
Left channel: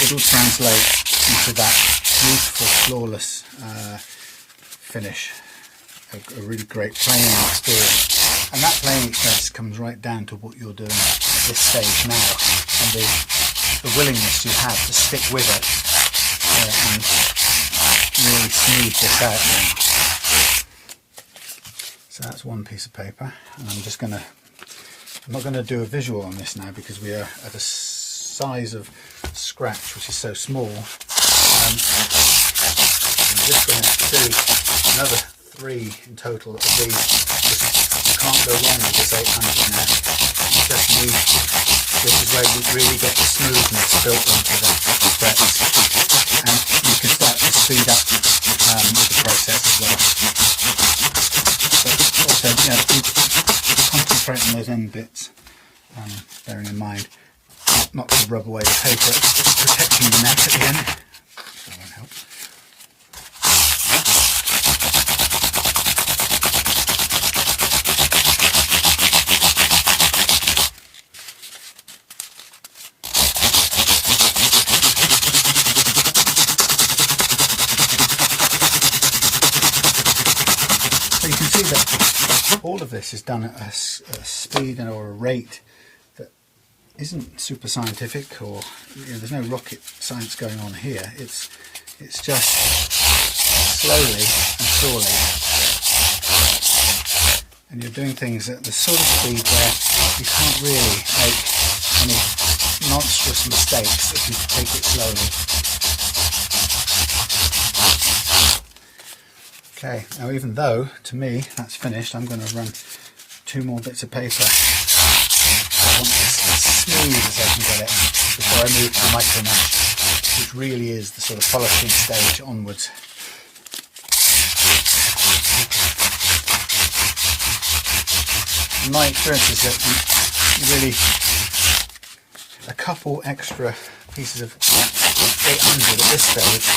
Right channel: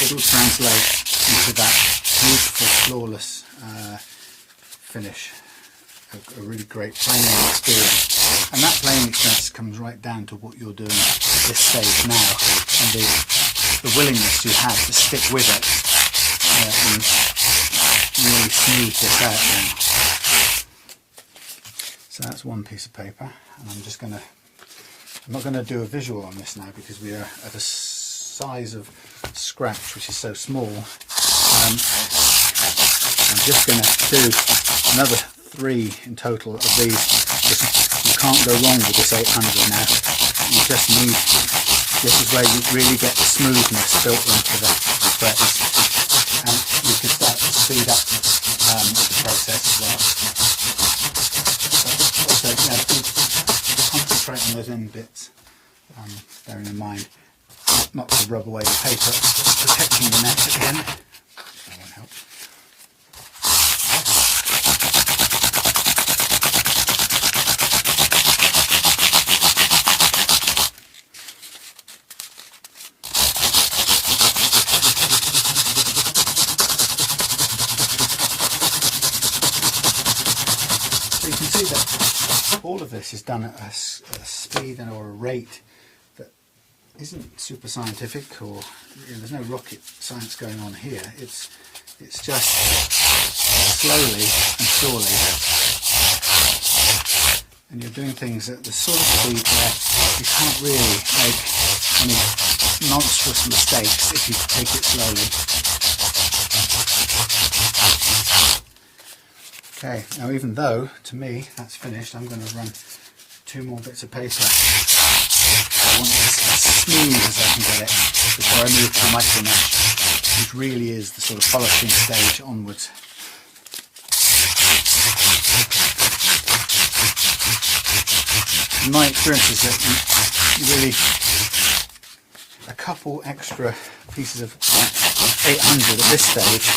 it'll translate into that beautiful, flawless finish. A really great playing experience. And that playing experience comes right down to what you're doing at this stage now, and the willingness you have to stick with it and really smooth this out now. So that's one piece of paper, and I'm not going to do a visual on this now because we are at a size of scratch which is so small. I'm just going to do another 3 in total of these. You can't go wrong with this 800 now. You just need, this is where you really get the smoothness built into the frets, and you can start to speed up with the process as well. But also, concentrate on those end bits, bearing in mind not to rub away the paper, protecting the neck at the end. That won't help. All of this is done at a speed or a rate that isn't super scientific, or there's no rocket science going on here. It's just slowly and surely, and you're doing things at the sort of speed where you can't really make any monstrous mistakes if you take it slowly. Okay, now even though, to me, that's finished, I'm going to run 2 more bits of paper. I want this as smooth as I can get it before I move to the micro mesh, which really is the sort of polishing stage onwards. My experience is that you really, a couple extra pieces of 800 at this stage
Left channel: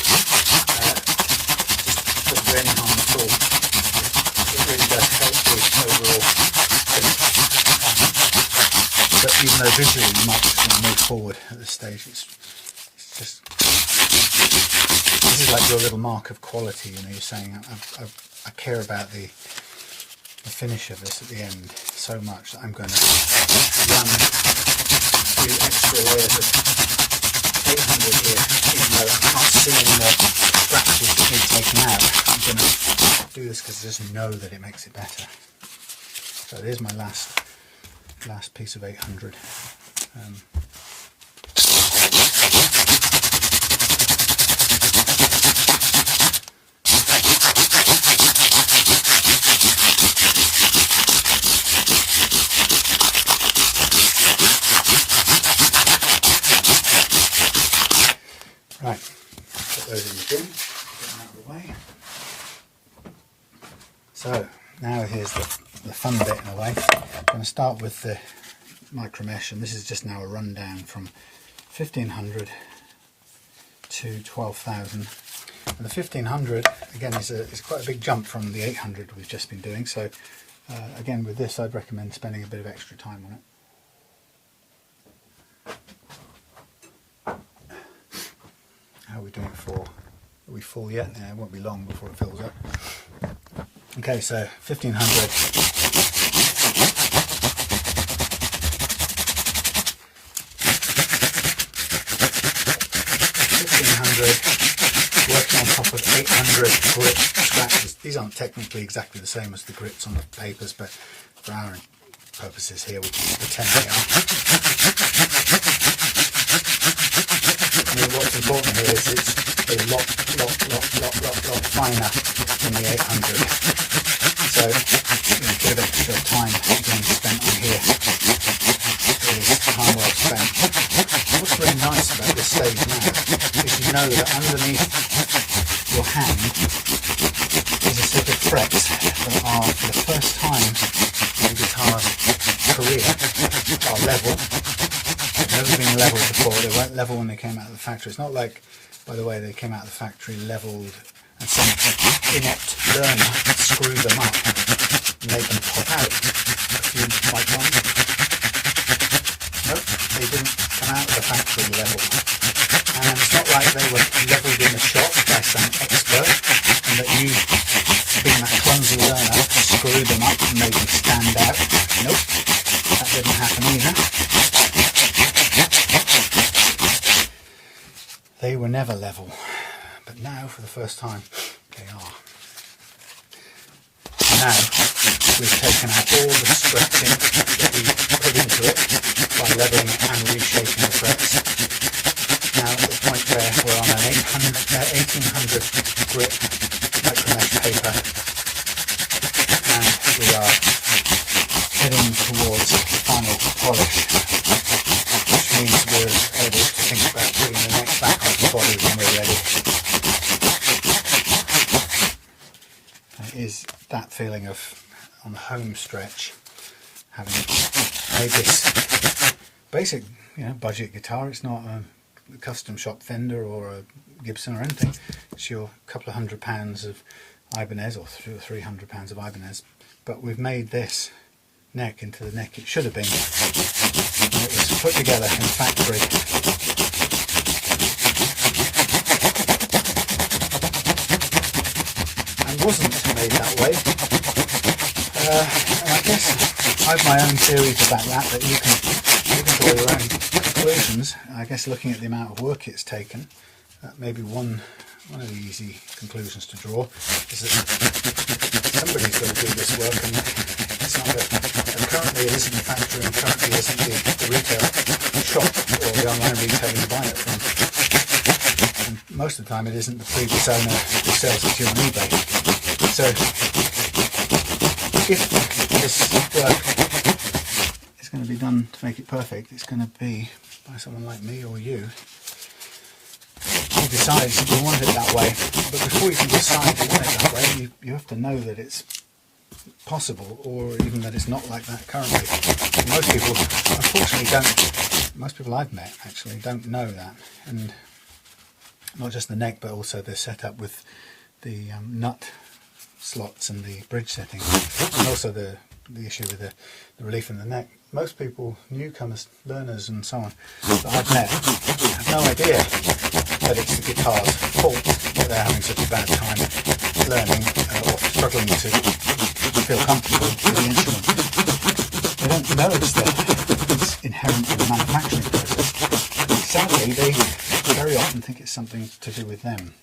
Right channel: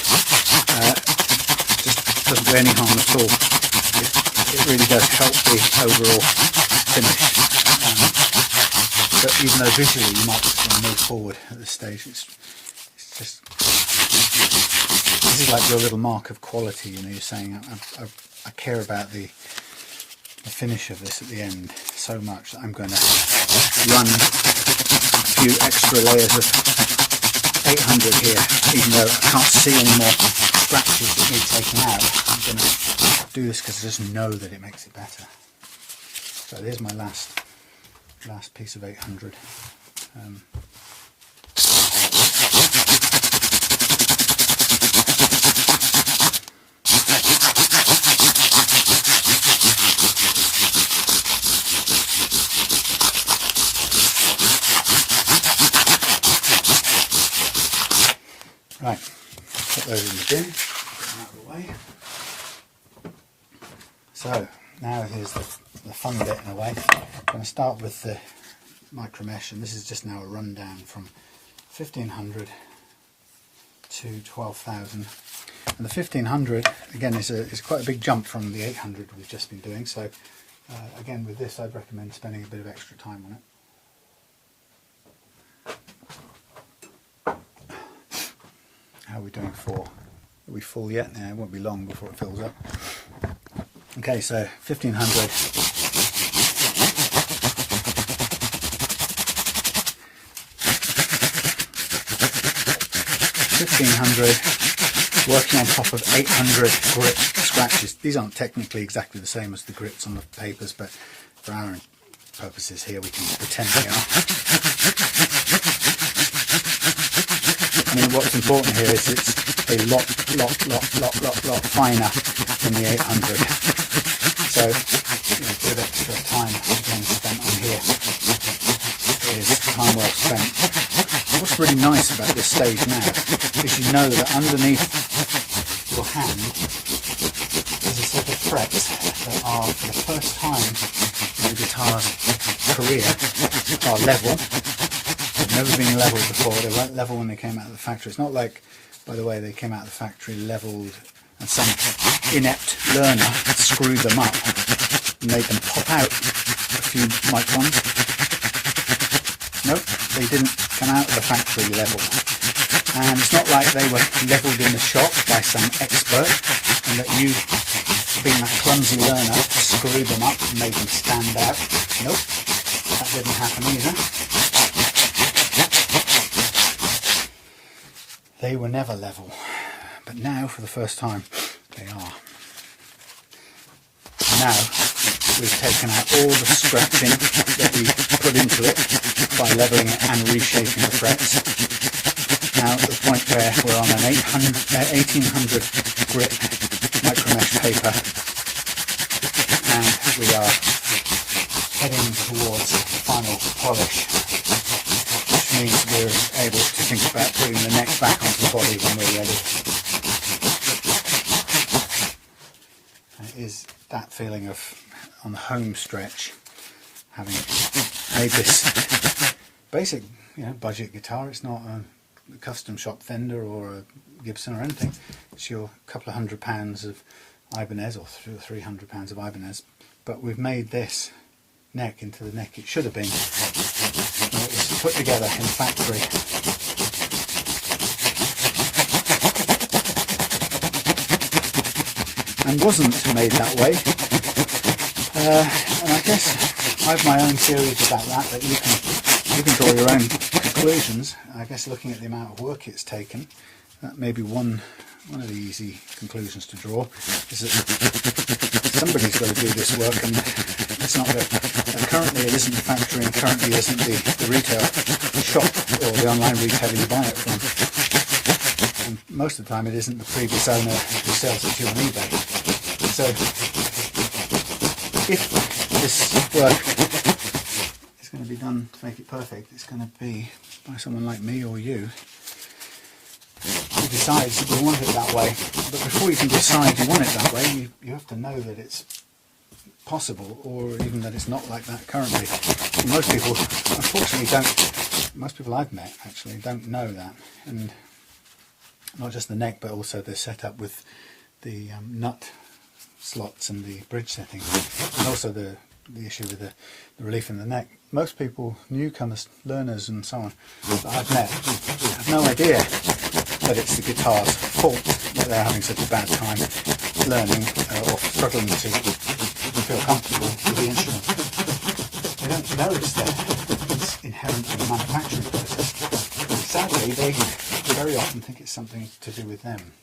doesn't do any harm at all. It really does help the overall finish. But even though visually you might just want to move forward at this stage, it's just, this is like your little mark of quality. You're saying I care about the finish of this at the end so much that I'm going to run a few extra layers of 800 here, even though I can't see any more scratches that need taken out. I'm going to do this because I just know that it makes it better. So here's my last piece of 800. way. So now here's the fun bit in a way. I'm going to start with the micro mesh, and this is just now a rundown from 1500 to 12,000. And the 1500 again is quite a big jump from the 800 we've just been doing. So again, with this, I'd recommend spending a bit of extra time on it. How are we doing for? Are we full yet? No, it won't be long before it fills up. Okay, so 1500. Working on top of 800 grit scratches. These aren't technically exactly the same as the grits on the papers, but for our purposes here we can pretend they are. I mean, what's important here is it's a lot finer than the 800. So, a bit of extra time again spent on here. It is time well spent. What's really nice about this stage now is you know that underneath your hand is a set of frets that are, for the first time in the guitar's career, are level. They've never been level before. They weren't level when they came out of the factory. It's not like, by the way, they came out of the factory leveled and some inept learner screwed them up and made them pop out a few microns. Nope, they didn't come out of the factory level. And it's not like they were levelled in the shop by some expert and that you, being that clumsy learner, screwed them up and made them stand out. Nope, that didn't happen either. They were never level, but now for the first time they are. Now we've taken out all the stretching that we put into it by levelling it and reshaping the frets. Now at the point where we're on an 1800 grit micro mesh paper, and we are heading towards final polish, which means we're able to think about putting the neck back onto the body when we're ready. Is that feeling of, on the home stretch, having made this basic, budget guitar. It's not a custom shop Fender or a Gibson or anything. It's your couple of £100 of Ibanez, or £300 of Ibanez. But we've made this neck into the neck it should have been. And it was put together in the factory. And wasn't made that way. And I guess I have my own theories about that you can draw your own conclusions. I guess looking at the amount of work it's taken, that may be one of the easy conclusions to draw, is that somebody's got to do this work, and it's not that currently it isn't the factory and currently isn't the retail shop or the online retailer you buy it from. And most of the time it isn't the previous owner who sells it to you on eBay. So if this work is going to be done to make it perfect, it's going to be by someone like me or you who decides you want it that way. But before you can decide you want it that way, you have to know that it's possible, or even that it's not like that currently. Most people, unfortunately, most people I've met actually don't know that. And not just the neck, but also the setup with the nut slots and the bridge setting, and also the issue with the relief in the neck. Most people, newcomers, learners and so on, that I've met, have no idea that it's the guitar's fault that they're having such a bad time learning or struggling to feel comfortable with the instrument. They don't know it's inherent in the manufacturing process. Sadly, they very often think it's something to do with them.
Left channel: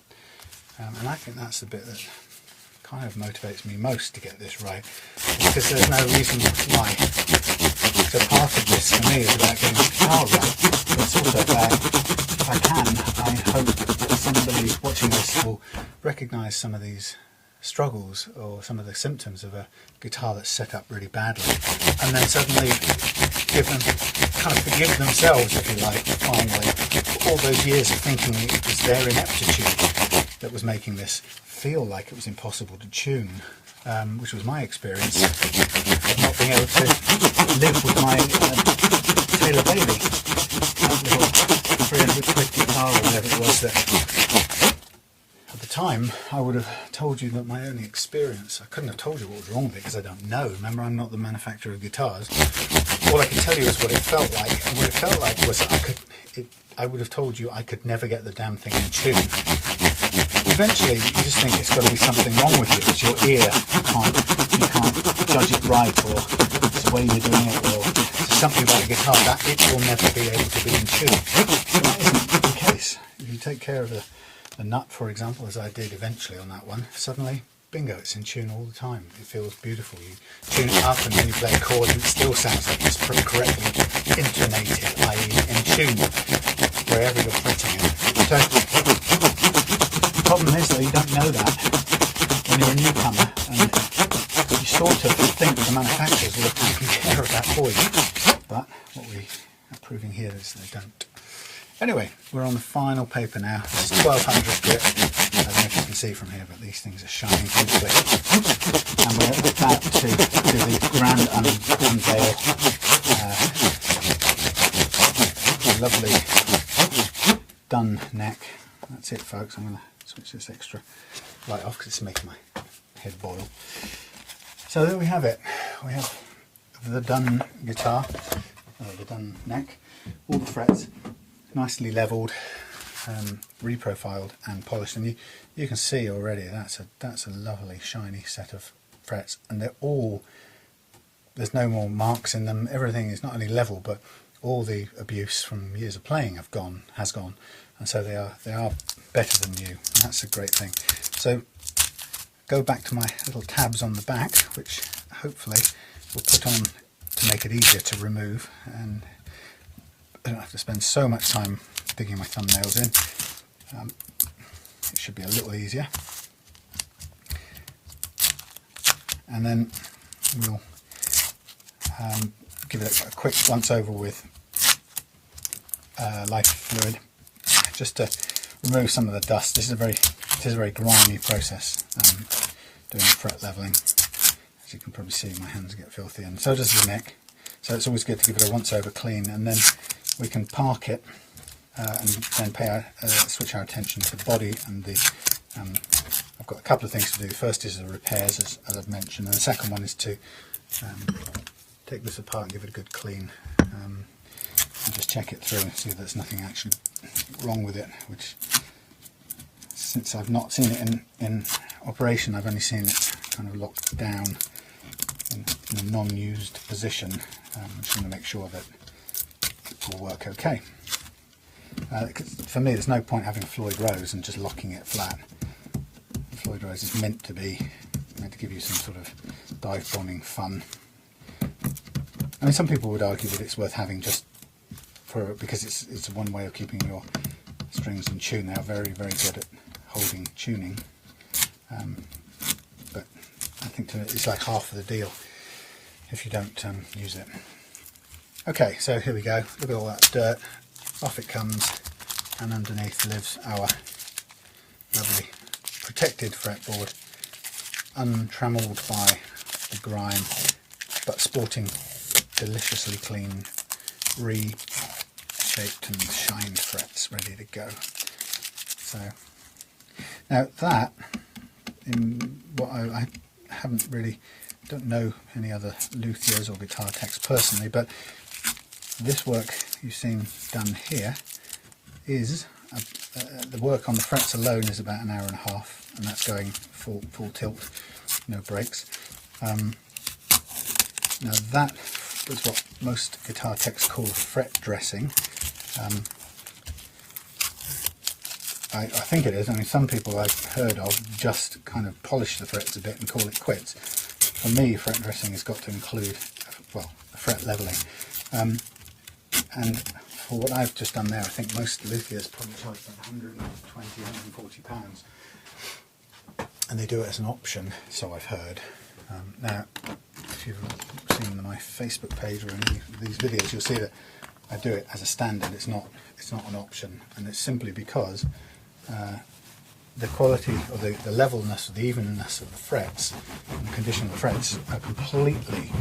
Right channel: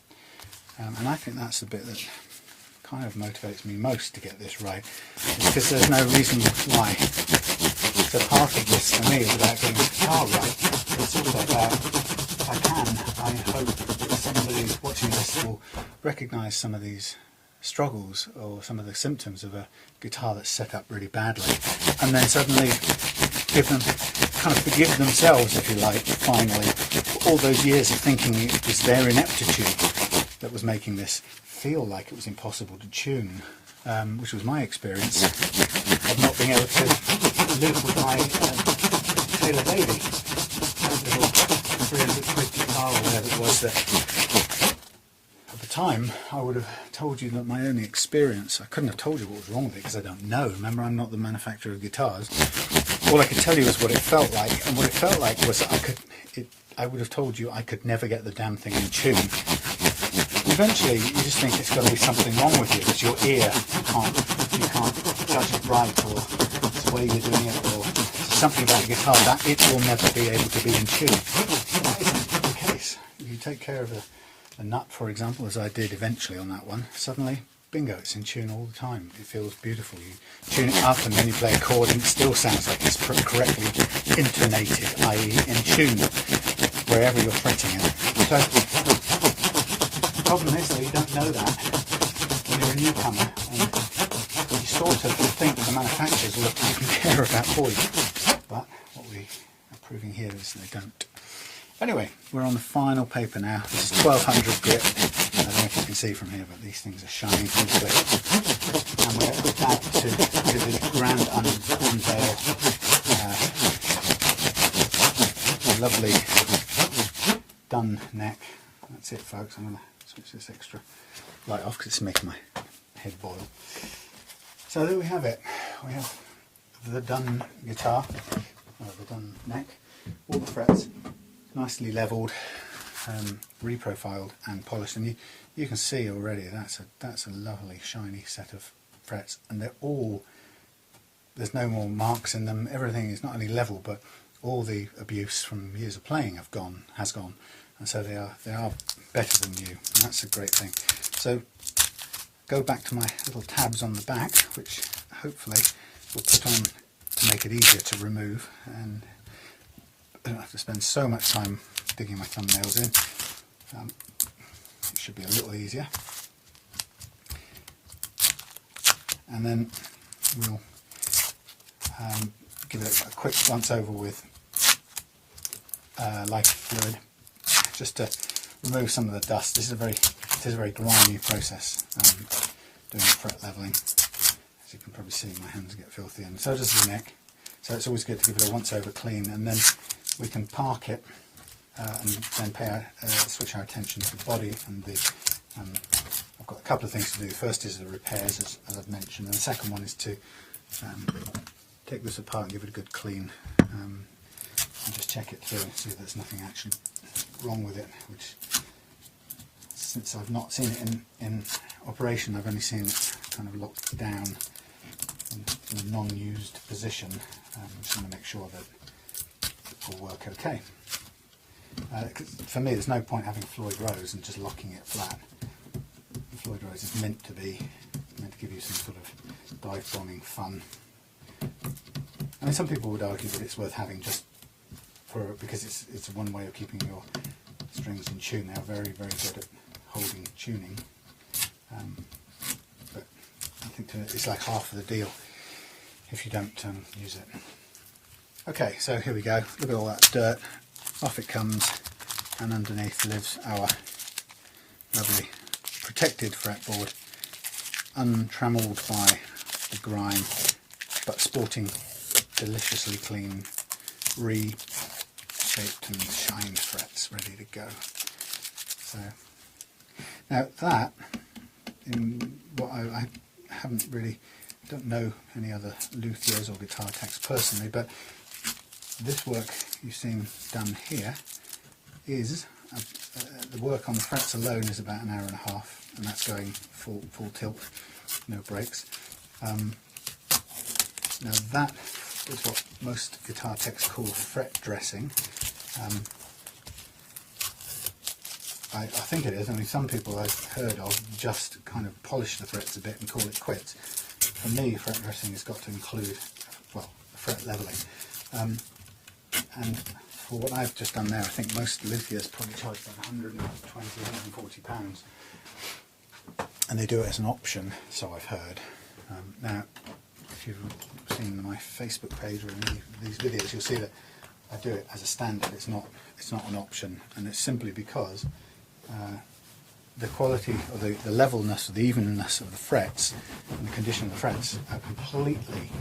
And I think that's the bit that kind of motivates me most to get this right, because there's no reason why. So part of this for me is about getting the guitar right, but it's also about, if I can, I hope that somebody watching this will recognise some of these struggles or some of the symptoms of a guitar that's set up really badly, and then suddenly kind of forgive themselves, if you like, finally, for all those years of thinking it was their ineptitude that was making this feel like it was impossible to tune, which was my experience of not being able to live with my Taylor Bailey, that little 300 quid guitar or whatever it was that at the time I would have told you that my only experience, I couldn't have told you what was wrong with it because I don't know. Remember, I'm not the manufacturer of guitars. All I can tell you is what it felt like, and what it felt like was I would have told you I could never get the damn thing in tune. Eventually, you just think it's got to be something wrong with you. It's your ear. You can't judge it right, or it's the way you're doing it, or there's something about the guitar that it will never be able to be in tune. But that isn't the case. If you take care of the nut, for example, as I did eventually on that one, suddenly, bingo, it's in tune all the time. It feels beautiful. You tune it up and then you play a chord and it still sounds like it's correctly intonated, i.e. in tune, wherever you're fretting it. So, the problem is that you don't know that when you're a newcomer, and you sort of think the manufacturers will have taken care of that for you. But what we are proving here is they don't. Anyway, we're on the final paper now. This is 1200 grit. I don't know if you can see from here, but these things are shining beautifully. And we're about to do the grand unveil. Lovely done neck. That's it, folks. I'm going to switch this extra light off because it's making my head boil. So there we have it. We have the done guitar, the done neck, all the frets nicely levelled, reprofiled and polished, and you can see already that's a lovely shiny set of frets, and they're all, there's no more marks in them. Everything is not only level, but all the abuse from years of playing has gone, and so they are better than new, and that's a great thing. So go back to my little tabs on the back, which hopefully we'll put on to make it easier to remove, and I don't have to spend so much time digging my thumbnails in. It should be a little easier. And then we'll give it a quick once over with lighter fluid, just to remove some of the dust. This is a very grimy process, doing fret leveling. As you can probably see, my hands get filthy, and so does the neck. So it's always good to give it a once over clean, and then we can park it and then switch our attention to the body and the. I've got a couple of things to do. First is the repairs, as I've mentioned, and the second one is to take this apart and give it a good clean, and just check it through and see that there's nothing actually wrong with it. Which, since I've not seen it in operation, I've only seen it kind of locked down in a non-used position. I'm just going to make sure that it will work okay. For me, there's no point having Floyd Rose and just locking it flat. Floyd Rose is meant to give you some sort of dive bombing fun. I mean, some people would argue that it's worth having just because it's one way of keeping your strings in tune. They are very, very good at holding tuning, but I think it's like half of the deal if you don't use it. Okay, so here we go. Look at all that dirt. Off it comes, and underneath lives our lovely protected fretboard, untrammeled by the grime, but sporting deliciously clean, re-shaped and shined frets ready to go. So now that, in what I haven't really, don't know any other luthiers or guitar techs personally, but this work you've seen done here is the work on the frets alone is about an hour and a half, and that's going full tilt, no breaks. Now that is what most guitar techs call fret dressing. I think it is. I mean, some people I've heard of just kind of polish the frets a bit and call it quits. For me, fret dressing has got to include, well, fret leveling. And for what I've just done there, I think most luthiers probably charge about 120, 140 pounds, and they do it as an option, so I've heard. Now, if you've seen my Facebook page or any of these videos, you'll see that I do it as a standard. It's not an option, and it's simply because the quality or the levelness or the evenness of the frets and the condition of the frets completely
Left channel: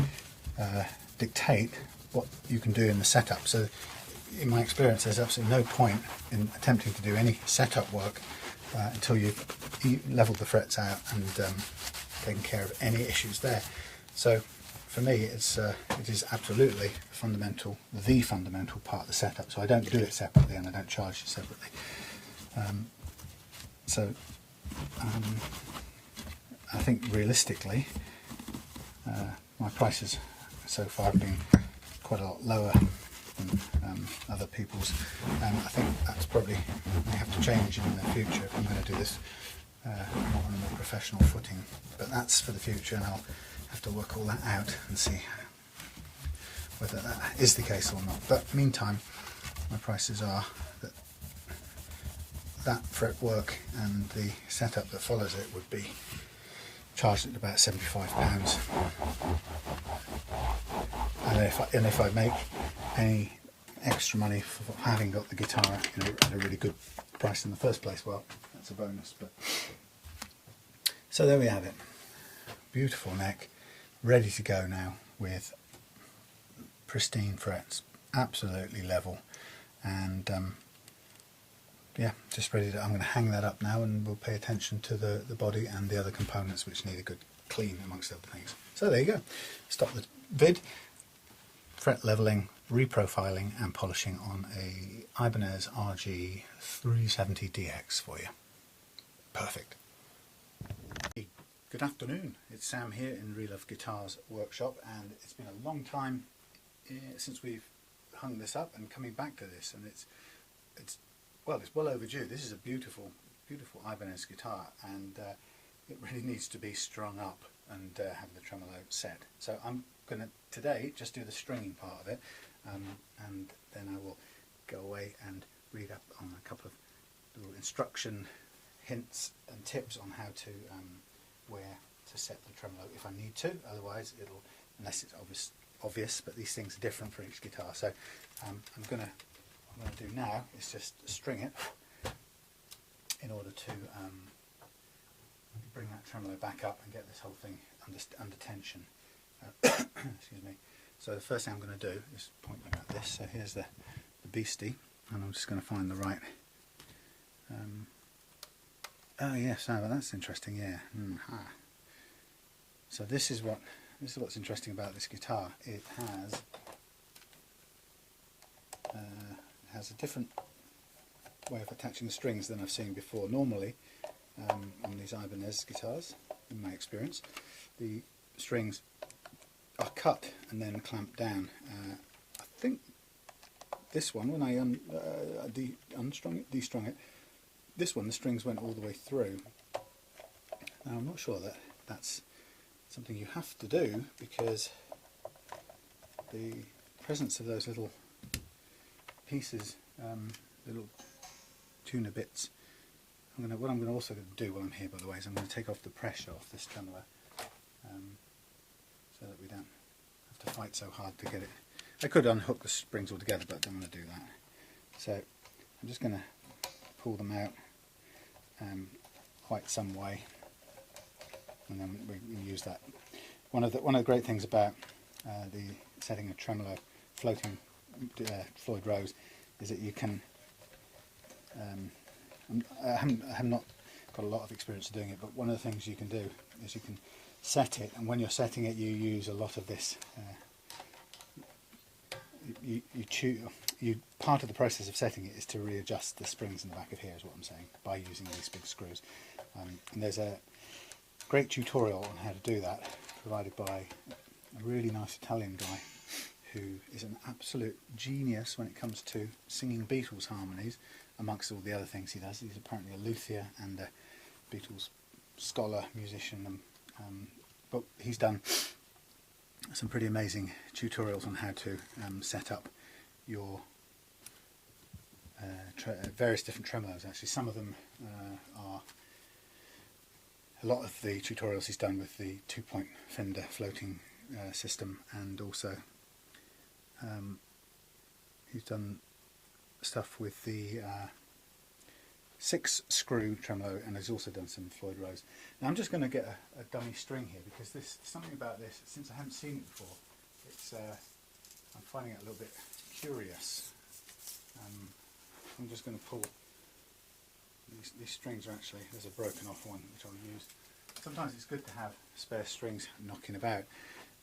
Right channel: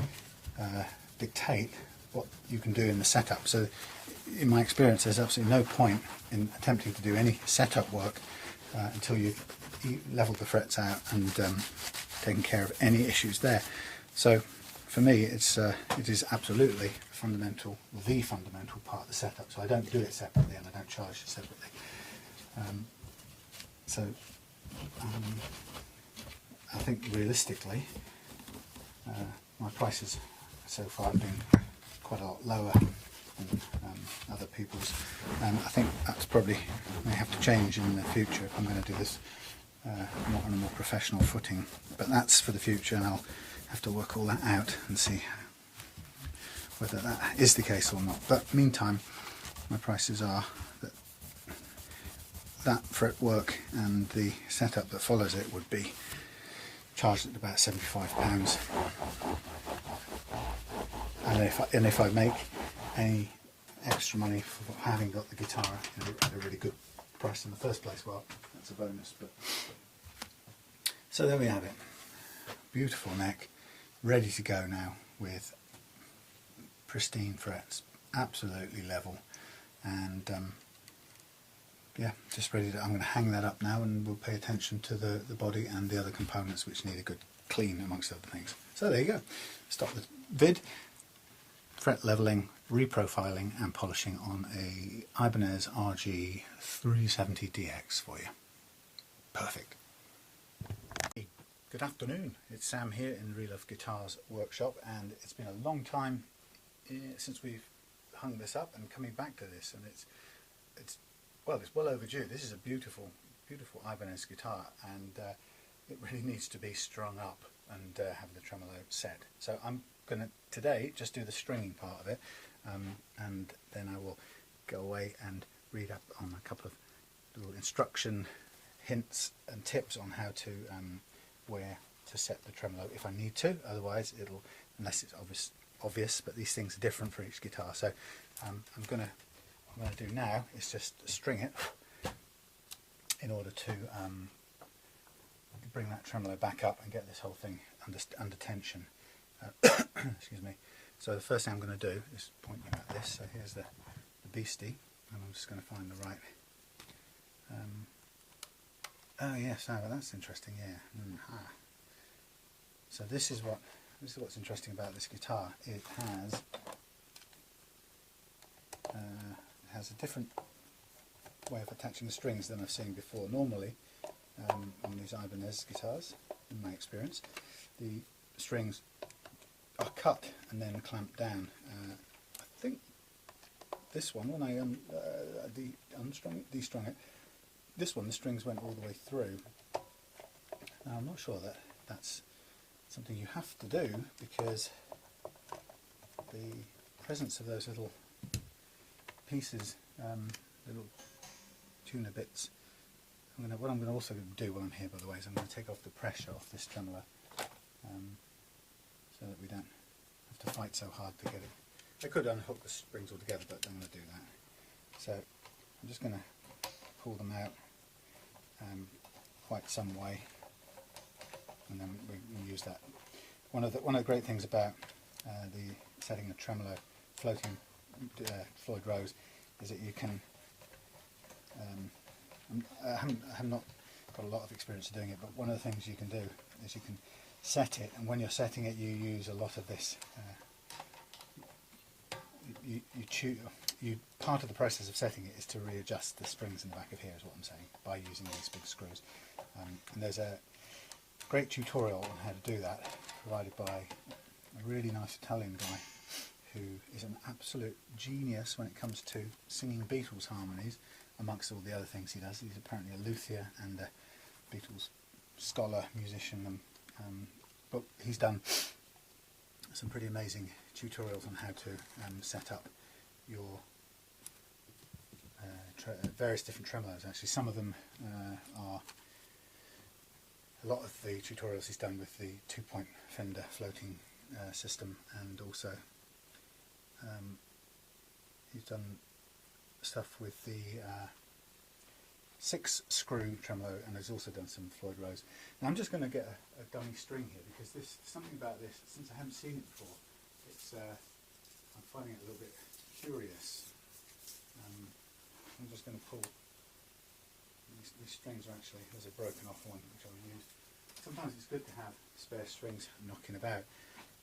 dictate what you can do in the setup. So in my experience, there's absolutely no point in attempting to do any setup work until you've leveled the frets out and taken care of any issues there. So for me, it is absolutely the fundamental part of the setup. So I don't do it separately and I don't charge it separately. I think realistically, my prices so far have been quite a lot lower than other people's, and I think that's probably may have to change in the future if I'm going to do this not on a more professional footing. But that's for the future, and I'll have to work all that out and see whether that is the case or not. But meantime, my prices are that fretwork and the setup that follows it would be charged at about £75. And if I make any extra money for having got the guitar at a really good price in the first place, well, that's a bonus. But so there we have it. Beautiful neck, ready to go now with pristine frets, absolutely level, and yeah, just ready to. I'm going to hang that up now, and we'll pay attention to the body and the other components which need a good clean, amongst other things. So there you go. Stop the vid. Fret leveling, reprofiling, and polishing on a Ibanez RG370DX for you. Perfect. Good afternoon. It's Sam here in Reloved Guitars workshop, and it's been a long time since we've hung this up and coming back to this, and it's well overdue. This is a beautiful Ibanez guitar, and it really needs to be strung up and have the tremolo set. So I'm going to today just do the stringing part of it, and then I will go away and read up on a couple of little instruction hints and tips on how to where to set the tremolo if I need to. Otherwise, unless it's obvious, but these things are different for each guitar. So what I'm going to do now is just string it in order to bring that tremolo back up and get this whole thing under tension. Excuse me. So the first thing I'm going to do is point you at this. So here's the beastie, and I'm just going to find the right. Oh yes, well, that's interesting. Yeah. So this is what's interesting about this guitar. It has a different way of attaching the strings than I've seen before. Normally, on these Ibanez guitars, in my experience, the strings are cut and then clamped down. I think this one, when I destrung it, this one the strings went all the way through. Now I'm not sure that that's something you have to do, because the presence of those little pieces, little tuner bits. What I'm going to also do while I'm here, by the way, is I'm going to take off the pressure off this tremolo, so that we don't have to fight so hard to get it. I could unhook the springs altogether, but I don't want to do that. So I'm just going to pull them out quite some way, and then we use that. One of the great things about the setting a tremolo floating Floyd Rose is that you can. I have not got a lot of experience doing it, but one of the things you can do is you can set it, and when you're setting it, you use a lot of this. Part of the process of setting it is to readjust the springs in the back of here, is what I'm saying, by using these big screws. And there's a great tutorial on how to do that, provided by a really nice Italian guy who is an absolute genius when it comes to singing Beatles harmonies, amongst all the other things he does. He's apparently a luthier and a Beatles scholar, musician, but he's done some pretty amazing tutorials on how to set up your various different tremolos. Actually, some of them are a lot of the tutorials he's done with the 2-point Fender floating system, and also he's done stuff with the 6-screw tremolo, and he's also done some Floyd Rose. Now I'm just going to get a dummy string here, because there's something about this, since I haven't seen it before, it's I'm finding it a little bit curious. I'm just going to pull, these strings are actually, there's a broken off one which I'll use. Sometimes it's good to have spare strings knocking about.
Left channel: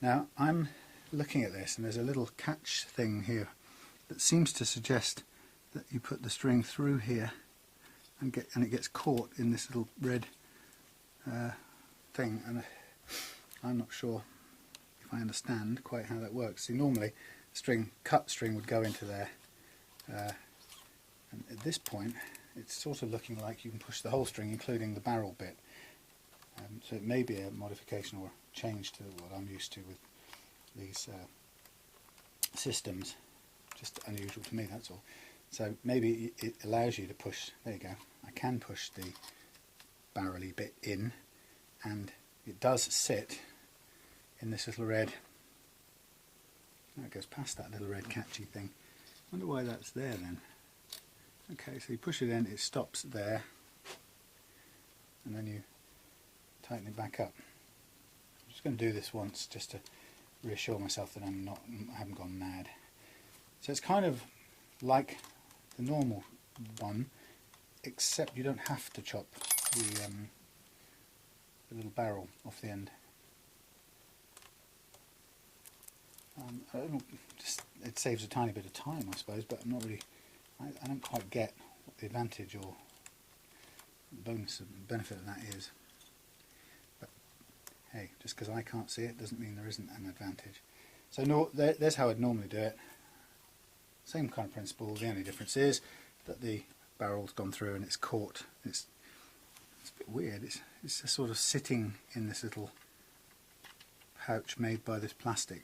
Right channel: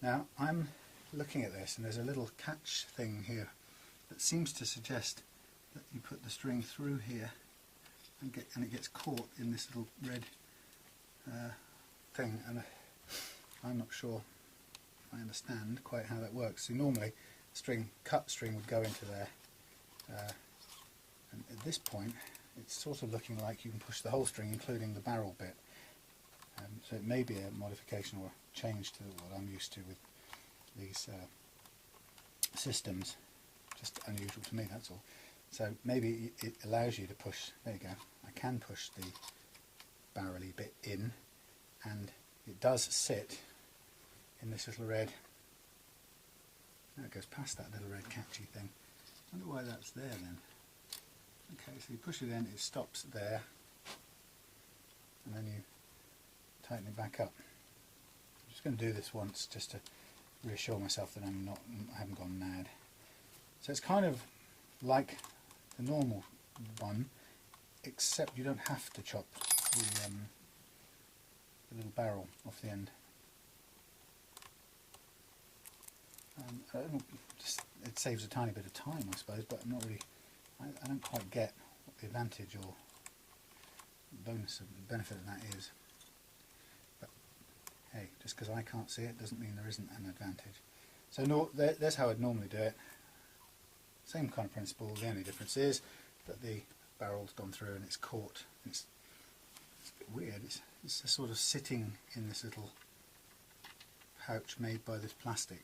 Now I'm looking at this, and there's a little catch thing here that seems to suggest that you put the string through here and it gets caught in this little red thing, and I'm not sure if I understand quite how that works. See, normally cut string would go into there, and at this point it's sort of looking like you can push the whole string, including the barrel bit. So it may be a modification or a change to what I'm used to with these systems. Just unusual to me, that's all. So maybe it allows you to push, there you go, I can push the barrel-y bit in, and it does sit in this little red, now it goes past that little red catchy thing. I wonder why that's there then. Okay, so you push it in, it stops there, and then you tighten it back up. I'm just going to do this once just to reassure myself that I haven't gone mad. So it's kind of like the normal one, except you don't have to chop the little barrel off the end. It saves a tiny bit of time, I suppose, but I'm not really. I don't quite get what the advantage or benefit of that is. But hey, just because I can't see it doesn't mean there isn't an advantage. So there's how I'd normally do it. Same kind of principle. The only difference is that the barrel's gone through and it's caught. It's a bit weird. It's just sort of sitting in this little pouch made by this plastic.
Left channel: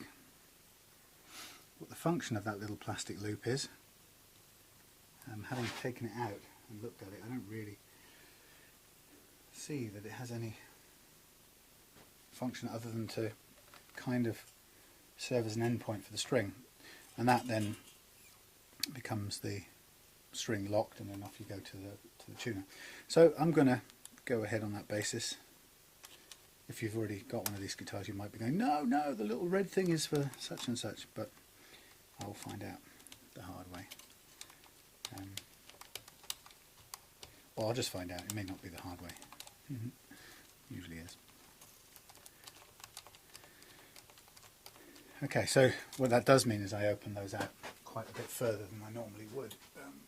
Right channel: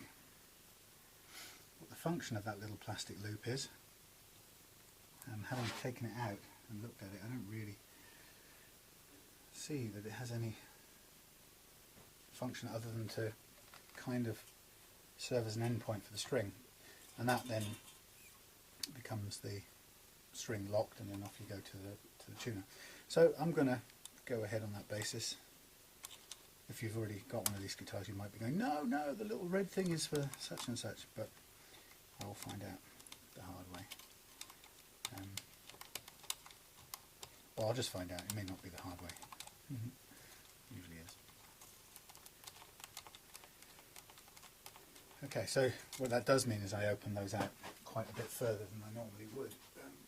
What the function of that little plastic loop is, having taken it out and looked at it, I don't really see that it has any function other than to kind of serve as an end point for the string, and that then becomes the string locked, and then off you go to the tuner. So I'm going to go ahead on that basis. If you've already got one of these guitars, you might be going, no, the little red thing is for such and such, but I'll find out the hard way. Well, I'll just find out. It may not be the hard way. Usually is. Okay, so what that does mean is I open those out quite a bit further than I normally would.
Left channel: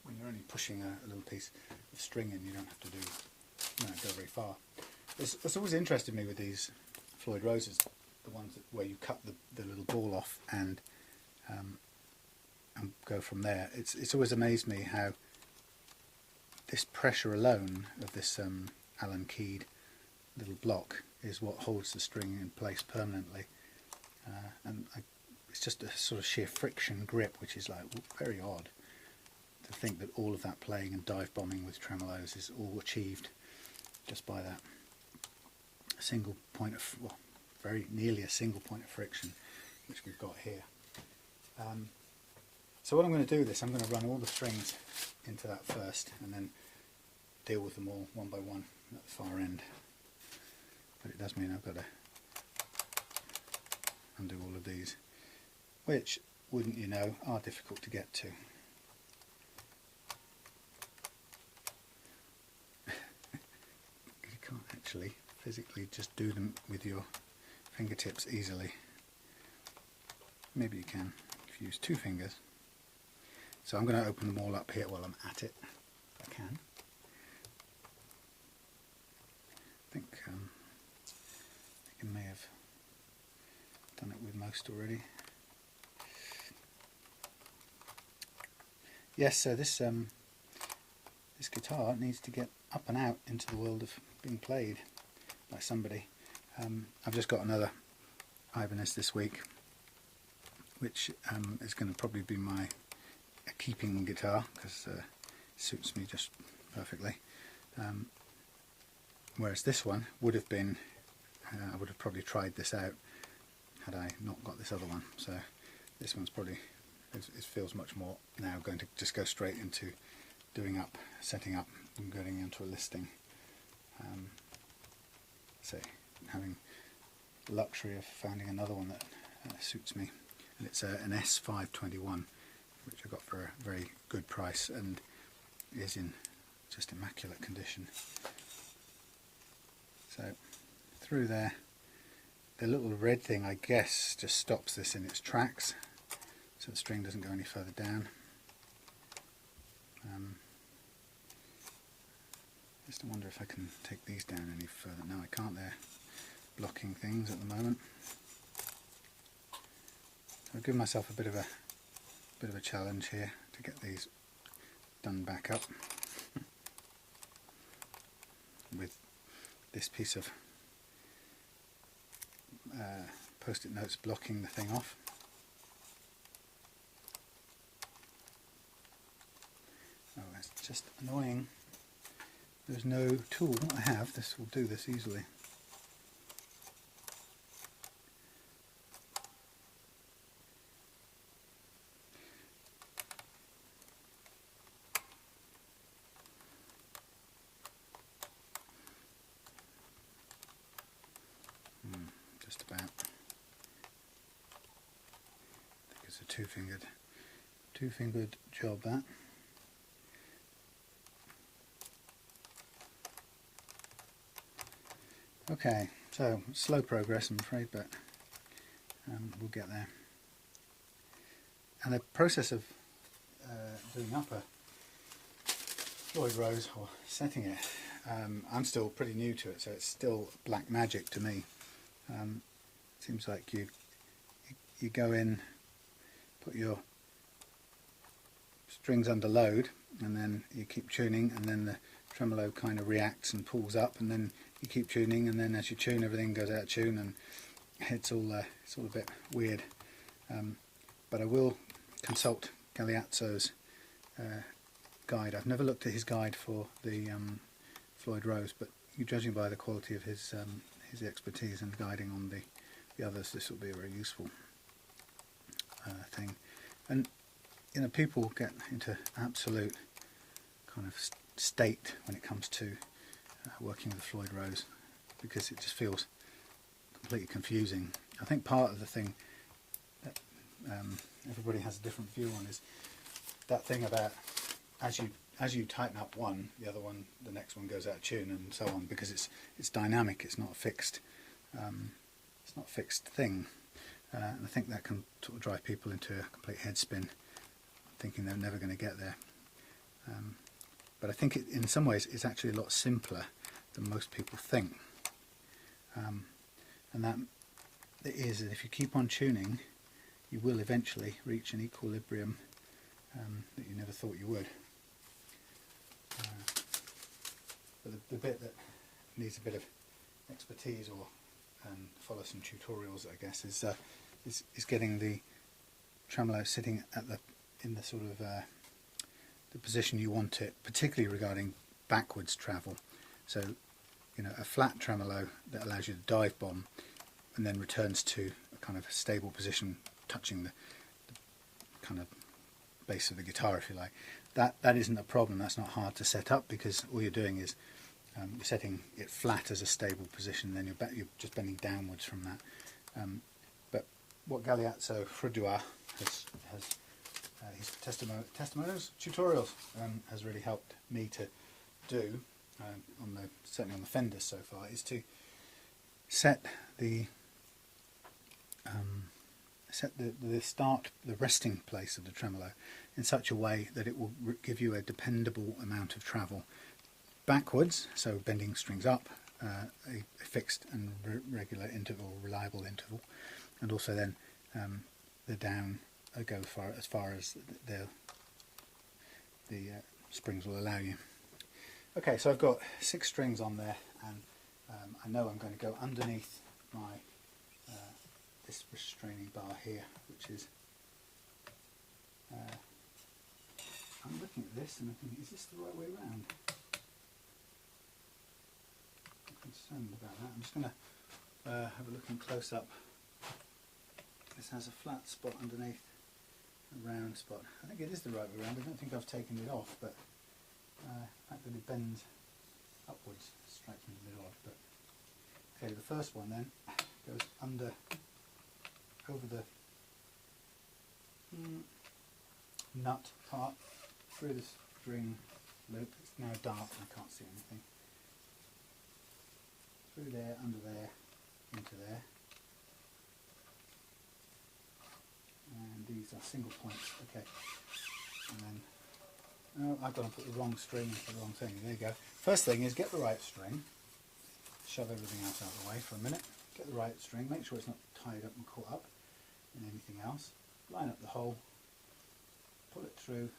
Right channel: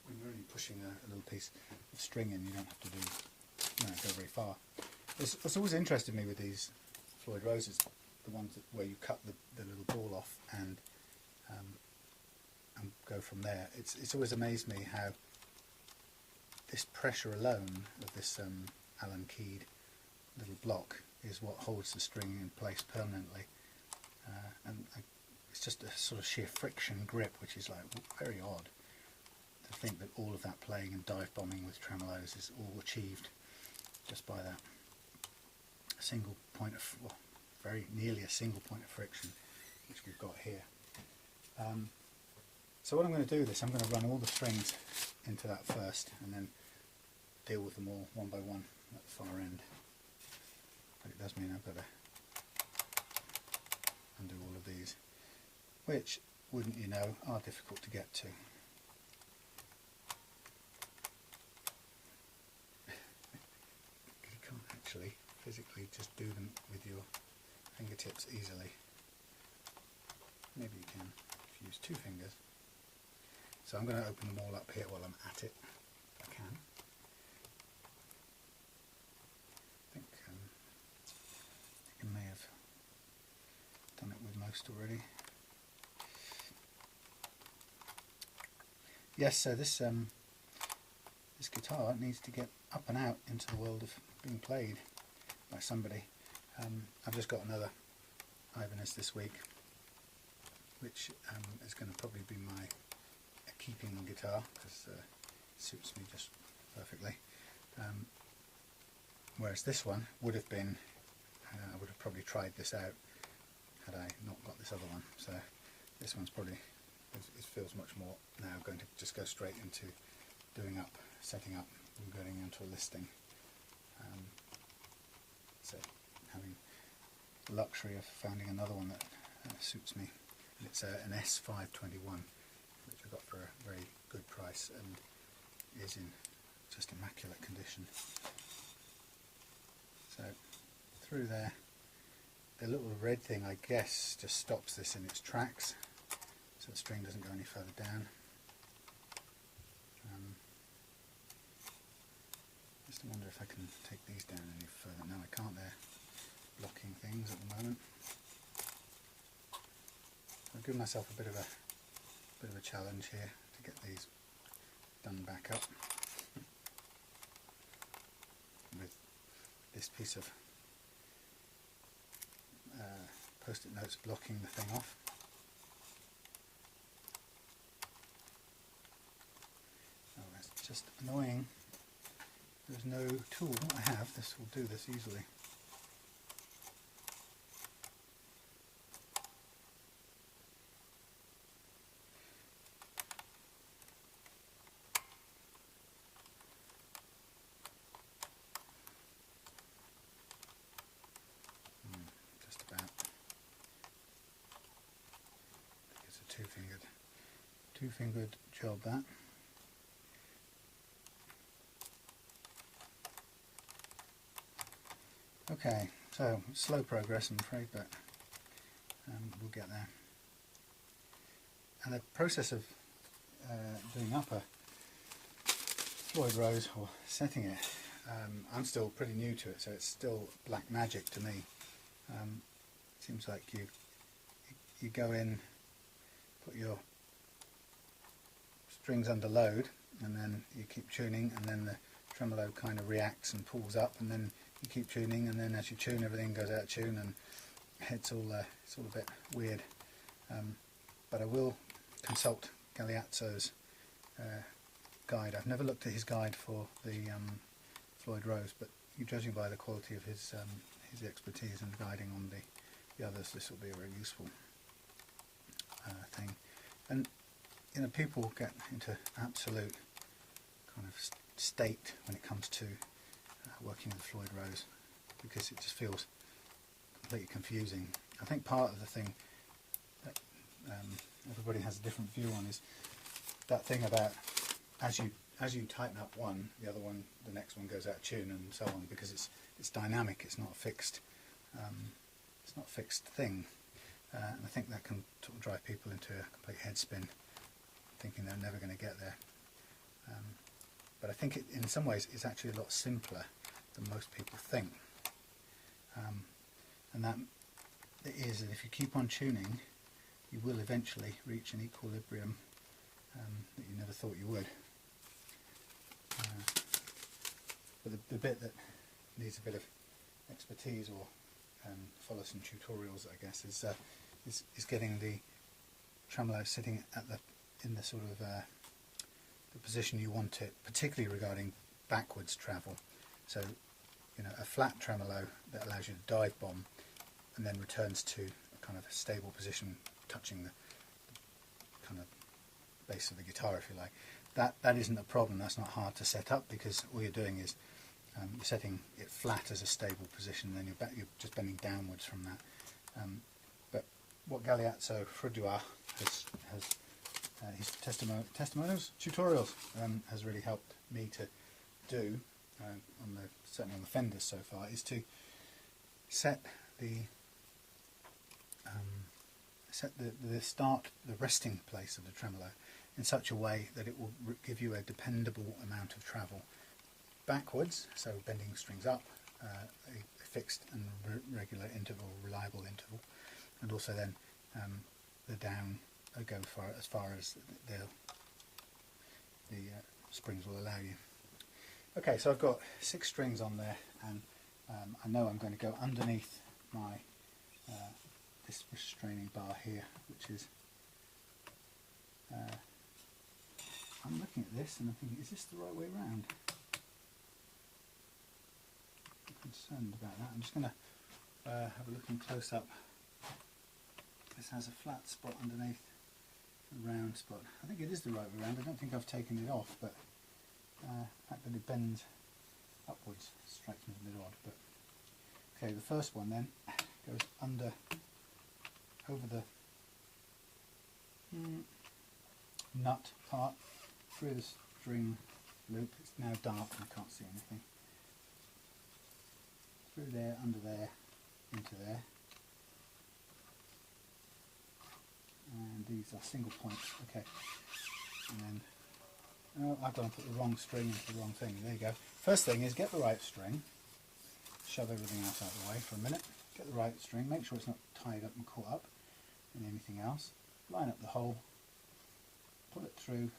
When you're only pushing a little piece of string in, you don't have to go very far. It's always interested me with these Floyd Roses, the ones where you cut the little ball off and go from there. It's always amazed me how this pressure alone of this Allen keyed little block is what holds the string in place permanently. It's just a sort of sheer friction grip, which is like very odd to think that all of that playing and dive bombing with tremolos is all achieved just by that single point of, well, very nearly a single point of friction, which we've got here. So what I'm going to do is I'm going to run all the strings into that first, and then deal with them all one by one at the far end. But it does mean I've got to undo all of these, which, wouldn't you know, are difficult to get to. You can't actually physically just do them with your fingertips easily. Maybe you can if you use two fingers. So I'm going to open them all up here while I'm at it, if I can. I think I may have done it with most already. Yes, so this guitar needs to get up and out into the world of being played by somebody. I've just got another Ibanez this week, which is going to probably be my keeping guitar, because it suits me just perfectly. Whereas this one would have been, I would have probably tried this out had I not got this other one. So this one's probably, it feels much more now going to just go straight into setting up from getting into a listing. So having the luxury of finding another one that suits me, and it's an S521, which I got for a very good price and is in just immaculate condition. So through there, the little red thing, I guess, just stops this in its tracks, so the string doesn't go any further down. Just wonder if I can take these down any further. No, I can't. They're blocking things at the moment. I'll give myself a bit of a challenge here to get these done back up with this piece of post-it notes blocking the thing off. Oh, that's just annoying. There's no tool I have. This will do this easily. Just about. I think it's a two-fingered job, that. Okay, so slow progress, I'm afraid, but we'll get there. And the process of doing up a Floyd Rose, or setting it, I'm still pretty new to it, so it's still black magic to me. Seems like you go in, put your strings under load, and then you keep tuning, and then the tremolo kind of reacts and pulls up, and then you keep tuning, and then as you tune, everything goes out of tune, and it's all a bit weird. But I will consult Galeazzo's guide. I've never looked at his guide for the Floyd Rose, but judging by the quality of his expertise and guiding on the others, this will be a very useful thing. And you know, people get into absolute kind of state when it comes to working with Floyd Rose, because it just feels completely confusing. I think part of the thing that everybody has a different view on is that thing about as you tighten up one, the other one, the next one goes out of tune, and so on, because it's dynamic. It's not a fixed thing, and I think that can sort of drive people into a complete head spin, thinking they're never going to get there. But I think in some ways it's actually a lot simpler than most people think, and that it is that if you keep on tuning, you will eventually reach an equilibrium that you never thought you would. But the bit that needs a bit of expertise or follow some tutorials, I guess, is getting the tremolo sitting in the sort of the position you want it, particularly regarding backwards travel. So, you know, a flat tremolo that allows you to dive bomb and then returns to a kind of a stable position, touching the kind of base of the guitar, if you like. That isn't a problem. That's not hard to set up, because all you're doing is you're setting it flat as a stable position, and then you're just bending downwards from that. But what Galeazzo Frudua has his testimonials, tutorials, has really helped me to do, certainly on the Fenders so far, is to set the resting place of the tremolo in such a way that it will give you a dependable amount of travel backwards, so bending strings up, a fixed and regular interval, reliable interval, and also then the down go as far as the springs will allow you. Okay, so I've got 6 strings on there, and I know I'm going to go underneath my this restraining bar here, which is I'm looking at this and I'm thinking, is this the right way around? I'm concerned about that. I'm just going to have a look in close up. This has a flat spot underneath, a round spot. I think it is the right way around. I don't think I've taken it off, but fact that it bends upwards strikes me as a bit odd, but okay, the first one then goes over the nut part, through the string loop. It's now dark and I can't see anything. Through there, under there, into there. And these are single points, okay. And then, oh, I've got to put the wrong string into the wrong thing. There you go. First thing is get the right string. Shove everything else out of the way for a minute. Get the right string, make sure it's not tied up and caught up in anything else. Line up the hole, pull it through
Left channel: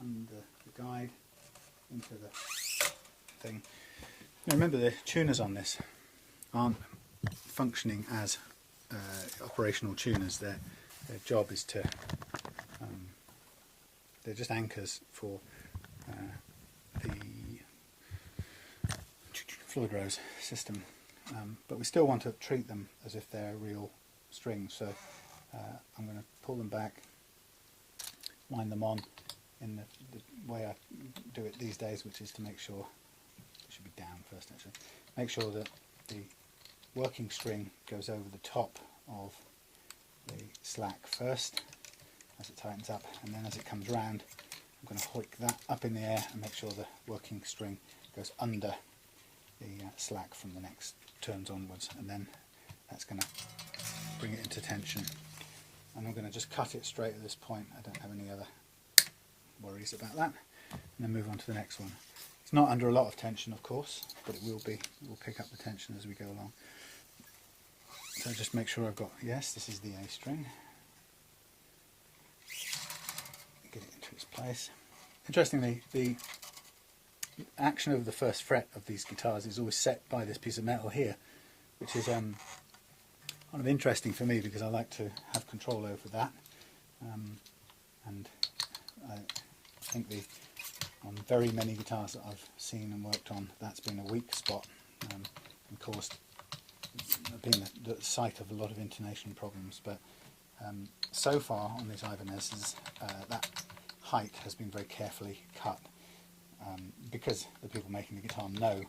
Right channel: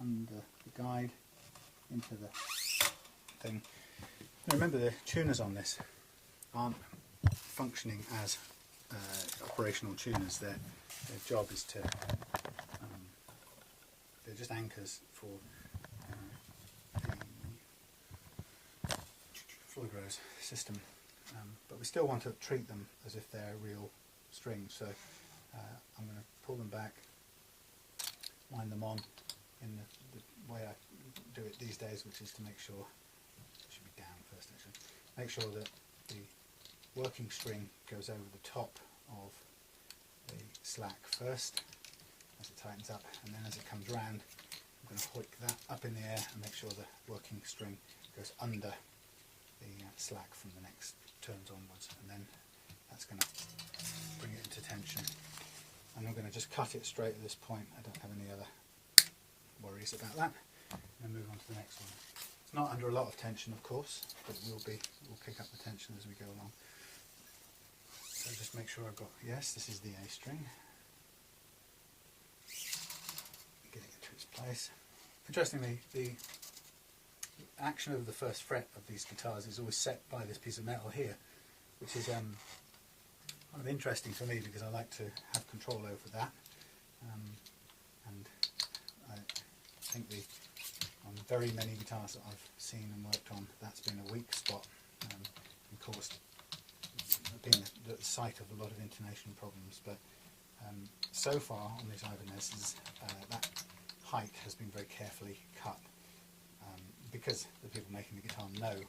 under the guide into the thing. Now remember, the tuners on this aren't functioning as operational tuners. Their job is to, they're just anchors for the Floyd Rose system, but we still want to treat them as if they're real strings, so I'm going to pull them back, wind them on in the way I do it these days, which is to make sure, it should be down first actually, make sure that the working string goes over the top of the slack first as it tightens up, and then as it comes round I'm going to hoik that up in the air and make sure the working string goes under the slack from the next turns onwards, and then that's going to bring it into tension. And I'm going to just cut it straight at this point. I don't have any other worries about that. And then move on to the next one. It's not under a lot of tension, of course, but it will be. We'll pick up the tension as we go along. So just make sure I've got, yes, this is the A string. Get it into its place. Interestingly, the action over the first fret of these guitars is always set by this piece of metal here, which is kind of interesting for me because I like to have control over that, and I think on very many guitars that I've seen and worked on, that's been a weak spot, and caused being the site of a lot of intonation problems. But so far on these Ibanez's, that height has been very carefully cut, because the people making the guitar know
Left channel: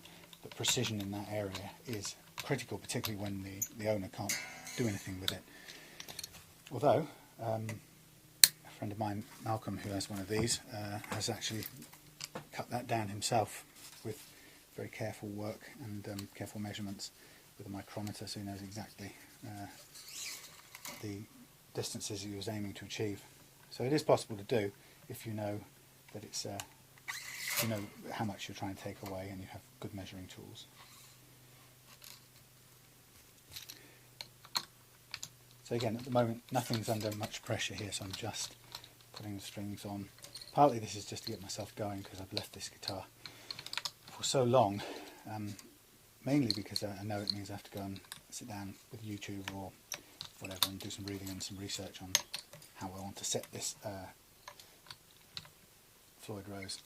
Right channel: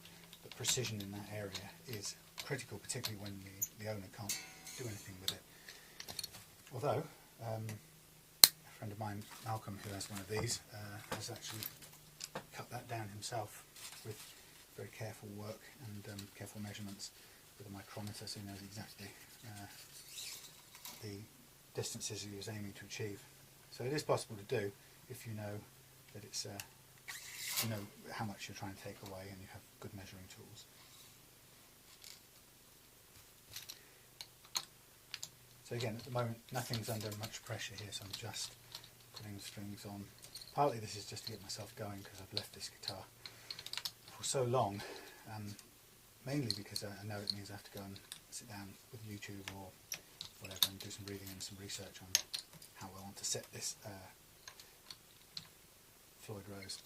that precision in that area is critical, particularly when the owner can't do anything with it. Although a friend of mine, Malcolm, who has one of these, has actually cut that down himself with very careful work and careful measurements with a micrometer, so he knows exactly the distances he was aiming to achieve. So it is possible to do if you know that it's you know how much you're trying to take away and you have good measuring tools. So again, at the moment nothing's under much pressure here, so I'm just putting the strings on. Partly this is just to get myself going because I've left this guitar for so long, mainly because I know it means I have to go and sit down with YouTube or whatever and do some reading and some research on how I want to set this Floyd Rose.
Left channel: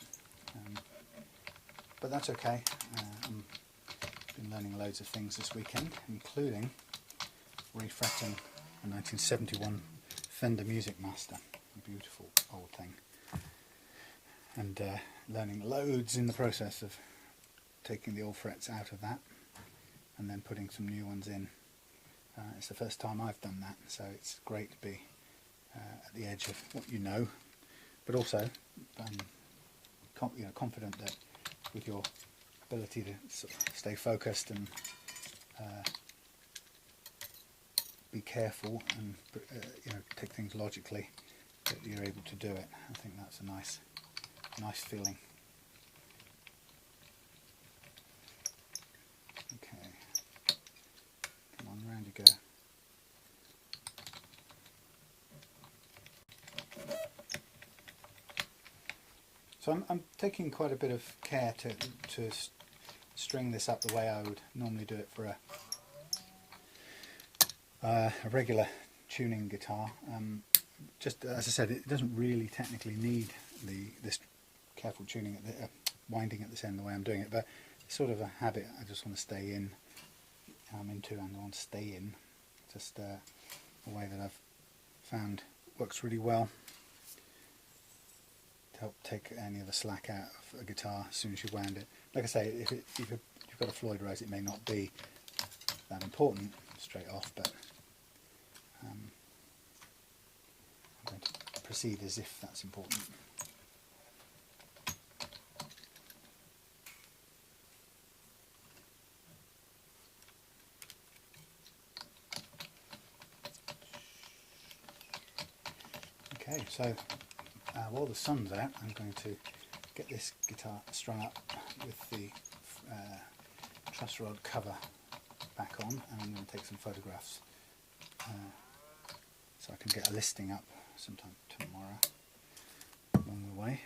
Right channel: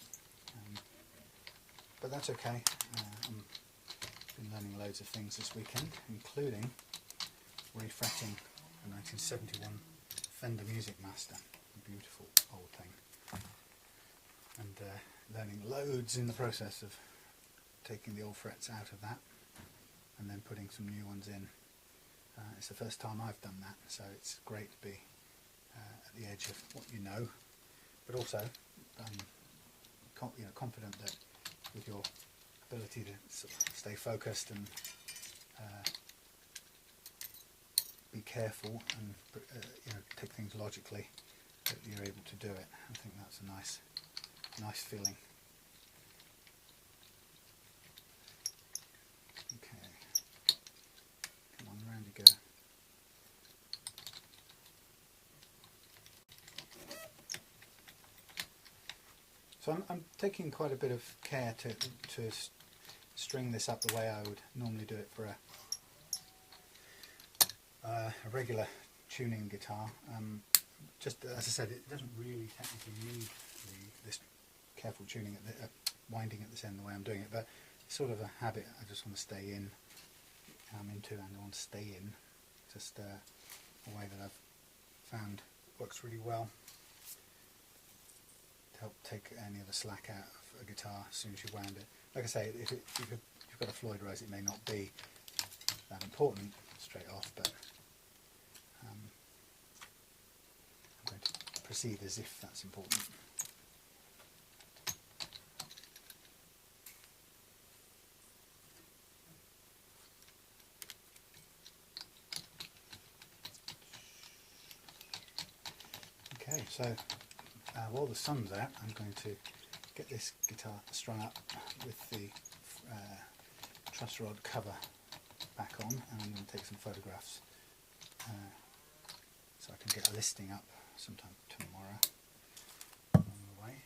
But that's okay. I've been learning loads of things this weekend, including refretting a 1971 Fender Music Master, a beautiful old thing, and learning loads in the process of taking the old frets out of that and then putting some new ones in. It's the first time I've done that, so it's great to be at the edge of what you know, but also confident that with your ability to sort of stay focused and be careful and take things logically, that you're able to do it. I think that's a nice feeling. Okay, come on, round you go. So I'm taking quite a bit of care to string this up the way I would normally do it for a regular tuning guitar. Just as I said, it doesn't really technically need this careful tuning, at the winding at this end the way I'm doing it, but it's sort of a habit I just want to stay in. I'm into, and I want to stay in. Just a way that I've found works really well to help take any of the slack out a guitar as soon as you've wound it. Like I say, if you've got a Floyd Rose, it may not be that important straight off, but I'm going to proceed as if that's important. Okay, so while the sun's out, I'm going to get this guitar strung up with the truss rod cover back on, and I'm going to take some photographs so I can get a listing up sometime tomorrow along the way.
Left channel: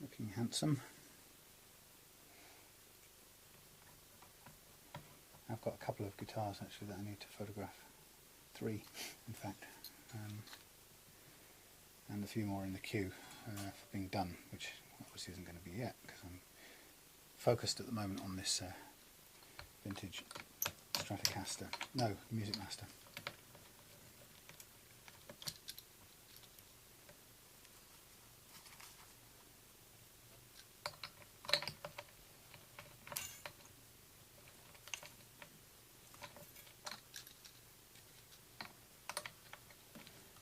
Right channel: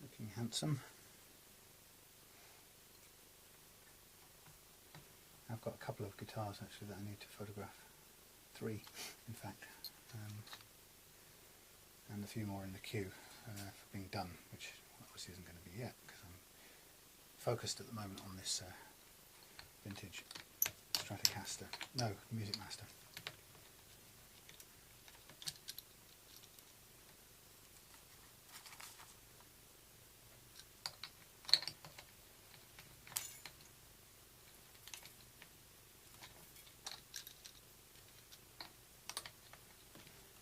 Looking handsome. I've got a couple of guitars actually that I need to photograph. 3 in fact, and a few more in the queue for being done, which obviously isn't going to be yet because I'm focused at the moment on this vintage Stratocaster, no, Music Master.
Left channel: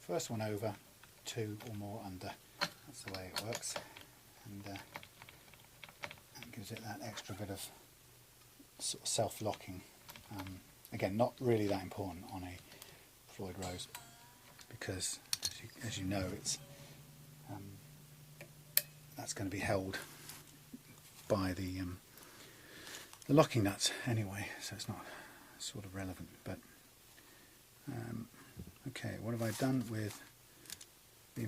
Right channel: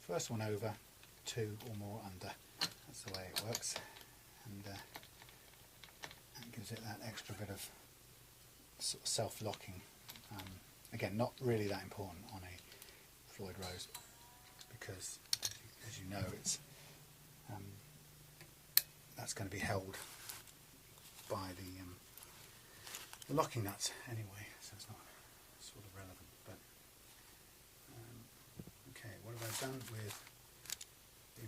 First one over, 2 or more under, that's the way it works, and that gives it that extra bit of sort of self-locking. Again, not really that important on a Floyd Rose because, as you know, it's that's going to be held by the locking nuts anyway, so it's not sort of relevant. But okay, what have I done with the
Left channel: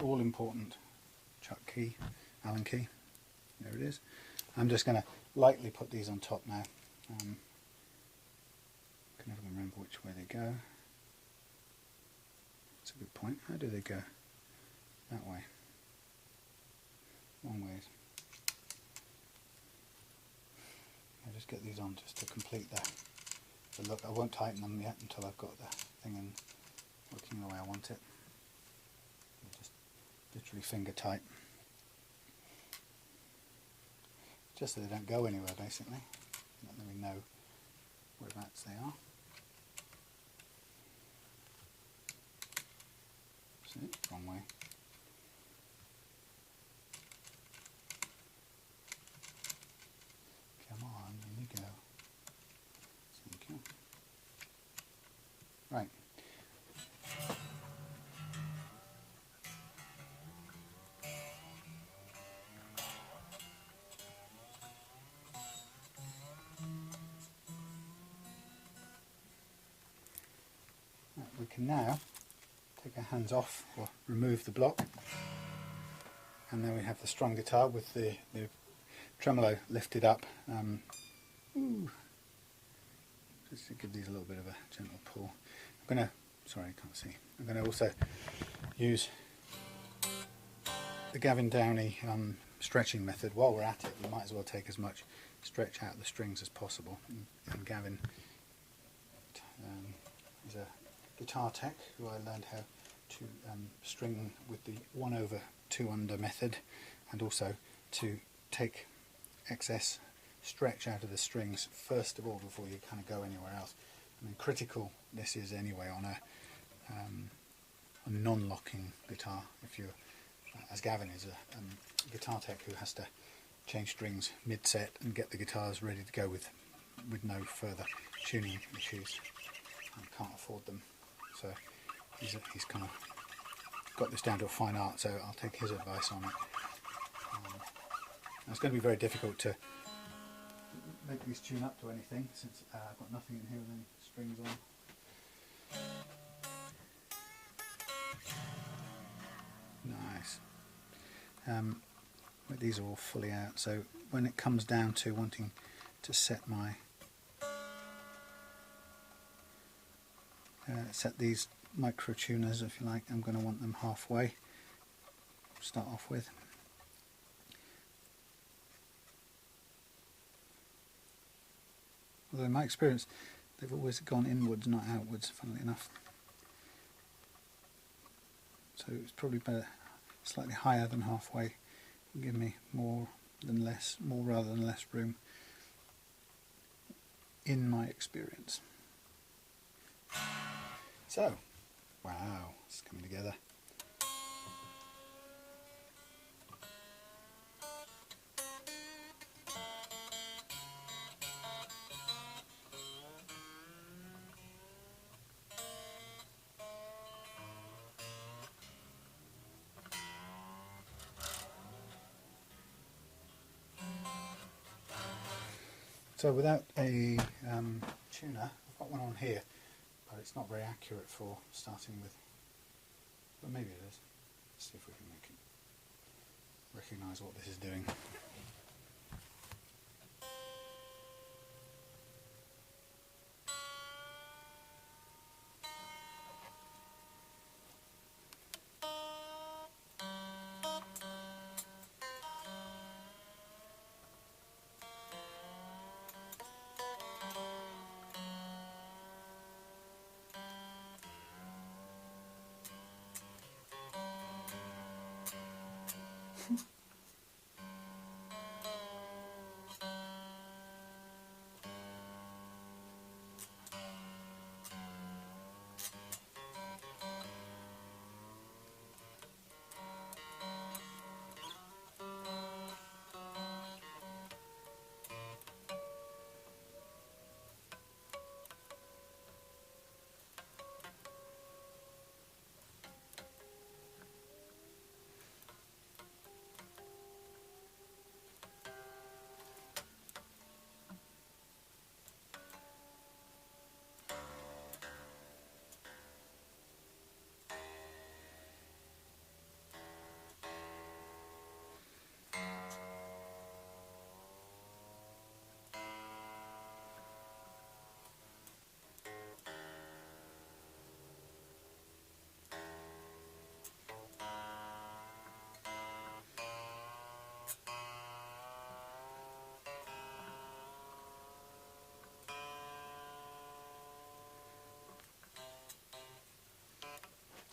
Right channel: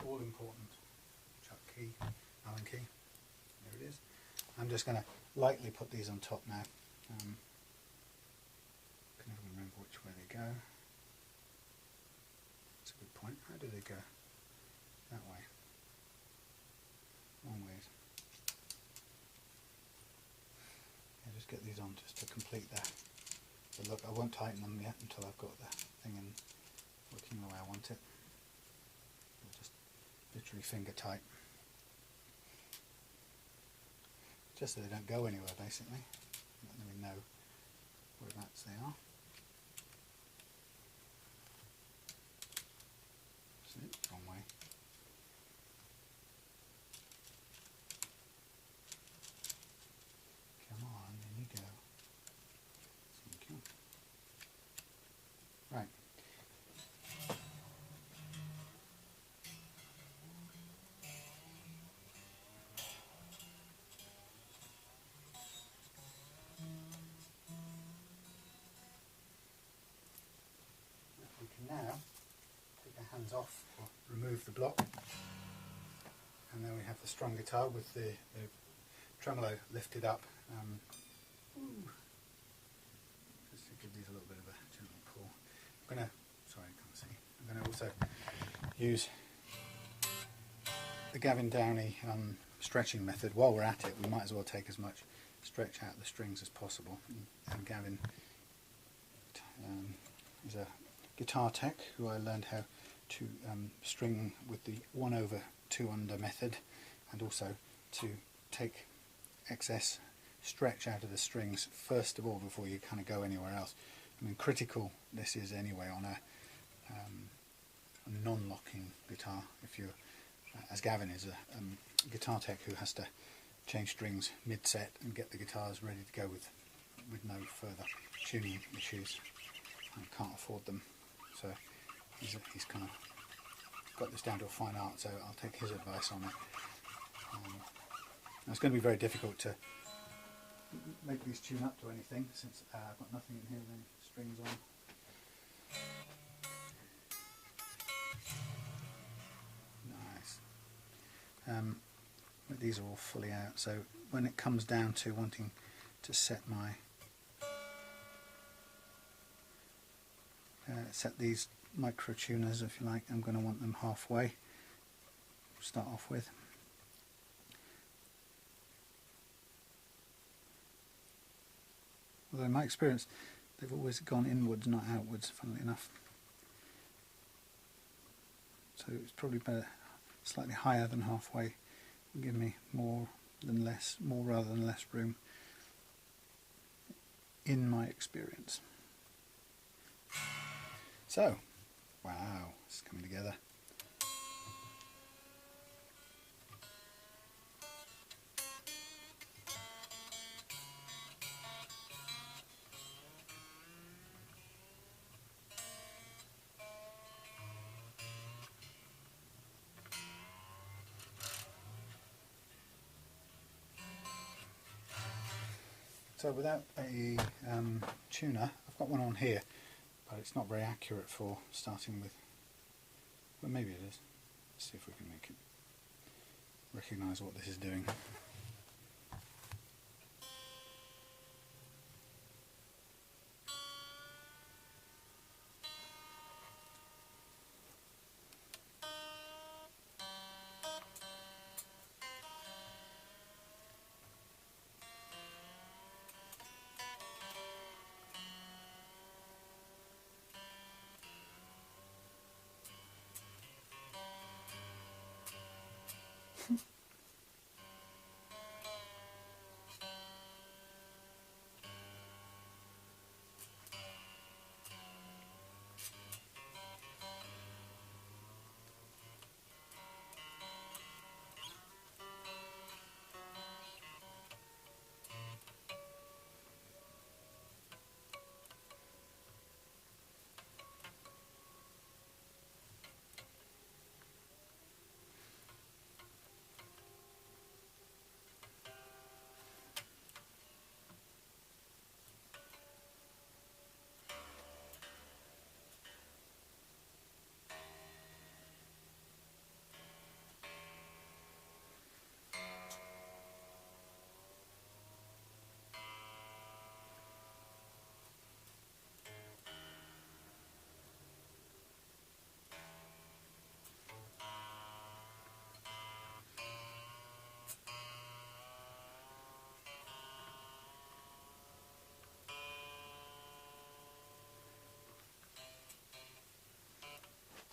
all-important chuck key, Allen key? There it is. I'm just going to lightly put these on top now. I can never remember which way they go. That's a good point. How do they go? That way. Long ways. I'll just get these on just to complete the look. I won't tighten them yet until I've got the thing in working the way I want it. Just literally finger tight. Just so they don't go anywhere basically. Let me know whereabouts they are. That's it, wrong way. Come on, there you go. Thank you. Right. We can now take our hands off or remove the block, and then we have the strung guitar with the tremolo lifted up. Just to give these a little bit of a gentle pull. I'm going to, sorry I can't see, I'm going to also use the Gavin Downey stretching method. While we're at it, we might as well take as much stretch out of the strings as possible. And Gavin is a guitar tech who I learned how to string with the 1/2 under method, and also to take excess stretch out of the strings first of all before you kind of go anywhere else. I mean, critical this is anyway on a non-locking guitar. If you're, as Gavin is a guitar tech who has to change strings mid-set and get the guitars ready to go with no further tuning issues, and can't afford them. So he's kind of got this down to a fine art, so I'll take his advice on it. It's going to be very difficult to make these tune up to anything since I've got nothing in here with any strings on. Nice. But these are all fully out, so when it comes down to wanting to set my set these micro tuners, if you like, I'm going to want them halfway to start off with. Although in my experience they've always gone inwards, not outwards, funnily enough. so it's probably better slightly higher than halfway. Will give me more rather than less room, in my experience. So, wow, it's coming together. So without a tuner, I've got one on here, but it's not very accurate for starting with, but maybe it is. Let's see if we can make it recognise what this is doing.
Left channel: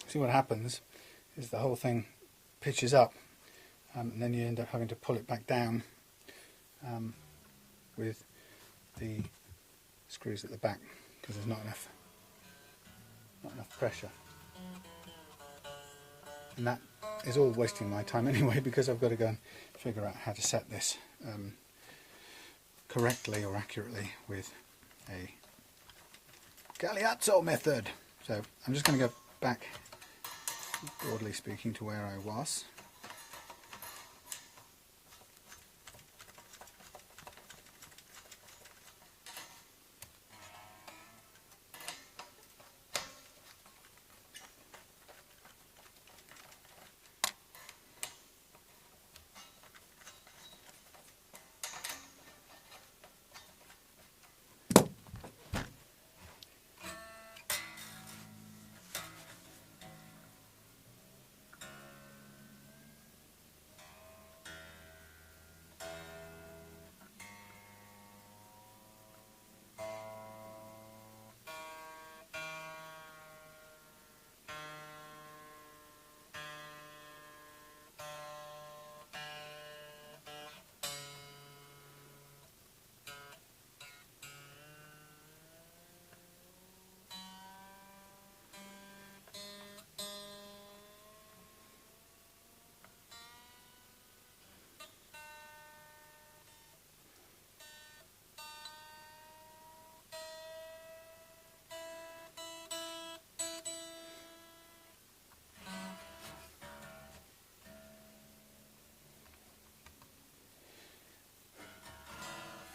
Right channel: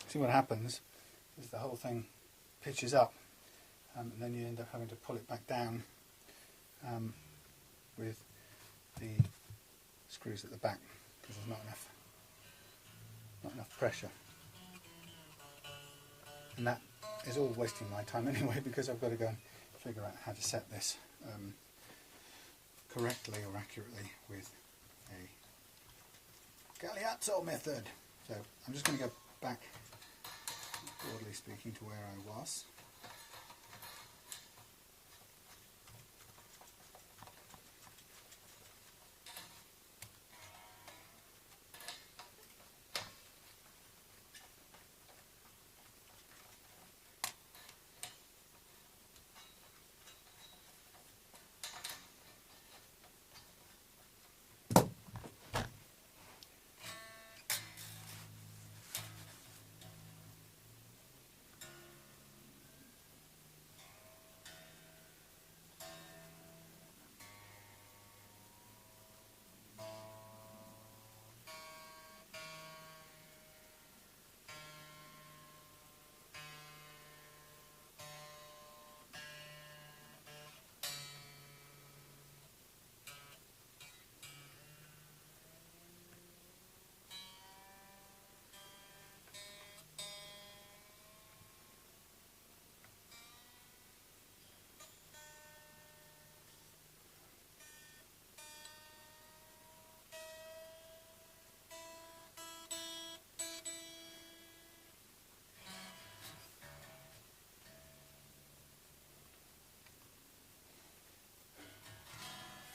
See, what happens is the whole thing pitches up, and then you end up having to pull it back down with the screws at the back, because there's not enough pressure. And that is all wasting my time anyway, because I've got to go and figure out how to set this correctly or accurately with a Galeazzo method. So I'm just going to go back, broadly speaking, to where I was.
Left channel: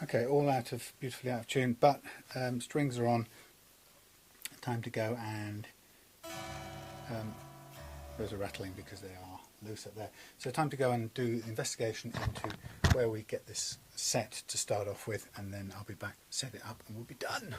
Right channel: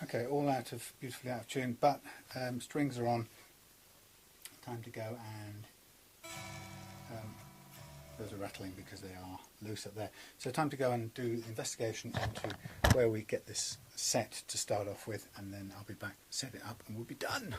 Okay, all beautifully out of tune, but strings are on. Time to go, and those are rattling because they are loose up there. So time to go and do investigation into where we get this set to start off with, and then I'll be back, set it up, and we'll be done.